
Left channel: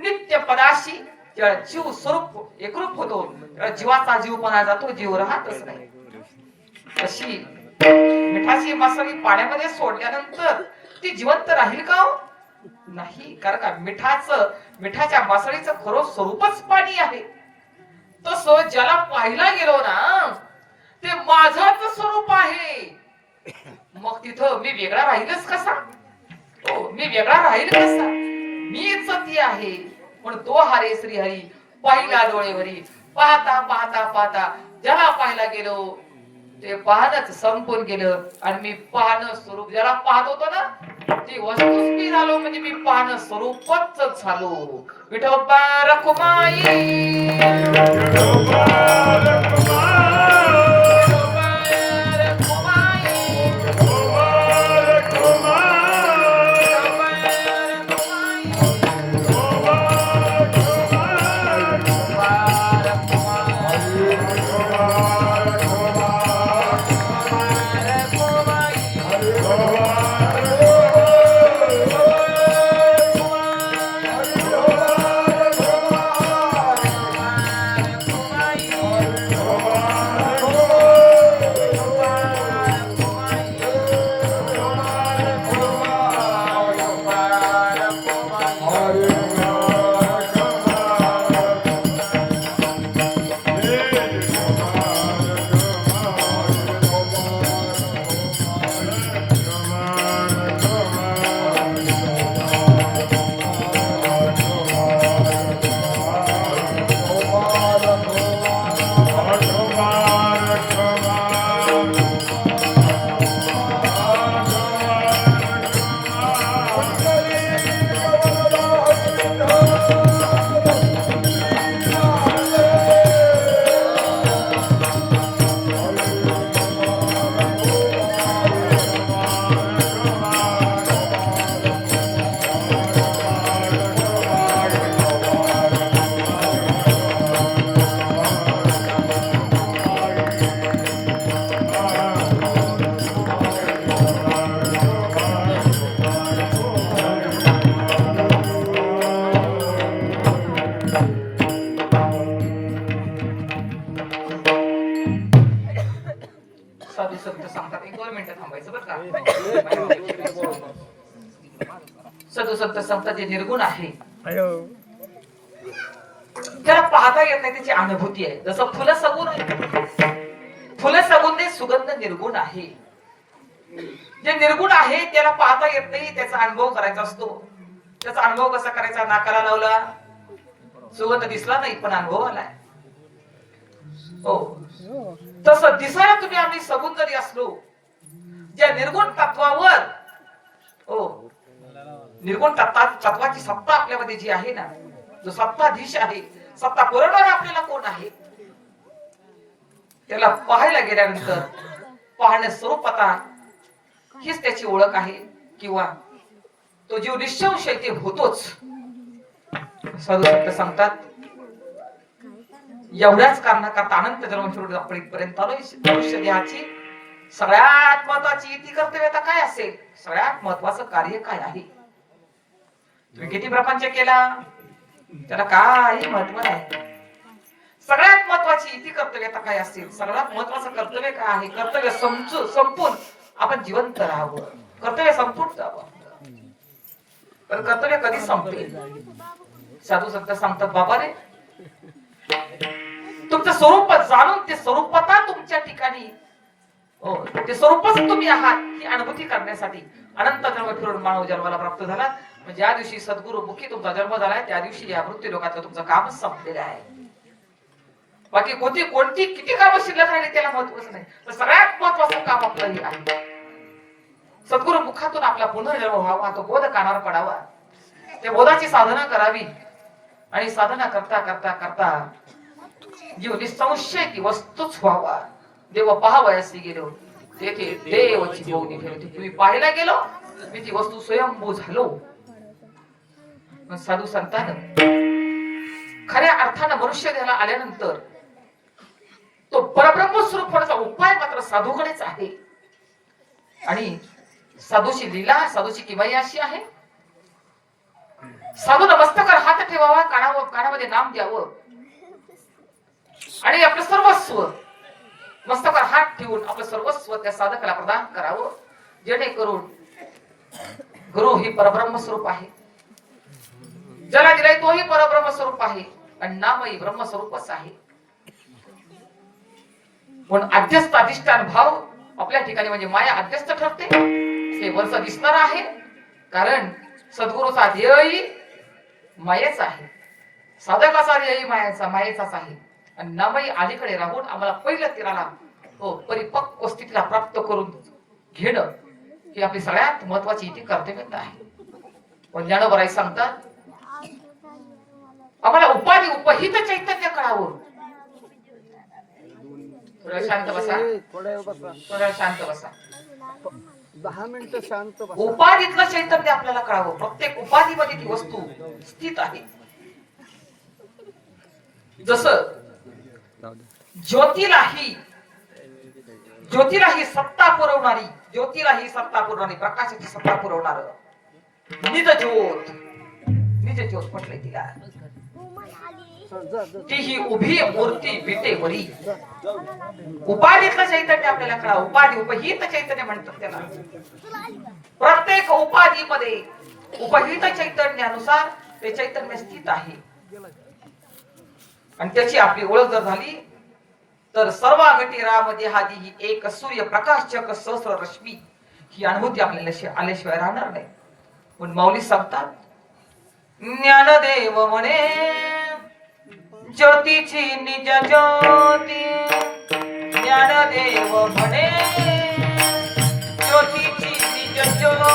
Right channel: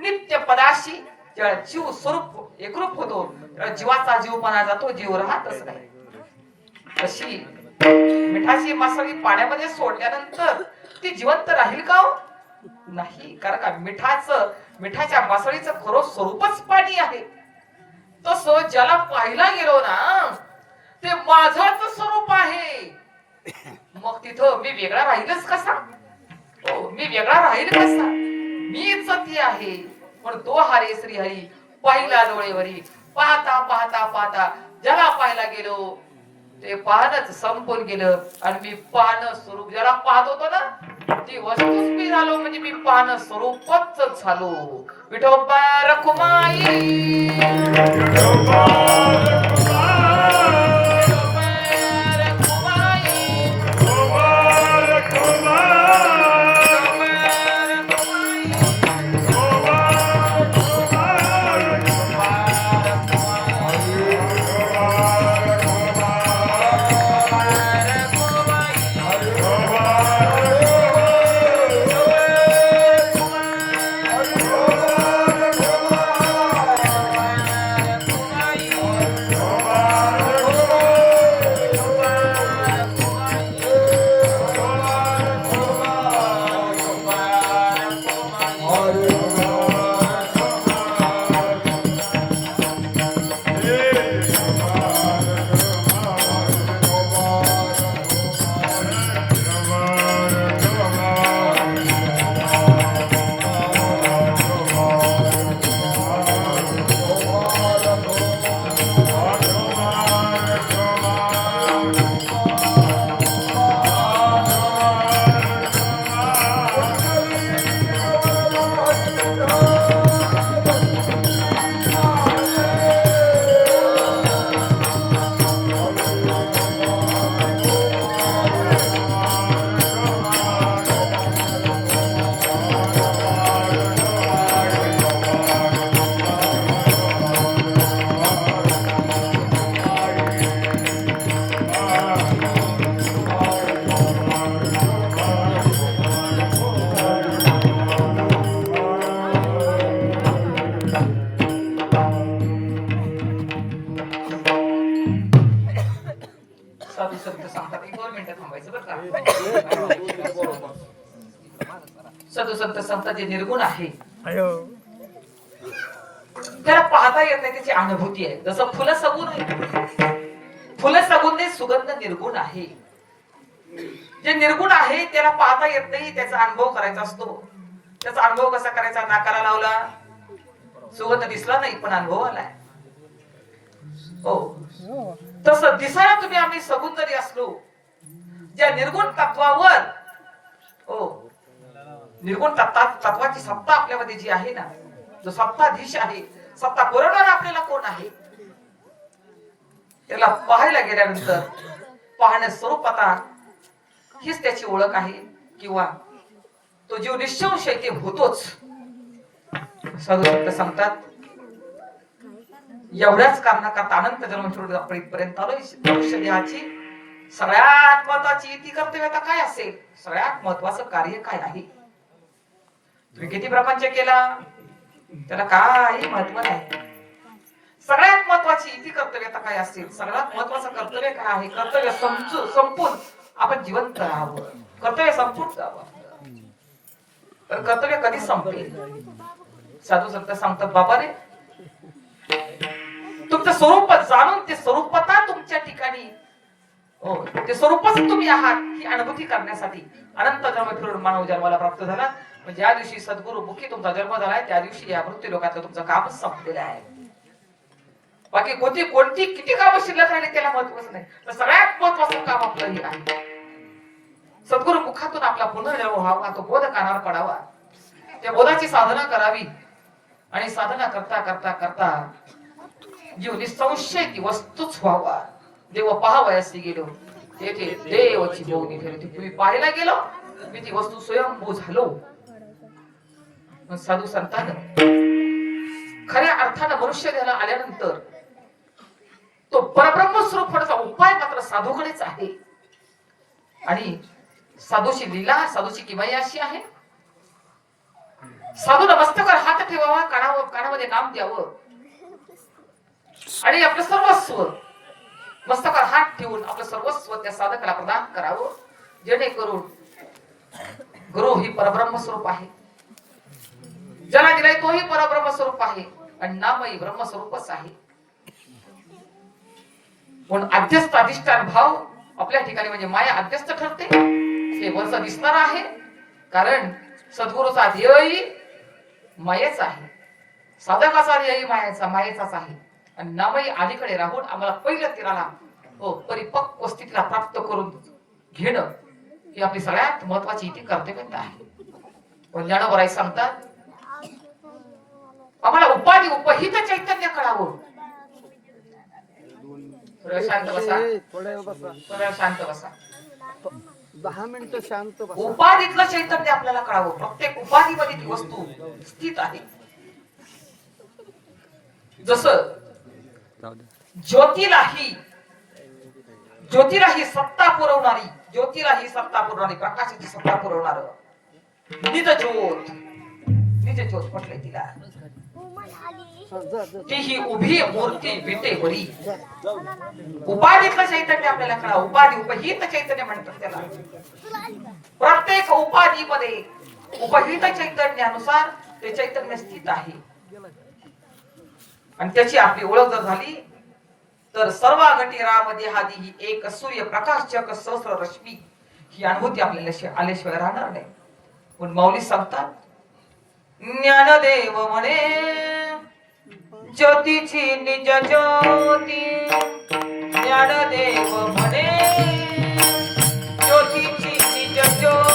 नित्य पदाशी जेव्हा जीव स्वरूप एकरूप होतो तेव्हा जीवाचा जीवपणा जातो, जीव राहतच नाही. तशी मिठाची मासळी पाण्यामध्ये सोडल्यानंतर ती जिवंत राहील का? नाही, कारण का मिठाच्या मासळीचं खरं स्वरूपच पाणी आहे. तसं ज्याला पाहिला गेलो ना ते माझंच स्वरूप आहे. मग तिथं मी वेगळा राहीलच कसा? मी वेगळा राहील कसा? मीच ती आहे. पण तो हरे श्री हरी पाहिला डोळेवरी, पाहता पाहता पाहता ज्याला पाहायला गेलो ते पाहणच संपून गेलं. आणि मी पाहणं स्वरूप ज्याला पाहत होतो ना ती वस्तूच मी झालो, म्हणजे मी पाहणं स्वरूपच झालो. विठोबा रखुमाई साधू संत सांगतात. 2 मिनिटं थांबायचं बरं का. साधू संत सांगतात जे निर्गुण आहे त्याला पाहता येत नाही, त्याची अनुभूती आहे. जसं फुलं सगुण आहे, फुलं सगुण ते सुगंध निर्गुण आहे. जे निर्गुण आहे त्याला पाहता येत नाही, त्याचा अनुभव करायचा असतो. त्याचा अनुभव कसा करायचा, नाकाला लावला, सुगंध दिसला नाही पण अनुभव आला. हो, तसं दिसायला तुम्ही आम्ही सगुण जरी असलो, ज्या निर्गुण तत्वावर, हो, निर्गुण तत्वाची सत्ता आपल्यामध्ये जी आहे ना, जो सत्ताधीश आहे, सत्ता पुरवणारा आपल्याला कोण आहे, त्याला पाहायला गेल्यानंतर पाहण्या स्वरूपात हीच त्याची ओळख आहे, किंवा तो जीव निश्चंश ते होतोच. साधू संत सांगतात, एवढ्याच कारणाकरता अनंत जन्म पर्यंत मनुष्य देहाची सगळ्यात महत्वाची इति कर्तव्यता काय असेल, सगळ्यात महत्वाचं कार्य काय आहे. तुम्ही किती प्रपंच केला त्याला काही महत्व नाही. सगळ्यात महत्वाची इति कर्तव्यता काय असेल, सगळ्यात महत्वाचं कर्तव्य काय आहे, कर्तव्य संपून आपण जिवंत राहावं, कर्तव्य संपून जावं. पण कर्तव्य कधी संपते. साधू संत सांगतात, बाबा रे, तुमचं स्वरूप जाणून ते स्वरूपता तुमच्या ठिकाणी, हो, ते स्वरूपच तुम्ही आहात ही अनुभूती करण्यासाठी अनंत जन्म फिरून मानव जन्माला प्राप्त झाला. म्हणजे ज्या दिवशी सद्गुरु मुखी तुमचा जन्म झालाय त्या दिवशी या मृत्यू लोकातलं तुमचं काम संपलेलं आहे. बाकी कोणती किती कामं शिल्लक राहिली त्याला महत्वच नाही. तर सगळ्यात महत्वाचं काम आपलं हे आहे, सद्गुरु मुखातून आपला पुनर्जन्म व्हावा, तो बोध कानावर पडावा, त्या बोधाची साधना करावी. आणि साधना करता करता करता जीव निसंशय ती वस्तूच व्हावा. देव पाहावयासी गेलो तेथे देवची भोवनी फिरते. तुम्ही पाहायला गेलो मी ती वस्तू स्वयंभू झालो. साधू संतांनी खऱ्या अर्थानं मनुष्य देहाला आल्यानंतर तो परब्रह्म स्वरूप होण्याचा उपाय मात्र साधूकडेच आहे. आणि साधूची लीला, साधूची किमया अशी आहे, साधू मस्तकावर हात ठेवावा, कानामध्ये नाम द्यावं आणि आपलं सर्वस्व मस्तकावर हात ठेवून आपलं सर्वस्व त्या साधकाला प्रदान करावं, जेणेकरून गुरु ही परब्रह्म स्वरूप आहे, ज्याला दिलाय तोही परब्रह्म स्वरूप आहे आणि नामही ब्रह्मस्वरूपच आहे. पण अध्यस्त अधिष्ठान भाव आपल्या ठिकाणी म्हणजे माया अध्यस्त ठरते. हे वरच दिसणार आहे, कारण सद्गुरूचा ध्येयही मायेच आहे, साधकाचा ध्येयही मायेचाच आहे. आणि नामही अलीकडे राहून आम्हाला पहिल्या तीराला परिपक्व स्थितीला प्राप्त करून घेणं ही आपली सगळ्यात महत्वाची इथे कर्तव्यता आहे. पण ज्ञानोबराई सांगतात, आम्हाला उपाधी उपहित चैतन्य कळावं. शांत बसा, थोडा शांत बसा, 10 मिनिटं शांत बसा. उपाधीतलं चैतन्य आपल्याला कळावं. प्रत्येक उपाधीमध्ये ती वस्तू स्थित आहे. जसं ज्योतीलाही सत्ता पुरवणारी प्रकाशाची सत्ता पुरवणार निज ज्योत म्हटलंय तिला. ती ही उभी मूर्ती विटेवरी. उपाधीतलं चैतन्य आपल्याला कळावं. उपाधी उपहित चैतन्य म्हणतात त्याला. प्रत्येक उपाधीमध्ये उपहित चैतन्यानुसार ते चैतन्य स्थित आहे. आणि त्याची आपली ओळख जर झाली तर सर्व घटिरामध्ये हादी ही एक सूर्य प्रकाश चक सहस्र रश्मी ही अनुभूती आपल्याला आल्याशिवाय राहणार नाही. पण माऊली सांगतात, ज्ञानदेव म्हणे ज्योतीची निज ज्योती. ज्ञानदेव म्हणे ज्योतीची निज ज्योती.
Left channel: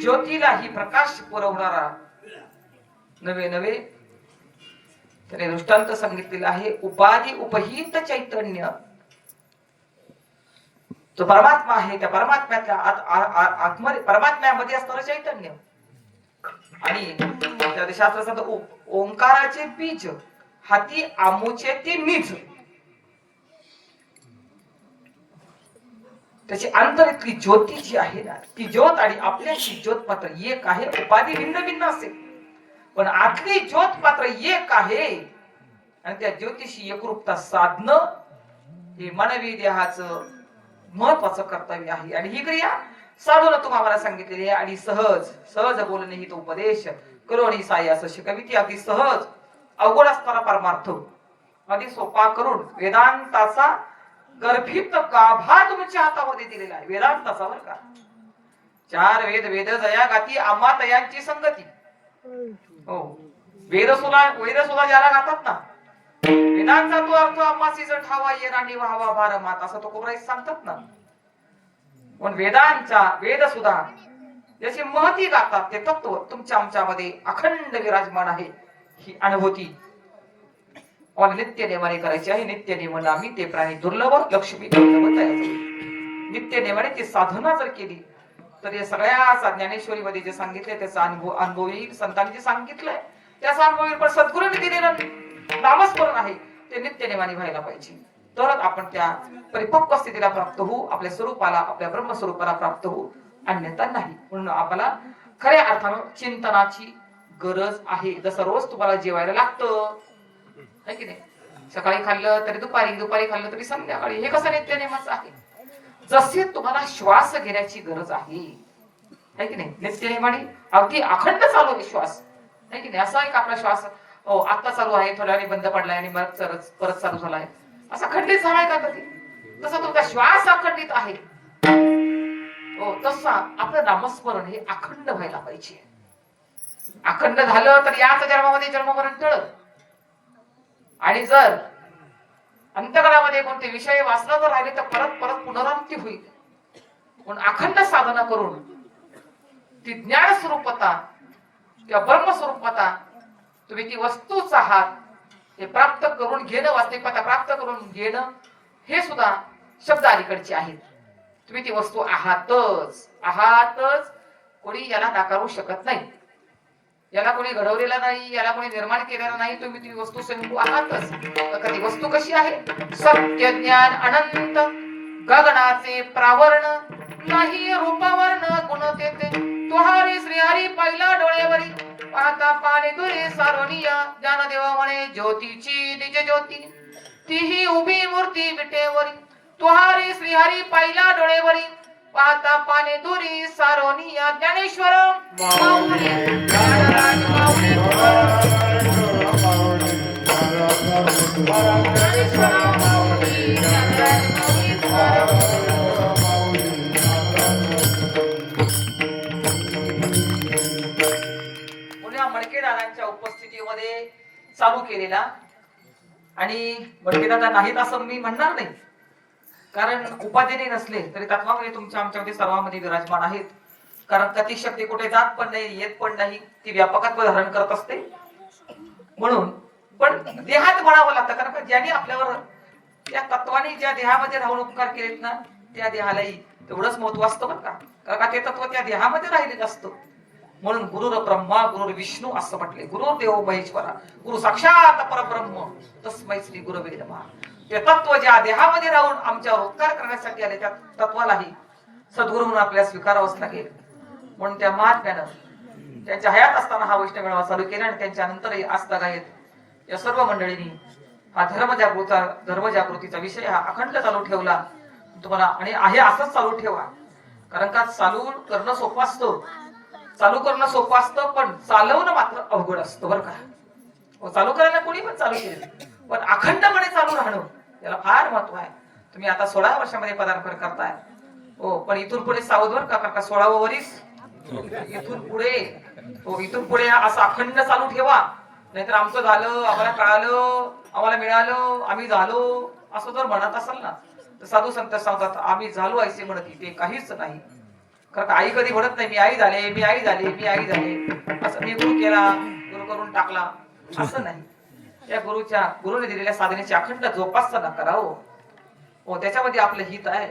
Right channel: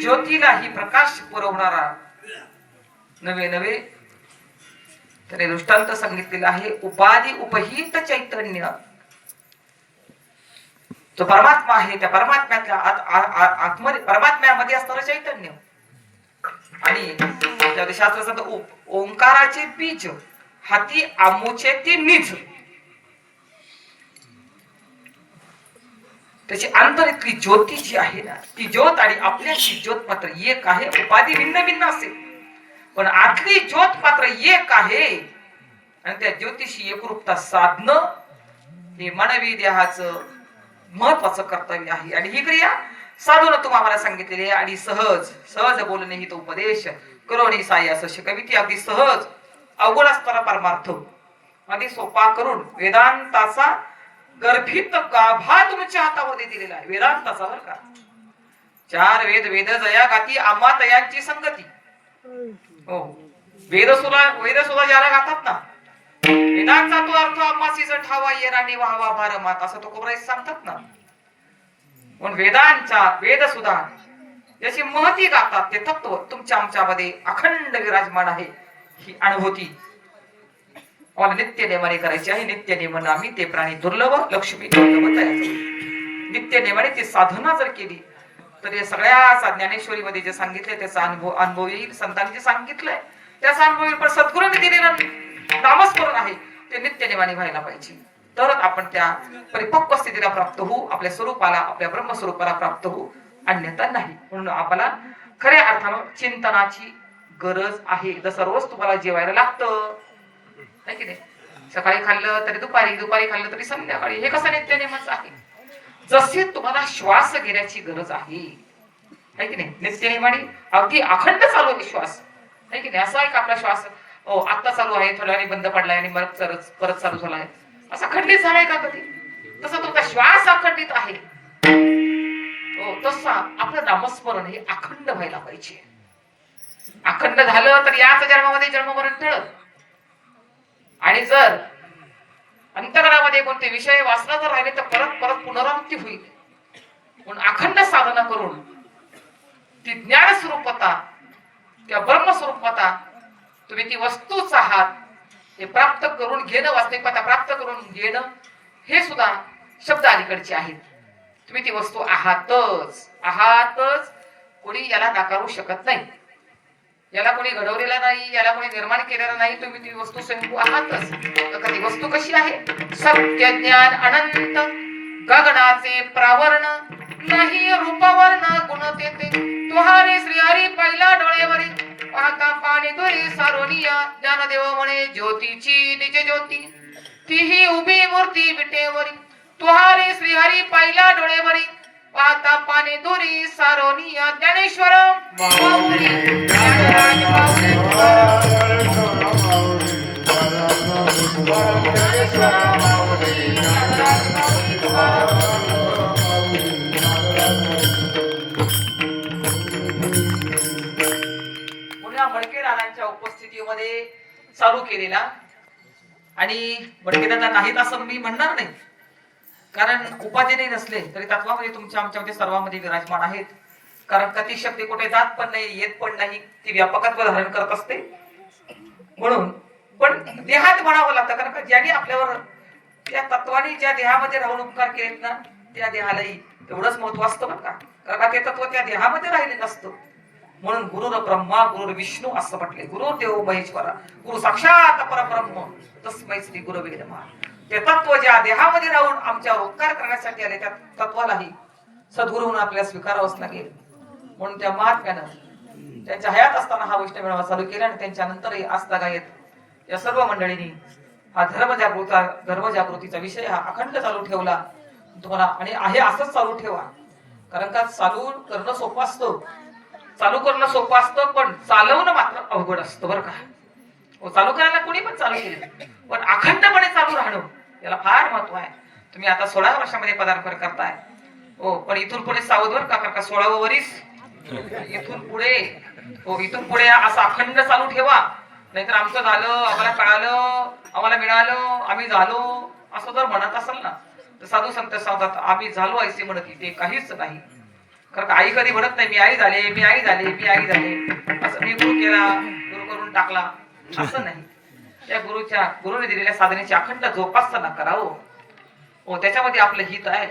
ज्योतीला ही प्रकाश पुरवणारा नवे त्याने दृष्टांत सांगितलेला आहे. उपाधी उपहित चैतन्य तो परमात्मा आहे. त्या परमात्म्यातल्या आत्मध्ये परमात्म्यामध्ये असणारं चैतन्य आणि शास्त्राचा ओंकाराचे बीज हाती आमूचे ते निज. त्याची अंतरीतली ज्योती जी आहे ना, ती ज्योत आणि आपल्याची ज्योत मात्र एक आहे. उपाधी भिन्न भिन्न असेल, पण आतली ज्योत मात्र एक आहे. आणि त्या ज्योतिषी एकरूपता साधणं हे मानवी देहाचं महत्वाचं कर्तव्य आहे. आणि ही क्रिया साधून तुम्हाला सांगितलेली आहे. आणि सहज सहज बोलणे ही तो उपदेश करोणी साई असं शिकविती. अगदी सहज अवघड असणारा परमार्थ अगदी सोपा करून वेदांताचा गर्भित गाभा तुमच्या हातामध्ये दिलेला आहे. वेदांताचा बरं का. 4 वेद वेद जया गाती आमातयांची संगती. हो, वेद सुद्धा ज्याला गातात ना, वेदांचा तो अर्थ आम्हासीच ठावा येराणी वाहवा भार मात असं तो कोबराईस सांगतात ना. पण वेद सुद्धा ज्याची महती गातात ते तत्व तुमच्या आमच्यामध्ये अखंड विराजमान आहे. ही अनुभूती मला नित्य नेमाने करायची आहे. नित्य नेमाने आम्ही ते प्राणी दुर्लभ लक्ष्मी नित्य नेमाने ती साधना जर केली तर या सगळ्या ज्ञानेश्वरी मध्ये जे सांगितलंय त्याचा अनुभव येईल. संतांनी जे सांगितलंय त्याचा अनुभव येईल. पण सद्गुरूंनी दिलेलं नामस्मरण आहे ते नित्य नेमाने व्हायला पाहिजे. तरच आपण त्या परिपक्व स्थितीला प्राप्त होऊ, आपल्या स्वरूपाला, आपल्या ब्रह्मस्वरूपाला प्राप्त होऊ. अन्यथा नाही. म्हणून आपल्याला खऱ्या अर्थानं चिंतनाची गरज आहे. जसं रोज तुम्हाला जेवायला लागतं नाही की नाही. सकाळी खाल्लं तरी दुपारी, दुपारी खाल्लं तरी संध्याकाळी. हे कसं नित्य नेमाचं आहे. जसे तुम्हाला श्वास घेण्याची गरज आहे की नाही. नित्य नेमाने अगदी अखंड चालू आहे श्वास नाही की नाही. असा एक आपला श्वास आता चालू आहे, थोड्या वेळाने बंद पडलाय आणि परत चालू झालाय, असा खंडित झालाय का कधी. तसा तुमचा श्वास अखंडित आहे. तसा आपलं नामस्मरण हे अखंड व्हायला पाहिजे. अखंड झालं तर याच जन्मामध्ये जन्ममरण टळत. आणि जर अंतरामध्ये कोणते विषय वाचला जर राहिले तर परत परत पुनरावृत्ती होईल. म्हणून अखंड साधना करून ती ज्ञान स्वरूपता, त्या ब्रह्म स्वरूपता, तुम्ही ती वस्तूच आहात हे प्राप्त करून घेणं, वास्तविकता प्राप्त करून घेणं हे सुद्धा शब्द अलीकडचे आहेत. तुम्ही ती वस्तू आहातच. कोणी याला नाकारू शकत नाही. याला कोणी घडवलेला नाही, याला कोणी निर्माण केलेला नाही. तुम्ही ती वस्तू स्वयंभू आहातच. तर ती वस्तू कशी आहे. सत्य ज्ञान अनंत गगनाचे प्रावरण नाही रूपवर्ण गुण तेथे. तुहारे श्रीहरी पहिल्या डोळेवरी पाहता पाणी दुरी सारोनिया. ज्ञानदेव म्हणे ज्योतीची निज ज्योती तीही उभी मूर्ती विटेवरी. तुहारे श्रीहरी पहिल्या डोळेवरी पाहता पाणी दुरी सारोनिया. ज्ञानेश्वर माऊली ज्ञानराज माऊली. मडके दादांच्या उपस्थितीमध्ये चालू केलेला. आणि मडके दादा नाहीत असं मी म्हणणार नाही, कारण उपाधीने नसले तरी तत्वामध्ये तुमच्या आमच्यामध्ये सर्वांमध्ये विराजमान आहेत. कारण कधी शक्ती कुठे जात पण नाही, येत पण नाही, ती व्यापकत्व धारण करत असते. म्हणून पण देहात म्हणावं लागतं. कारण ज्याने आपल्यावर त्या तत्वाने ज्या देहामध्ये राहून उपकार केलेत ना, त्या देहालाही तेवढंच महत्व असतं बरं का. कारण का ते तत्व त्या देहामध्ये राहिलेलं असतं. म्हणून गुरुर ब्रह्मा गुरुर विष्णू असं म्हटले. गुरुदेव महेश्वरा गुरु साक्षात परब्रह्म तस्मै श्री गुरवे नमः. ते तत्व ज्या देहामध्ये राहून आमच्यावर उपकार करण्यासाठी आले त्या तत्वालाही सद्गुरूंना आपल्याला स्वीकारावंच लागेल. म्हणून त्या महात्म्यानं त्यांच्या हयात असताना हा वैष्णव मेळावा चालू केला. आणि त्यांच्या नंतरही आजतागायत या सर्व मंडळींनी हा धर्मजागृतीचा विषय हा अखंड चालू ठेवला. तुम्हाला आणि आहे असंच चालू ठेवा. कारण का चालू करणं सोपं असतं, चालू करणं सोपं असतं, पण चालवणं मात्र अवघड असतं बरं का. चालू करायला कोणी पण चालू केले, पण अखंडपणे चालू राहणं याला फार महत्व आहे. तुम्ही आता 16 वर्षामध्ये पदार्पण करताय. पण इथून पुढे सावध बरं का. कारण 16वं वर्ष इथून पुढे असं अखंड चालू ठेवा. नाहीतर आमचं झालं, आम्हाला कळालं, आम्हाला मिळालं, आम्ही झालो असं जर म्हणत असाल ना तर साधू संत सांगतात आम्ही झालो ऐसे म्हणत ते काहीच नाही. कारण आई कधी म्हणत नाही मी आई झाले, मी आई झाले, मी आई झाले, असं मी गुरु केला, गुरु करून टाकला असं नाही. त्या गुरुने दिलेल्या साधनेची अखंड जोपासना करावं. त्याच्यामध्ये आपलं हित आहे.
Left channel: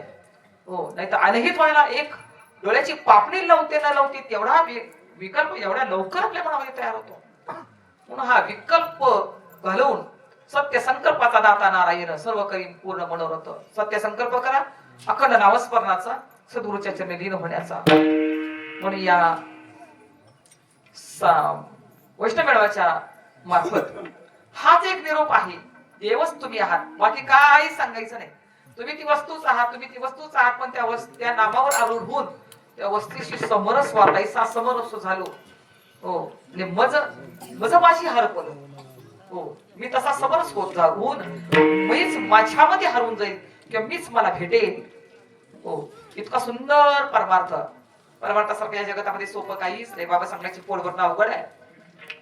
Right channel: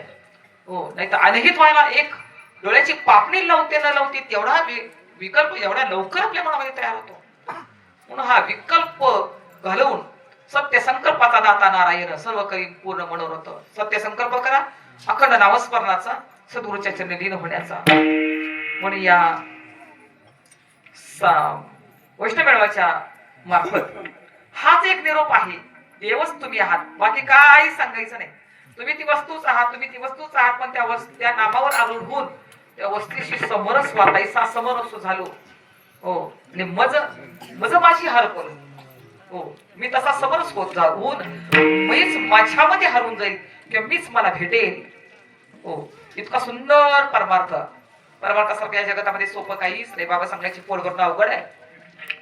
नाही तर अनहित व्हायला एक डोळ्याची पापणी लावते न लावते तेवढा विकल्प एवढ्या लवकर आपल्या मनामध्ये तयार होतो. म्हणून हा विकल्प घालवून सत्य संकल्पाचा दाता नारायण सर्व करीन पूर्ण मनोरथ. सत्य संकल्प करा, अखंड नामस्मरणाचा, सद्गुरूच्या चरणी लीन होण्याचा. म्हणून या वैष्णव मेळाव्याच्या मार्फत हाच एक निरोप आहे. देवच तुम्ही आहात, बाकी काही सांगायचं नाही. तुम्ही ती वस्तूच आहात, तुम्ही ती वस्तूच आहात. पण त्या नामावर आरूढ होऊन त्या वस्तीशी समरस वाटायचा समरस झालो. हो, मज माझी हरपल. हो, मी तसा समरस होत जाऊन मीच माझ्यामध्ये हरवून जाईल किंवा मीच मला भेटेल. हो, इतका सुंदर परमार्थ. परमार्थासारखं या जगतामध्ये सोपं काहीच नाही. बाबा सांगण्याची पोट भरणं अवघड आहे.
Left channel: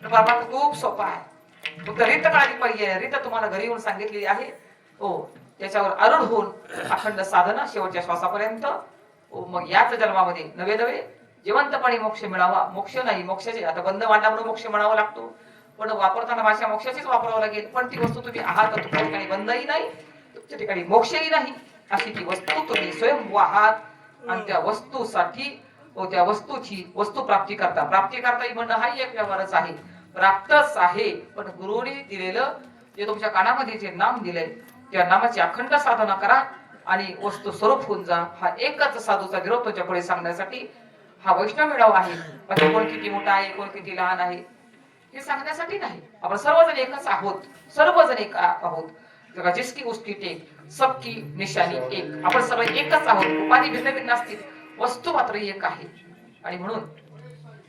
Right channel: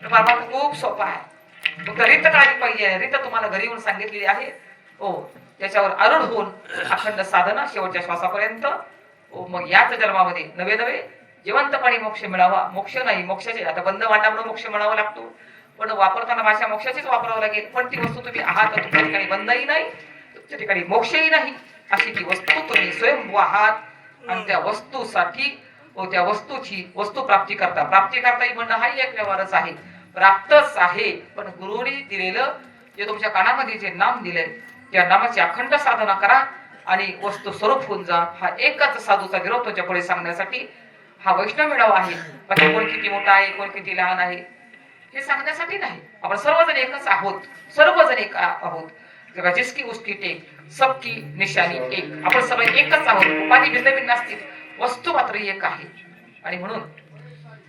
परमार्थ खूप सोपा आहे. फक्त रीत काढली पाहिजे. रीत तुम्हाला घरी येऊन सांगितलेली आहे. हो, त्याच्यावर आरूढ होऊन अखंड साधना शेवटच्या श्वासापर्यंत. हो, मग याच जन्मामध्ये नवे नवे जिवंतपणे मोक्ष मिळावा. मोक्ष नाही, मोक्षाचे आता बंद मांडल्यामुळे मोक्ष मिळावा लागतो, पण वापरताना भाषा मोक्षाचीच वापरावं लागेल. पण ती वस्तू तुम्ही आहात, तुमच्या ठिकाणी बंदही नाही, तुमच्या ठिकाणी मोक्षही नाही. अशी ती वस्तू तुम्ही स्वयंभू आहात. आणि त्या वस्तूसाठी त्या वस्तूची वस्तू प्राप्ती करता ही म्हणणं हाही एक व्यवहारच आहे. प्राप्तच आहे. पण गुरुनी दिलेलं जे तुमच्या कानामध्ये जे नाम दिले त्या नामाची अखंड साधना करा आणि वस्तू स्वरूप होऊन जा. हा एकच साधूचा विरोध तुमच्या पुढे सांगण्यासाठी हा वैष्णव मेळावा आहे. बाकी कोण किती मोठा आहे, कोण किती लहान आहे हे सांगण्यासाठी नाही. आपण सर्वजण एकच आहोत, सर्वजण एक आहोत. जिसकी उसकी टेक, सबकी निशाणी एक. आपण सगळे एकच आहोत. उपाधी भिन्न भिन्न असतील, वस्तू मात्र एक आहे. आणि म्हणून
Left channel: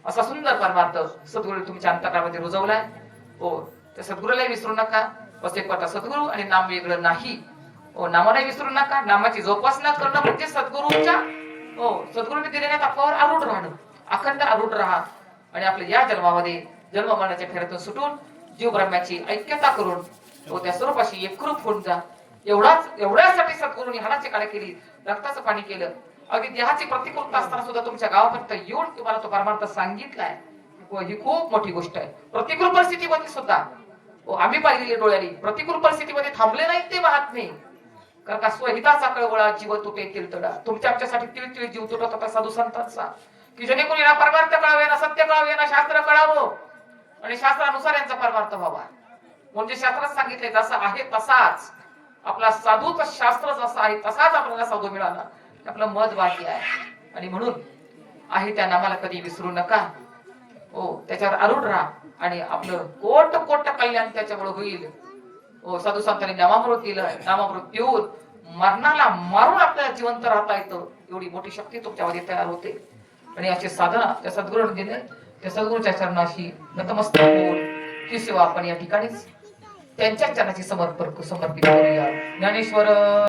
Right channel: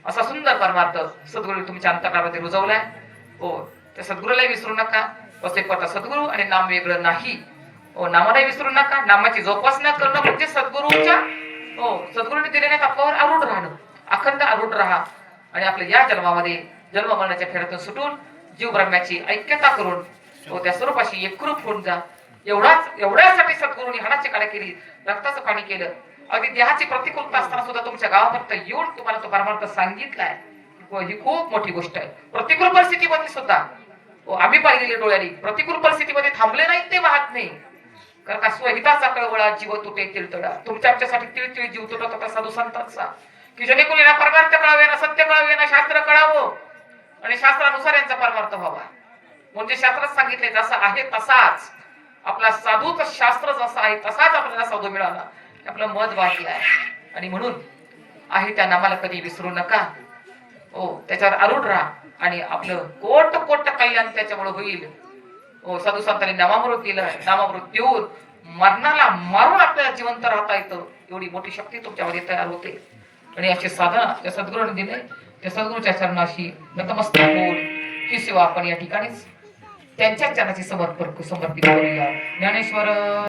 असा सुंदर परमार्थ सद्गुरू तुमच्या अंतःकरणामध्ये रुजवलाय. हो, त्या सद्गुरूला विसरू नका. वस्तुपता सद्गुरू आणि नाम वेगळं नाही. हो, नामाला विसरू नका. नामाची जोपासना करणं म्हणजे सद्गुरूच्या सद्गुरूने दिलेल्या तत्वावर आरूढ राहणं. अखंड आरूढ राहा. आणि आपल्या या जन्मामध्ये जन्म मरणाच्या फेऱ्यातून सुटून जीव ब्रह्माची ऐक्यता करून त्या स्वरूपाशी एकरूप होऊन जा. एवढ्यासाठी सद्गुरूंनी हाडाची काळी केली, रक्ताचं पाणी केलं. अगदी देहाची प्रतिकूलता असताना सुद्धा तुमच्या गावापर्यंत येऊन तुम्हाला तो परमार्थ सांगितलाय. ही खूप मोठी गोष्ट आहे. प्रतिकूल परिस्थितीमध्ये सुद्धा आम्ही पाहिलेले डोळ्यांनी प्रतिकूल परिस्थितीमध्ये थांबले नाहीत ते महात्मे. कारण का स्वहिताचा कळवळा जीव तुटे तिळतळा. तुमच्या आमच्यासाठी तिळतिळ जीव तुटत होता साधू संतांचा, की जेणेकरून ना परमार्थ कळावे, ना सत्य कळावे, ना शास्त्र कळावं आणि शास्त्रानुसार यांचा परमार्थ व्हावा. म्हणजे शास्त्रात सांगितले जसा आहे तसाच आपला साधूचं शास्त्र जसा आहे तसाच आपल्याला साधू मिळाला. आपलं मत बाकी आहे. आणि म्हणून आहे त्या नामाला कधी विसरू नका. हो, त्याच्यावर आरूढ राहा आणि आपलं कोट कोट कल्याण त्याच्यामुळे होईल. हो, साधू संतांनी नामामृत दिलं. नामामृत देऊन मरणाला मारून आपल्याला जिवंत राहता येतं. एवढी मोठी शक्ती तुमच्यामध्ये तयार होते. आणि अशी साधना त्या सद्गुरूने दिले. त्या सद्गुरूच्या चरणाशी नतमस्तक होऊन ही सेवा आपण या ठिकाणीच त्यांच्या चरणाची समर्पित करूया. ज्ञानेश्वर